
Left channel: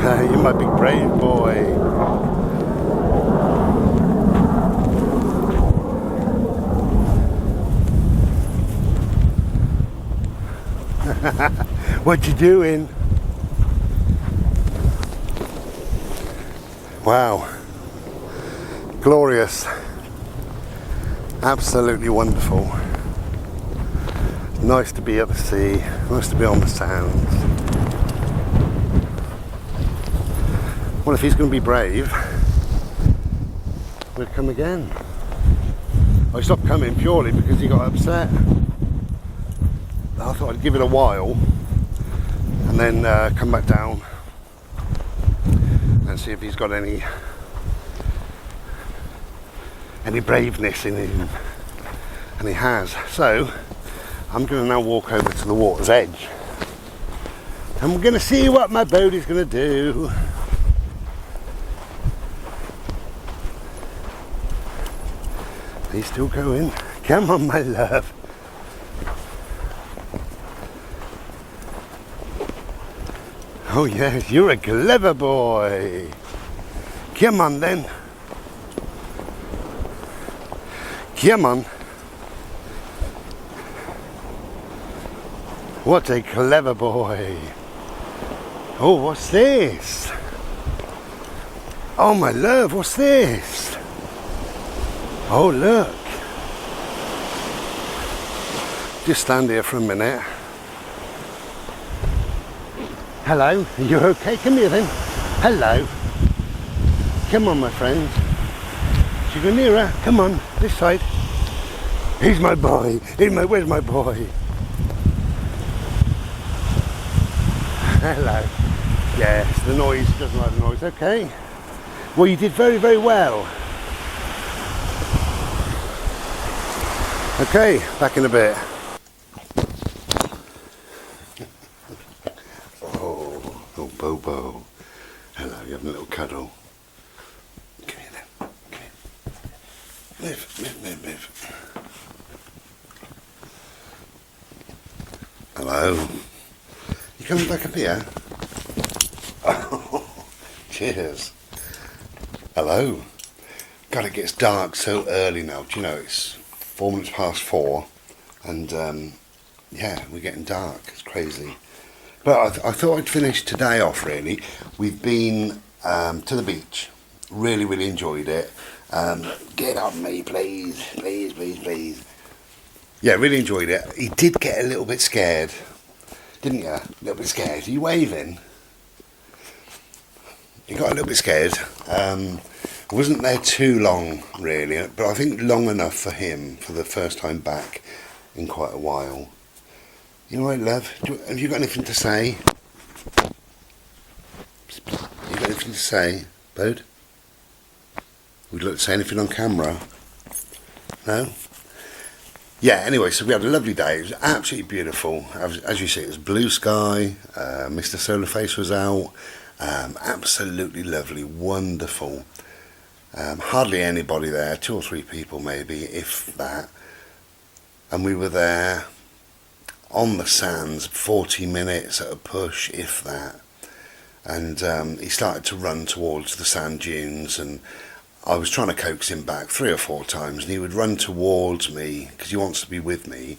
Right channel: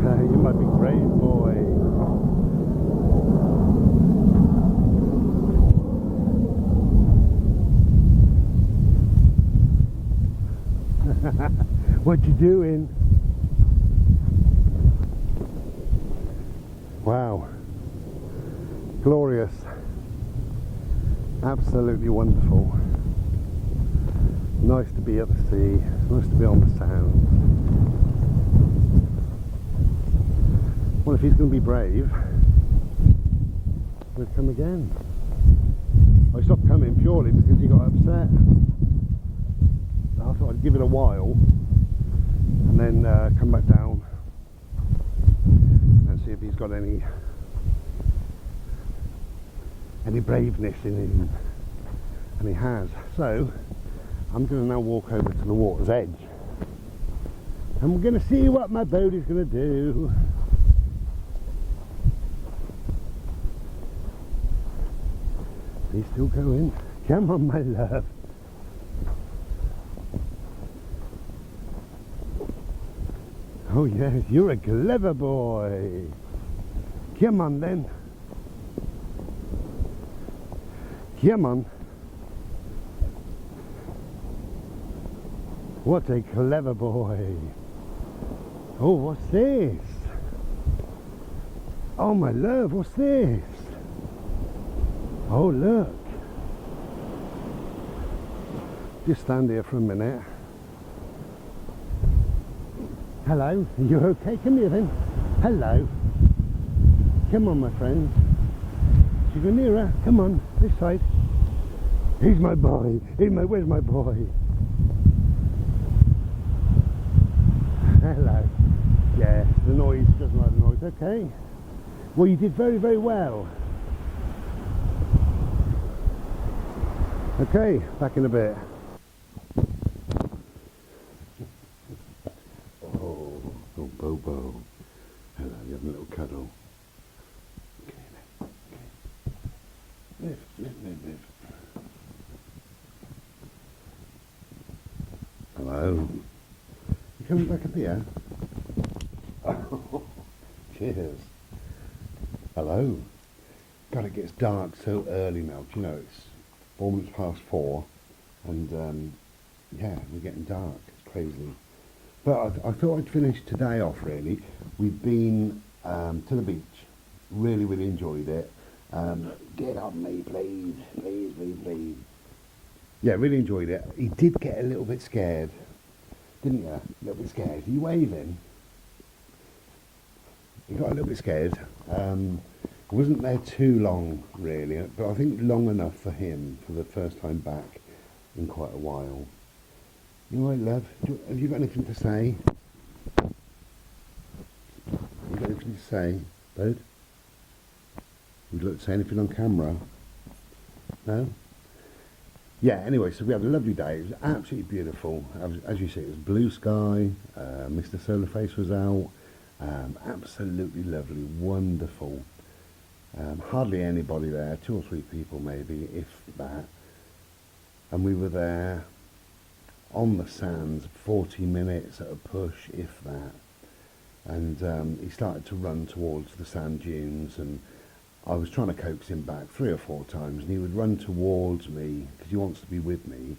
You're my big brave boy. What you doing? Wow. Glorious. Absolutely wonderful. Nice to be at the sea. Nice to be on the sands. Well, if he's going to be brave, we'll come again. I stopped coming purely because he got upset. I thought I'd give it a while and then come back down and see if he's got any braveness in him, and he has. So I'm going to now walk over to the water's edge and we're going to see what my boat is going to do. He's still going. Come on, my love. Oh yes, you're a clever boy. Come on then. Come on. What a clever boy. Oh, what's this? Oh my love, what's this? Oh look. Just stand here for a minute. Hello, are you okay? Come here then. Hello. Come on, my friend. Should you go nearer? Come on, this side. He's my boy. Where's my boy? Hello. Yes, the noise, doesn't like the noise. Okay. Well, you did very, very well. Okay, back in a bit. Oh, Bobo. Hello, you having a little cuddle? Come here then. Come here. Move. Hello. You coming back up here? Oh, cheers. Hello. God, it gets dark so early now. Do you know, it's 4 minutes past 4 and yeah, we're getting dark. It's crazy. But I thought I'd finish today off really. We've been to the beach. Really, really enjoyed it. Get on me, please. Please. Yeah, really enjoyed it. He did get a little bit scared, didn't you? A little bit scared. Are you waving? He got a little bit scared. I wasn't there too long really, but I think long enough for him for the first time back in quite a while. You all right, love? Have you got anything to say? You got anything to say, bud? Would you like to say anything on camera? No? Yeah, anyway, so we had a lovely day. It was absolutely beautiful. As you see, it was blue sky. Mr. Solar Face was out. Absolutely lovely, wonderful. Hardly anybody there, 2 or 3 people maybe, if that. And we were there on the sands 40 minutes at a push, if that. And he started to run towards the sand dunes, and I was trying to coax him back 3 or 4 times, and he would run towards me because he wants to be with me.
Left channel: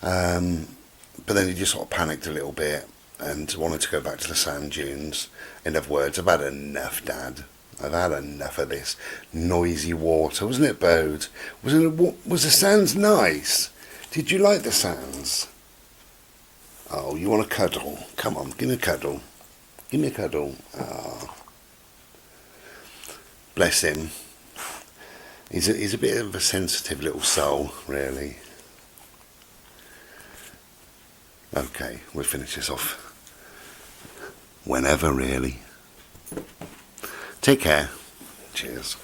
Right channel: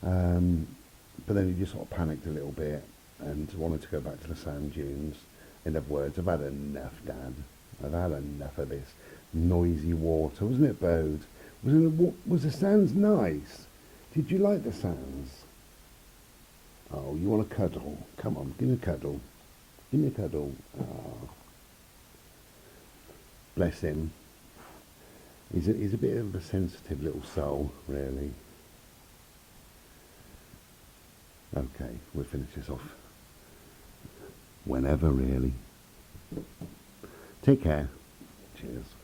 But then he just sort of panicked a little bit and wanted to go back to the sand dunes. In other words, I've had enough, Dad. I've had enough of this noisy water. Wasn't it, Bode? Was the sands nice? Did you like the sands? Oh, you want a cuddle? Come on, give me a cuddle. Give me a cuddle. Oh. Bless him. He's a bit of a sensitive little soul, really. Okay, we'll finish this off whenever, really. Take care. Cheers.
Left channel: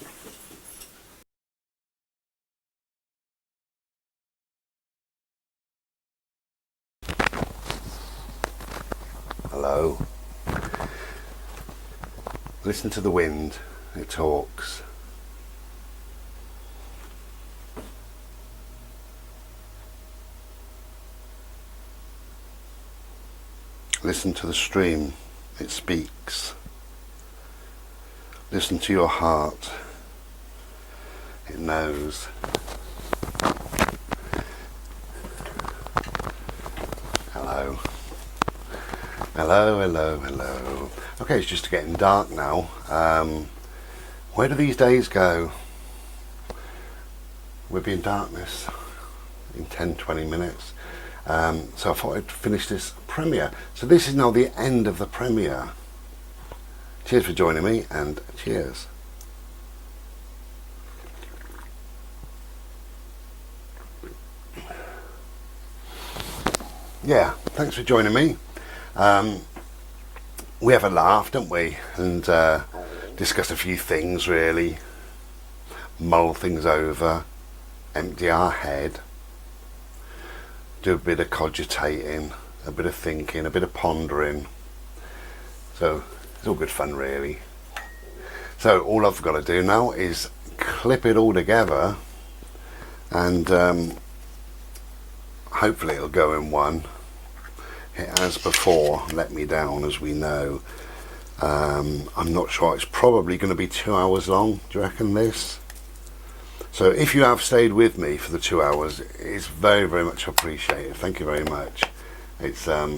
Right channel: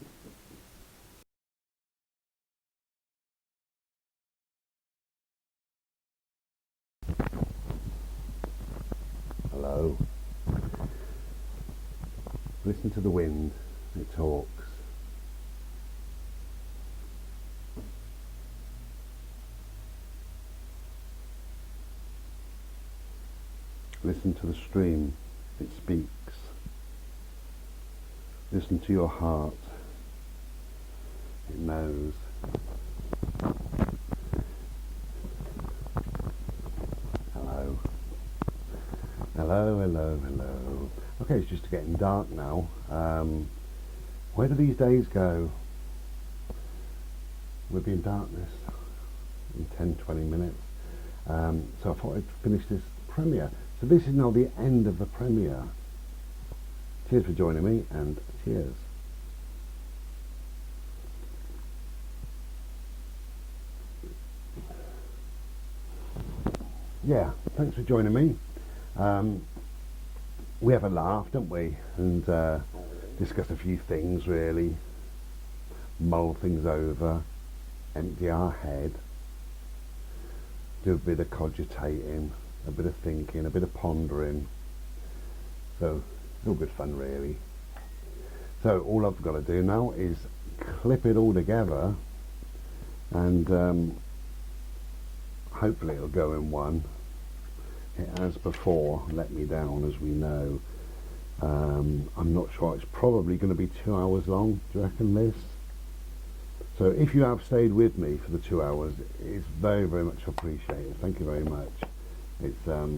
Hello. Listen to the wind. It talks. Listen to the stream. It speaks. Listen to your heart. It knows. Hello. Hello, hello, hello. Okay, it's just getting dark now. Where do these days go? We'll be in darkness in 10-20 minutes. So I thought I'd finish this premiere. So this is now the end of the premiere. Cheers for joining me, and cheers. Yeah, thanks for joining me. We have a laugh, don't we? And discuss a few things, really. Mull things over. Empty our head. Do a bit of cogitating, a bit of thinking, a bit of pondering. So it's all good fun, really. So all I've got to do now is clip it all together, and hopefully it'll go in one. It has before let me down, as we know. I'm not sure. It's probably going to be 2 hours long. Do you reckon this? So if you have stayed with me for the 2 hours, it's very, very much appreciated. Thank you very much. It's a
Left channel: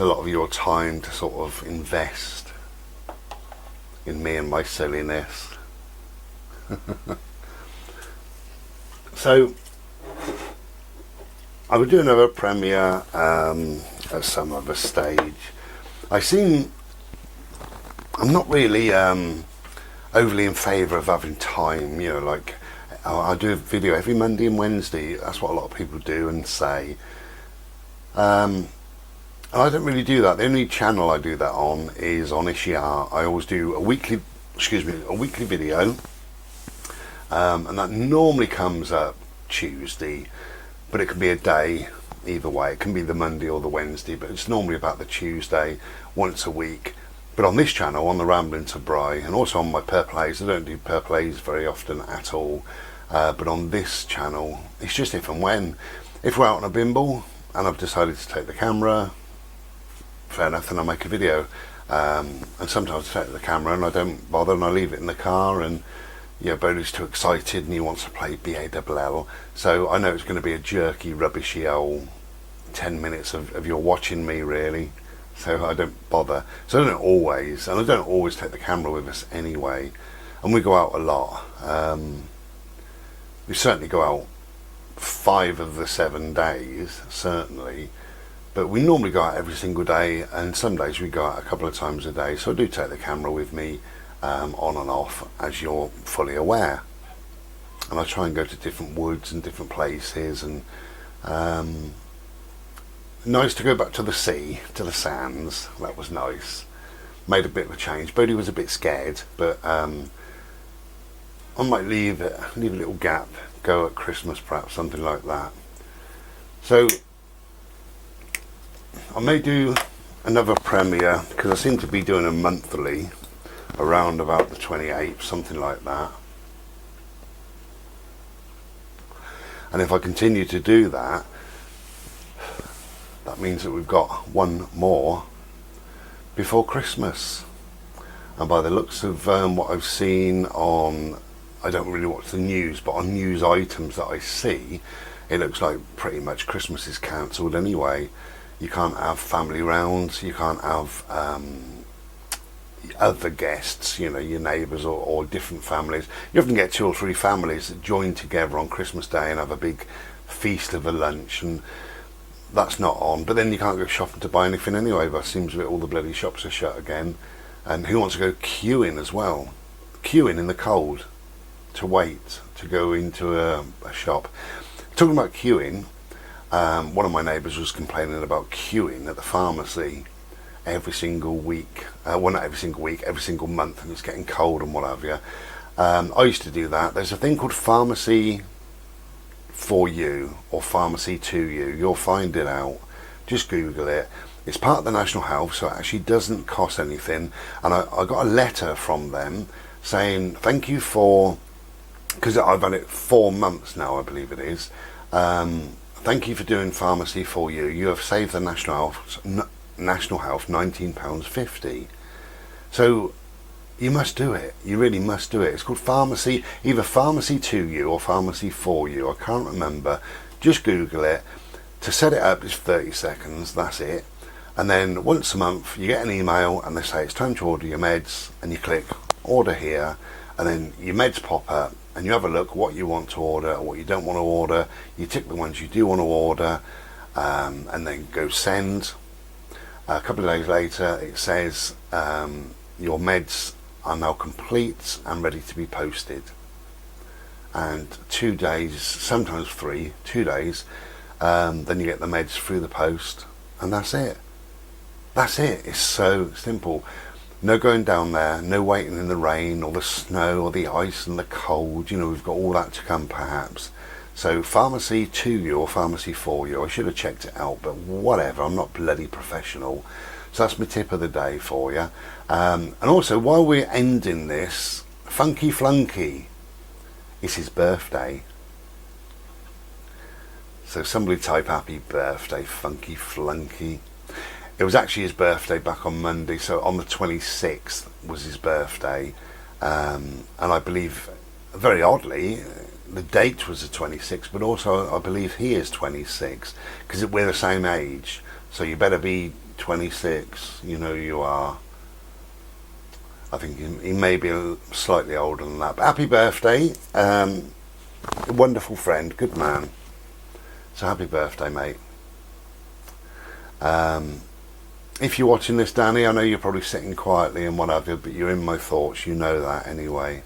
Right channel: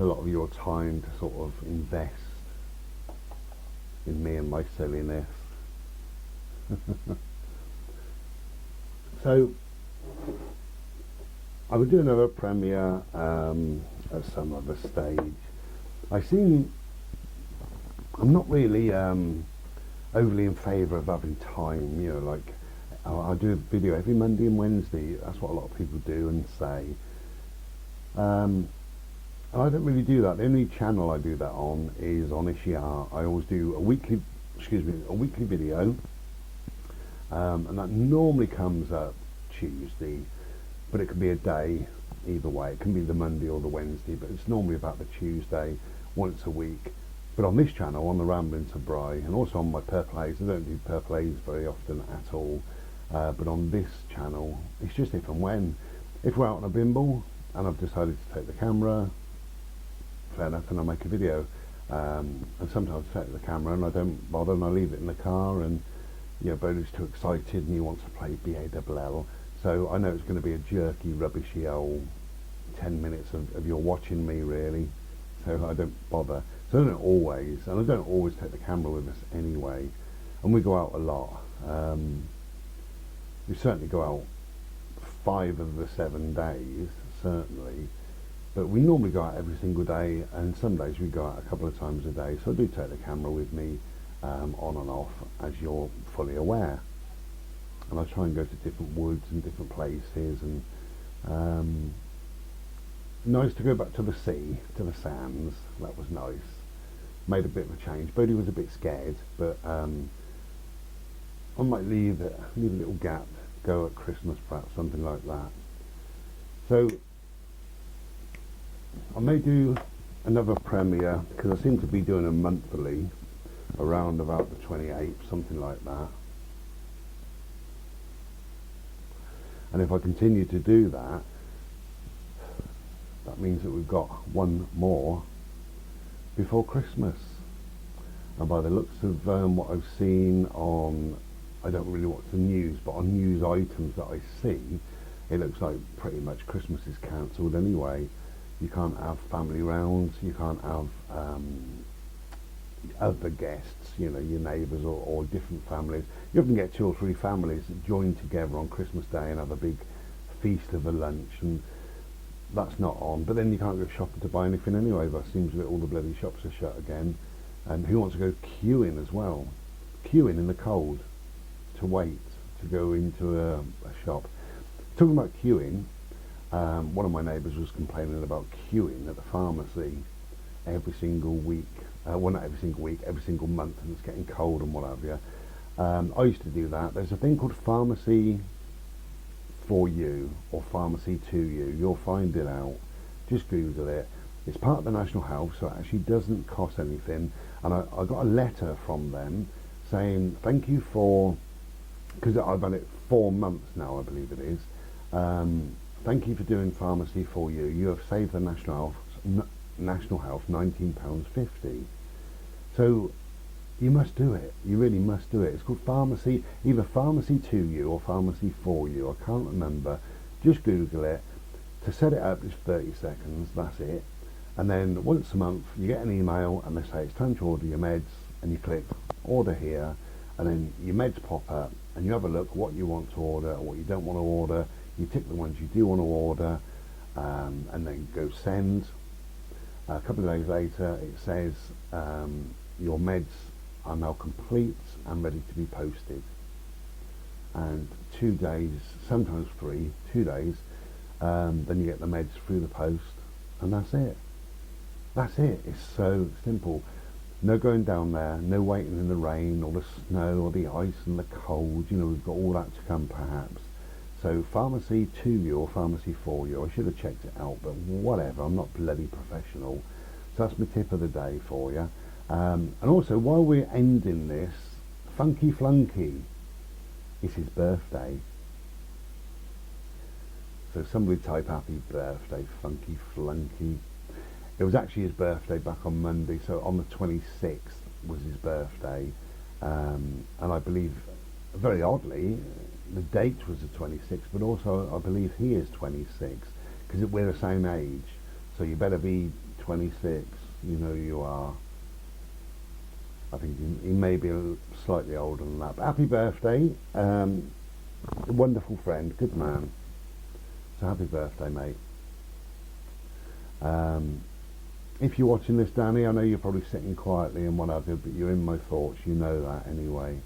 lot of your time to sort of invest in me and my silliness. So I will do another premiere at some other stage. I'm not really overly in favour of having time, you know, like I do a video every Monday and Wednesday. That's what a lot of people do and say. And I don't really do that. The only channel I do that on is on Ishia. I always do a weekly video, and that normally comes up Tuesday, but it can be a day either way. It can be the Monday or the Wednesday, but it's normally about the Tuesday, once a week. But on this channel, on the Rambling to Bry, and also on my Purplays, I don't do Purplays very often at all. But on this channel, it's just if and when. If we're out on a bimble and I've decided to take the camera, fair enough, then I make a video. And sometimes I take the camera and I don't bother, and I leave it in the car, and yeah, Bodie's too excited and he wants to play BALL. So I know it's going to be a jerky, rubbishy old 10 minutes of your watching me, really. So I don't bother. So I don't always, and I don't always take the camera with us anyway. And we go out a lot. We certainly go out 5 of the 7 days, certainly. But we normally go out every single day, and some days we go out a couple of times a day. So I do take the camera with me on and off, as you're fully aware. And I try and go to different woods and different places, and nice to go back to the sea, to the sands. That was nice. Made a bit of a change. Bodie was a bit scared, but I might leave a little gap, go at Christmas perhaps, something like that. So I may do another premiere, because I seem to be doing a monthly around about the 28th, something like that. And if I continue to do that, that means that we've got one more before Christmas. And by the looks of what I've seen on, I don't really watch the news, but on news items that I see, it looks like pretty much Christmas is cancelled anyway. You can't have family rounds, you can't have other guests, you know, your neighbours or different families. You often get 2 or 3 families that join together on Christmas Day and have a big feast of a lunch, and that's not on. But then you can't go shopping to buy anything anyway, but it seems that all the bloody shops are shut again. And who wants to go queuing as well? Queuing in the cold to wait to go into a shop. Talking about queuing, one of my neighbours was complaining about queuing at the pharmacy every single week. Well, not every single week, every single month, and it's getting cold and what have you. I used to do that. There's a thing called Pharmacy for You or Pharmacy to You. You'll find it out. Just Google it. It's part of the National Health, so it actually doesn't cost anything. And I got a letter from them saying, thank you for, because I've had it 4 months now, I believe it is. Thank you for doing Pharmacy for You. You have saved the National Health £19.50. So you must do it. You really must do it. It's called Pharmacy, either Pharmacy to You or Pharmacy for You. I can't remember. Just Google it. To set it up is 30 seconds. That's it. And then once a month you get an email and they say it's time to order your meds, and you click order here, and then your meds pop up and you have a look what you want to order or what you don't want to order. You tick the ones you do want to order, and then go send. A couple of days later it says your meds are now complete and ready to be posted. And 2 days, sometimes 3, 2 days, then you get the meds through the post, and that's it. That's it. It's so simple. No going down there, no waiting in the rain or the snow or the ice and the cold. You know, we've got all that to come perhaps. So Pharmacy to You or Pharmacy for You. I should have checked it out, but whatever. I'm not bloody professional. So that's my tip of the day for you. And also, while we're ending this, Funky Flunky, it's his birthday. So somebody type happy birthday, Funky Flunky. It was actually his birthday back on Monday, so on the 26th was his birthday. And I believe, very oddly, the date was the 26th, but also I believe he is 26, because we're the same age. So you better be 26, you know you are. I think he may be slightly older than that. But happy birthday, a wonderful friend, good man. So happy birthday, mate. If you're watching this, Danny, I know you're probably sitting quietly and what have you, but you're in my thoughts, you know that anyway.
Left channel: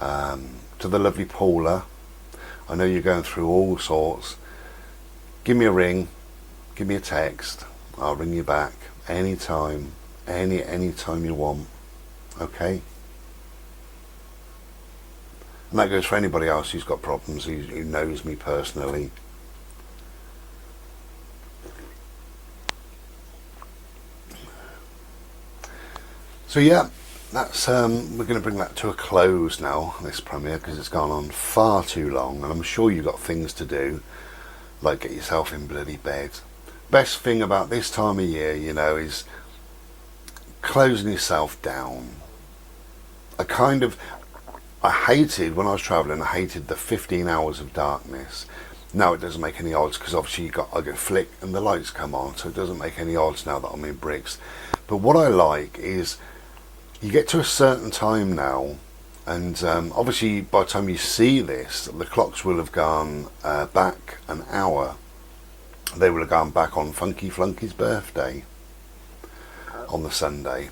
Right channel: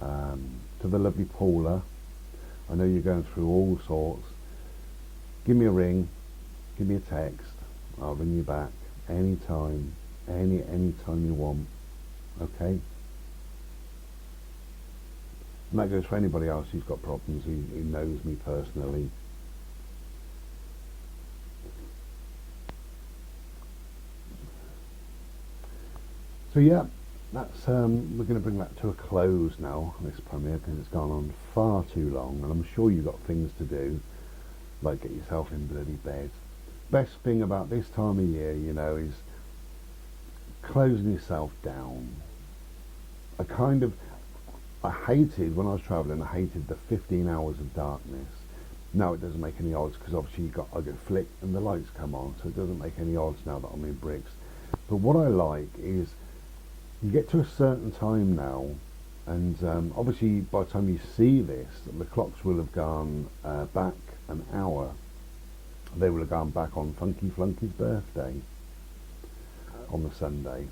To the lovely Paula, I know you're going through all sorts. Give me a ring, give me a text, I'll ring you back anytime, any time you want, okay? And that goes for anybody else who's got problems, who knows me personally. So yeah, that's we're going to bring that to a close now, this premiere, because it's gone on far too long, and I'm sure you've got things to do, like get yourself in bloody bed. Best thing about this time of year, you know, is closing yourself down. I hated, when I was travelling, I hated the 15 hours of darkness. Now it doesn't make any odds, because obviously I go flick and the lights come on, so it doesn't make any odds now that I'm in bricks. But what I like is, you get to a certain time now, and obviously by the time you see this, the clocks will have gone back an hour. They will have gone back on Funky Flunky's birthday on the Sunday.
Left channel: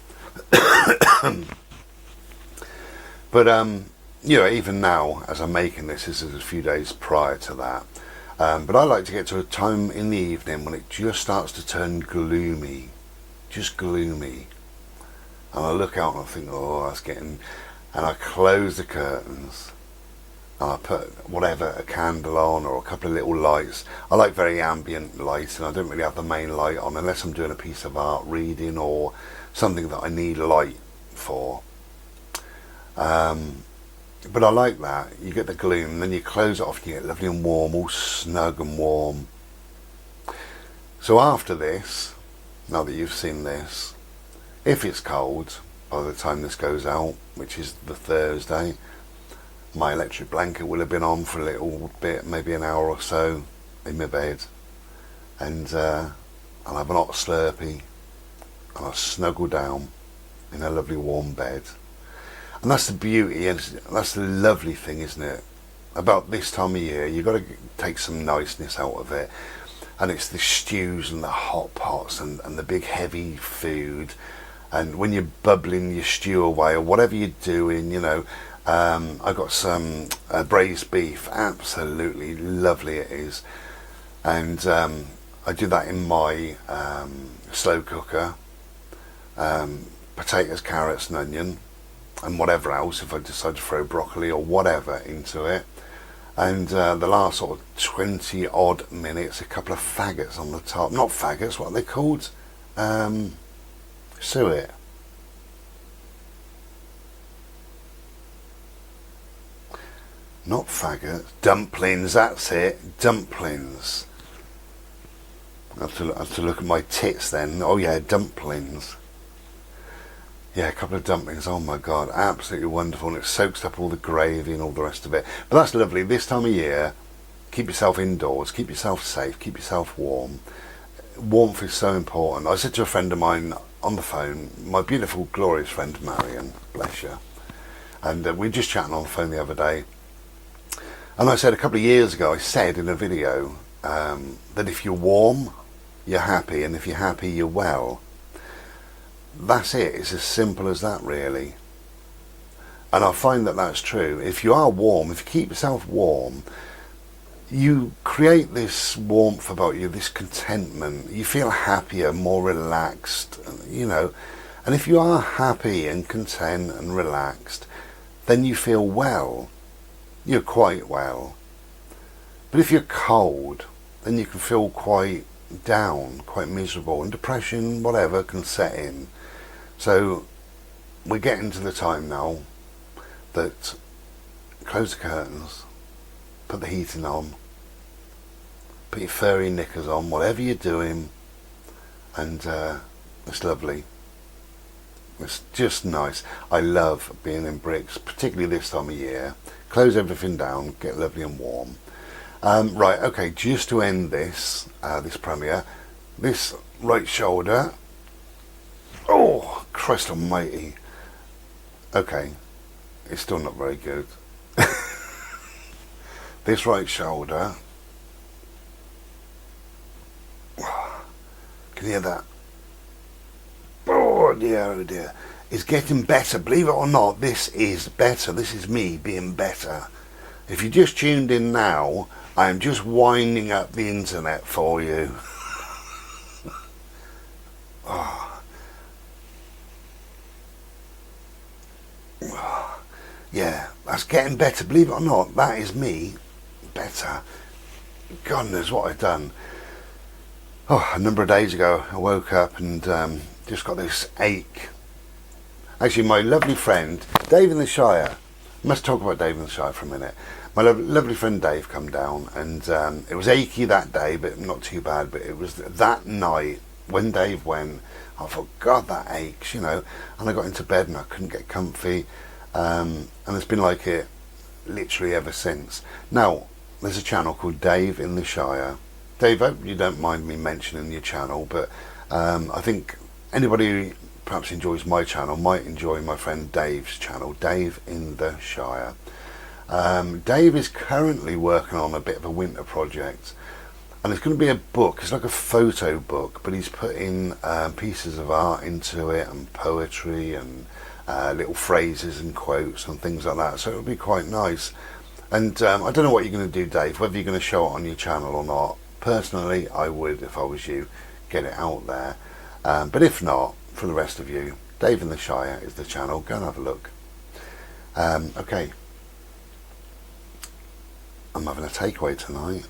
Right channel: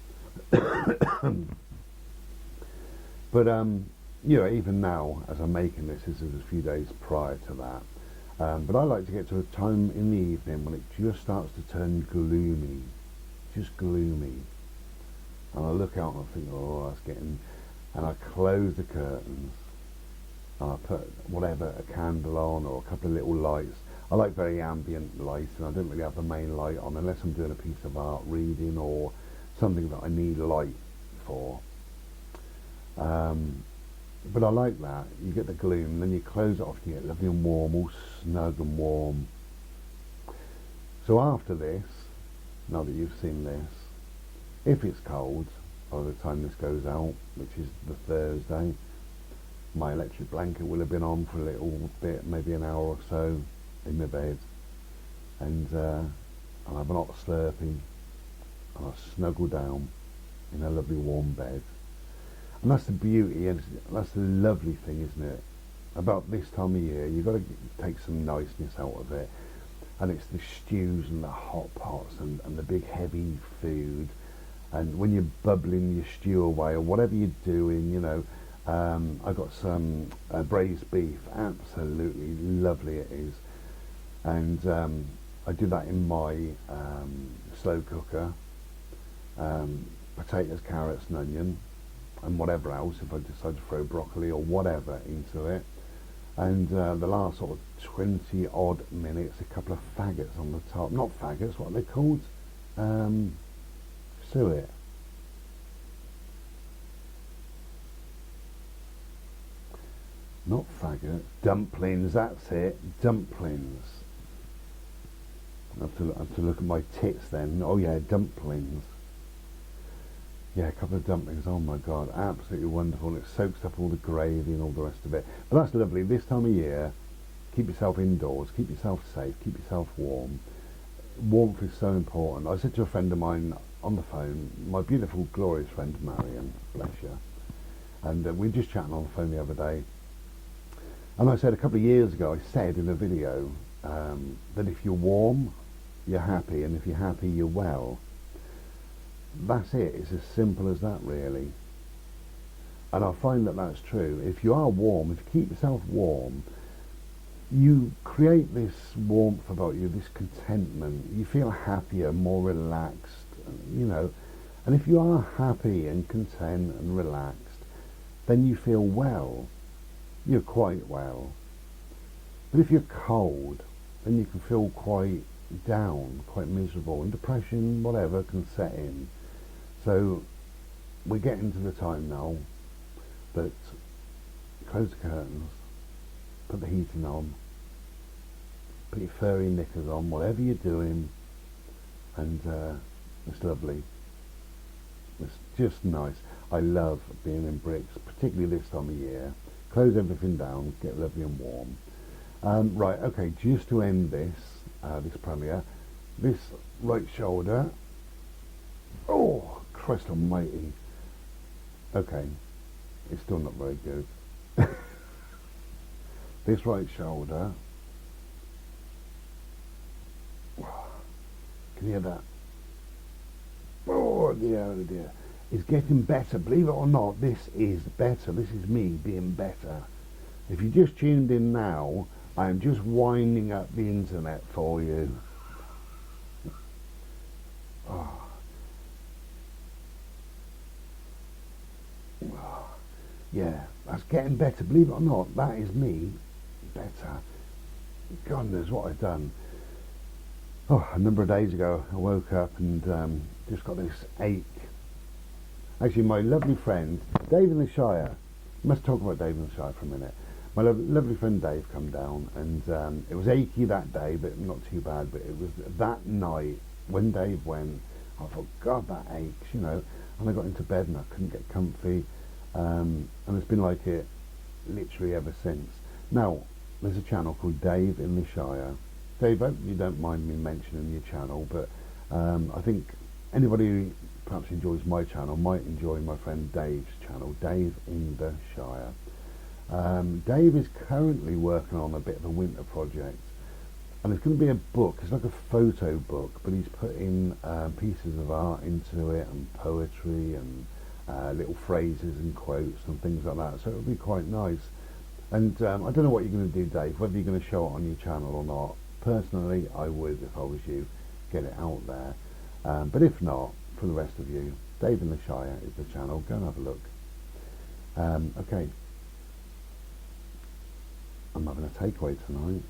But you know, even now as I'm making this is a few days prior to that. But I like to get to a time in the evening when it just starts to turn gloomy, just gloomy. And I look out and I think, oh, that's getting... And I close the curtains. And I put whatever, a candle on or a couple of little lights. I like very ambient light, and I don't really have the main light on unless I'm doing a piece of art, reading, or something that I need light for. But I like that. You get the gloom, and then you close it off and you get lovely and warm, all snug and warm. So after this, now that you've seen this, if it's cold by the time this goes out, which is the Thursday, my electric blanket will have been on for a little bit, maybe an hour or so in my bed, and I'll have an hot Slurpee and I'll snuggle down in a lovely warm bed. And that's the beauty, and that's the lovely thing, isn't it, about this time of year. You've got to take some niceness out of it, and it's the stews and the hot pots and the big heavy food, and when you're bubbling your stew away or whatever you're doing, you know. I got some braised beef, absolutely lovely it is, and I do that in my slow cooker. Potatoes, carrots and onion and whatever else, if I decide to throw broccoli or whatever into it, and the last sort of 20 odd minutes, a couple of faggots on the top. Not faggots, what are they called? Suet. Not faggots, dumplings, that's it, dumplings. I have to look at my tits then. Oh yeah, dumplings. Yeah, a couple of dumplings, oh my god, absolutely wonderful, and it soaks up all the gravy and all the rest of it. But that's lovely, this time of year, keep yourself indoors, keep yourself safe, keep yourself warm. Warmth is so important. I said to a friend of mine on the phone, my beautiful, glorious friend Marion, bless you, and we were just chatting on the phone the other day, and I said a couple of years ago, I said in a video that if you're warm, you're happy, and if you're happy, you're well. That's it. It's as simple as that, really. And I find that that's true. If you are warm, if you keep yourself warm, you create this warmth about you, this contentment. You feel happier, more relaxed, you know. And if you are happy and content and relaxed, then you feel well. You're quite well. But if you're cold, then you can feel quite down, quite miserable, and depression, whatever, can set in. So we're getting to the time now that close the curtains, put the heating on, put your furry knickers on, whatever you're doing, and it's lovely. It's just nice. I love being in bricks, particularly this time of year. Close everything down, get lovely and warm. Right, okay, just to end this this premiere, this right shoulder, oh Christ almighty, okay, it's still not very good. This right shoulder, can you hear that? Oh dear, it's getting better, believe it or not. This is better. This is me being better. If you just tuned in now, I am just winding up the internet for you. Oh. Oh. Yeah, that's getting better, believe it or not. That is me better. God knows what I've done. Oh, a number of days ago I woke up and just got this ache. Actually, my lovely friend Dave in the Shire, I must talk about Dave in the Shire for a minute. My lovely friend Dave come down, and it was achy that day, but not too bad. But it was that night when Dave went, I thought, God, that aches, you know. And I got into bed and I couldn't get comfy, and it's been like it literally ever since. Now, there's a channel called Dave in the Shire. Dave, I hope you don't mind me mentioning your channel, but I think anybody who perhaps enjoys my channel might enjoy my friend Dave's channel, Dave in the Shire. Dave is currently working on a bit of a winter project, and it's going to be a book. It's like a photo book, but he's putting pieces of art into it, and poetry, and little phrases and quotes and things like that, so it'll be quite nice. And I don't know what you're going to do, Dave, whether you're going to show it on your channel or not. Personally, I would, if I was you, get it out there, but if not, for the rest of you, Dave in the Shire is the channel. Go and have a look. Okay, I'm having a takeaway tonight.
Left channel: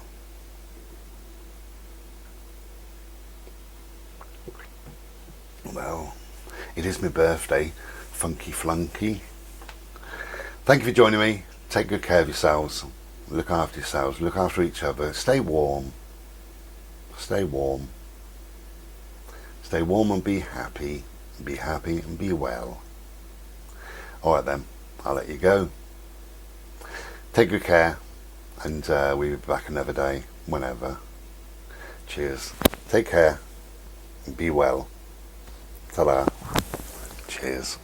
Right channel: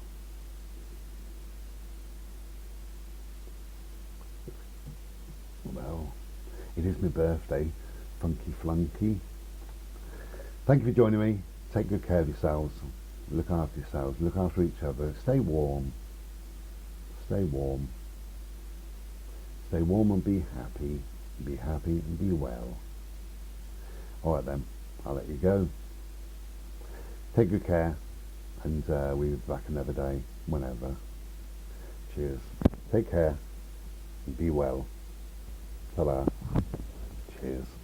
Well, it is my birthday, funky flunky. Thank you for joining me. Take good care of yourselves. Look after yourselves. Look after each other. Stay warm. Stay warm. Stay warm and be happy. Be happy and be well. Alright then, I'll let you go. Take good care, and we'll be back another day, whenever. Cheers. Take care, and be well. Ta-da. Cheers.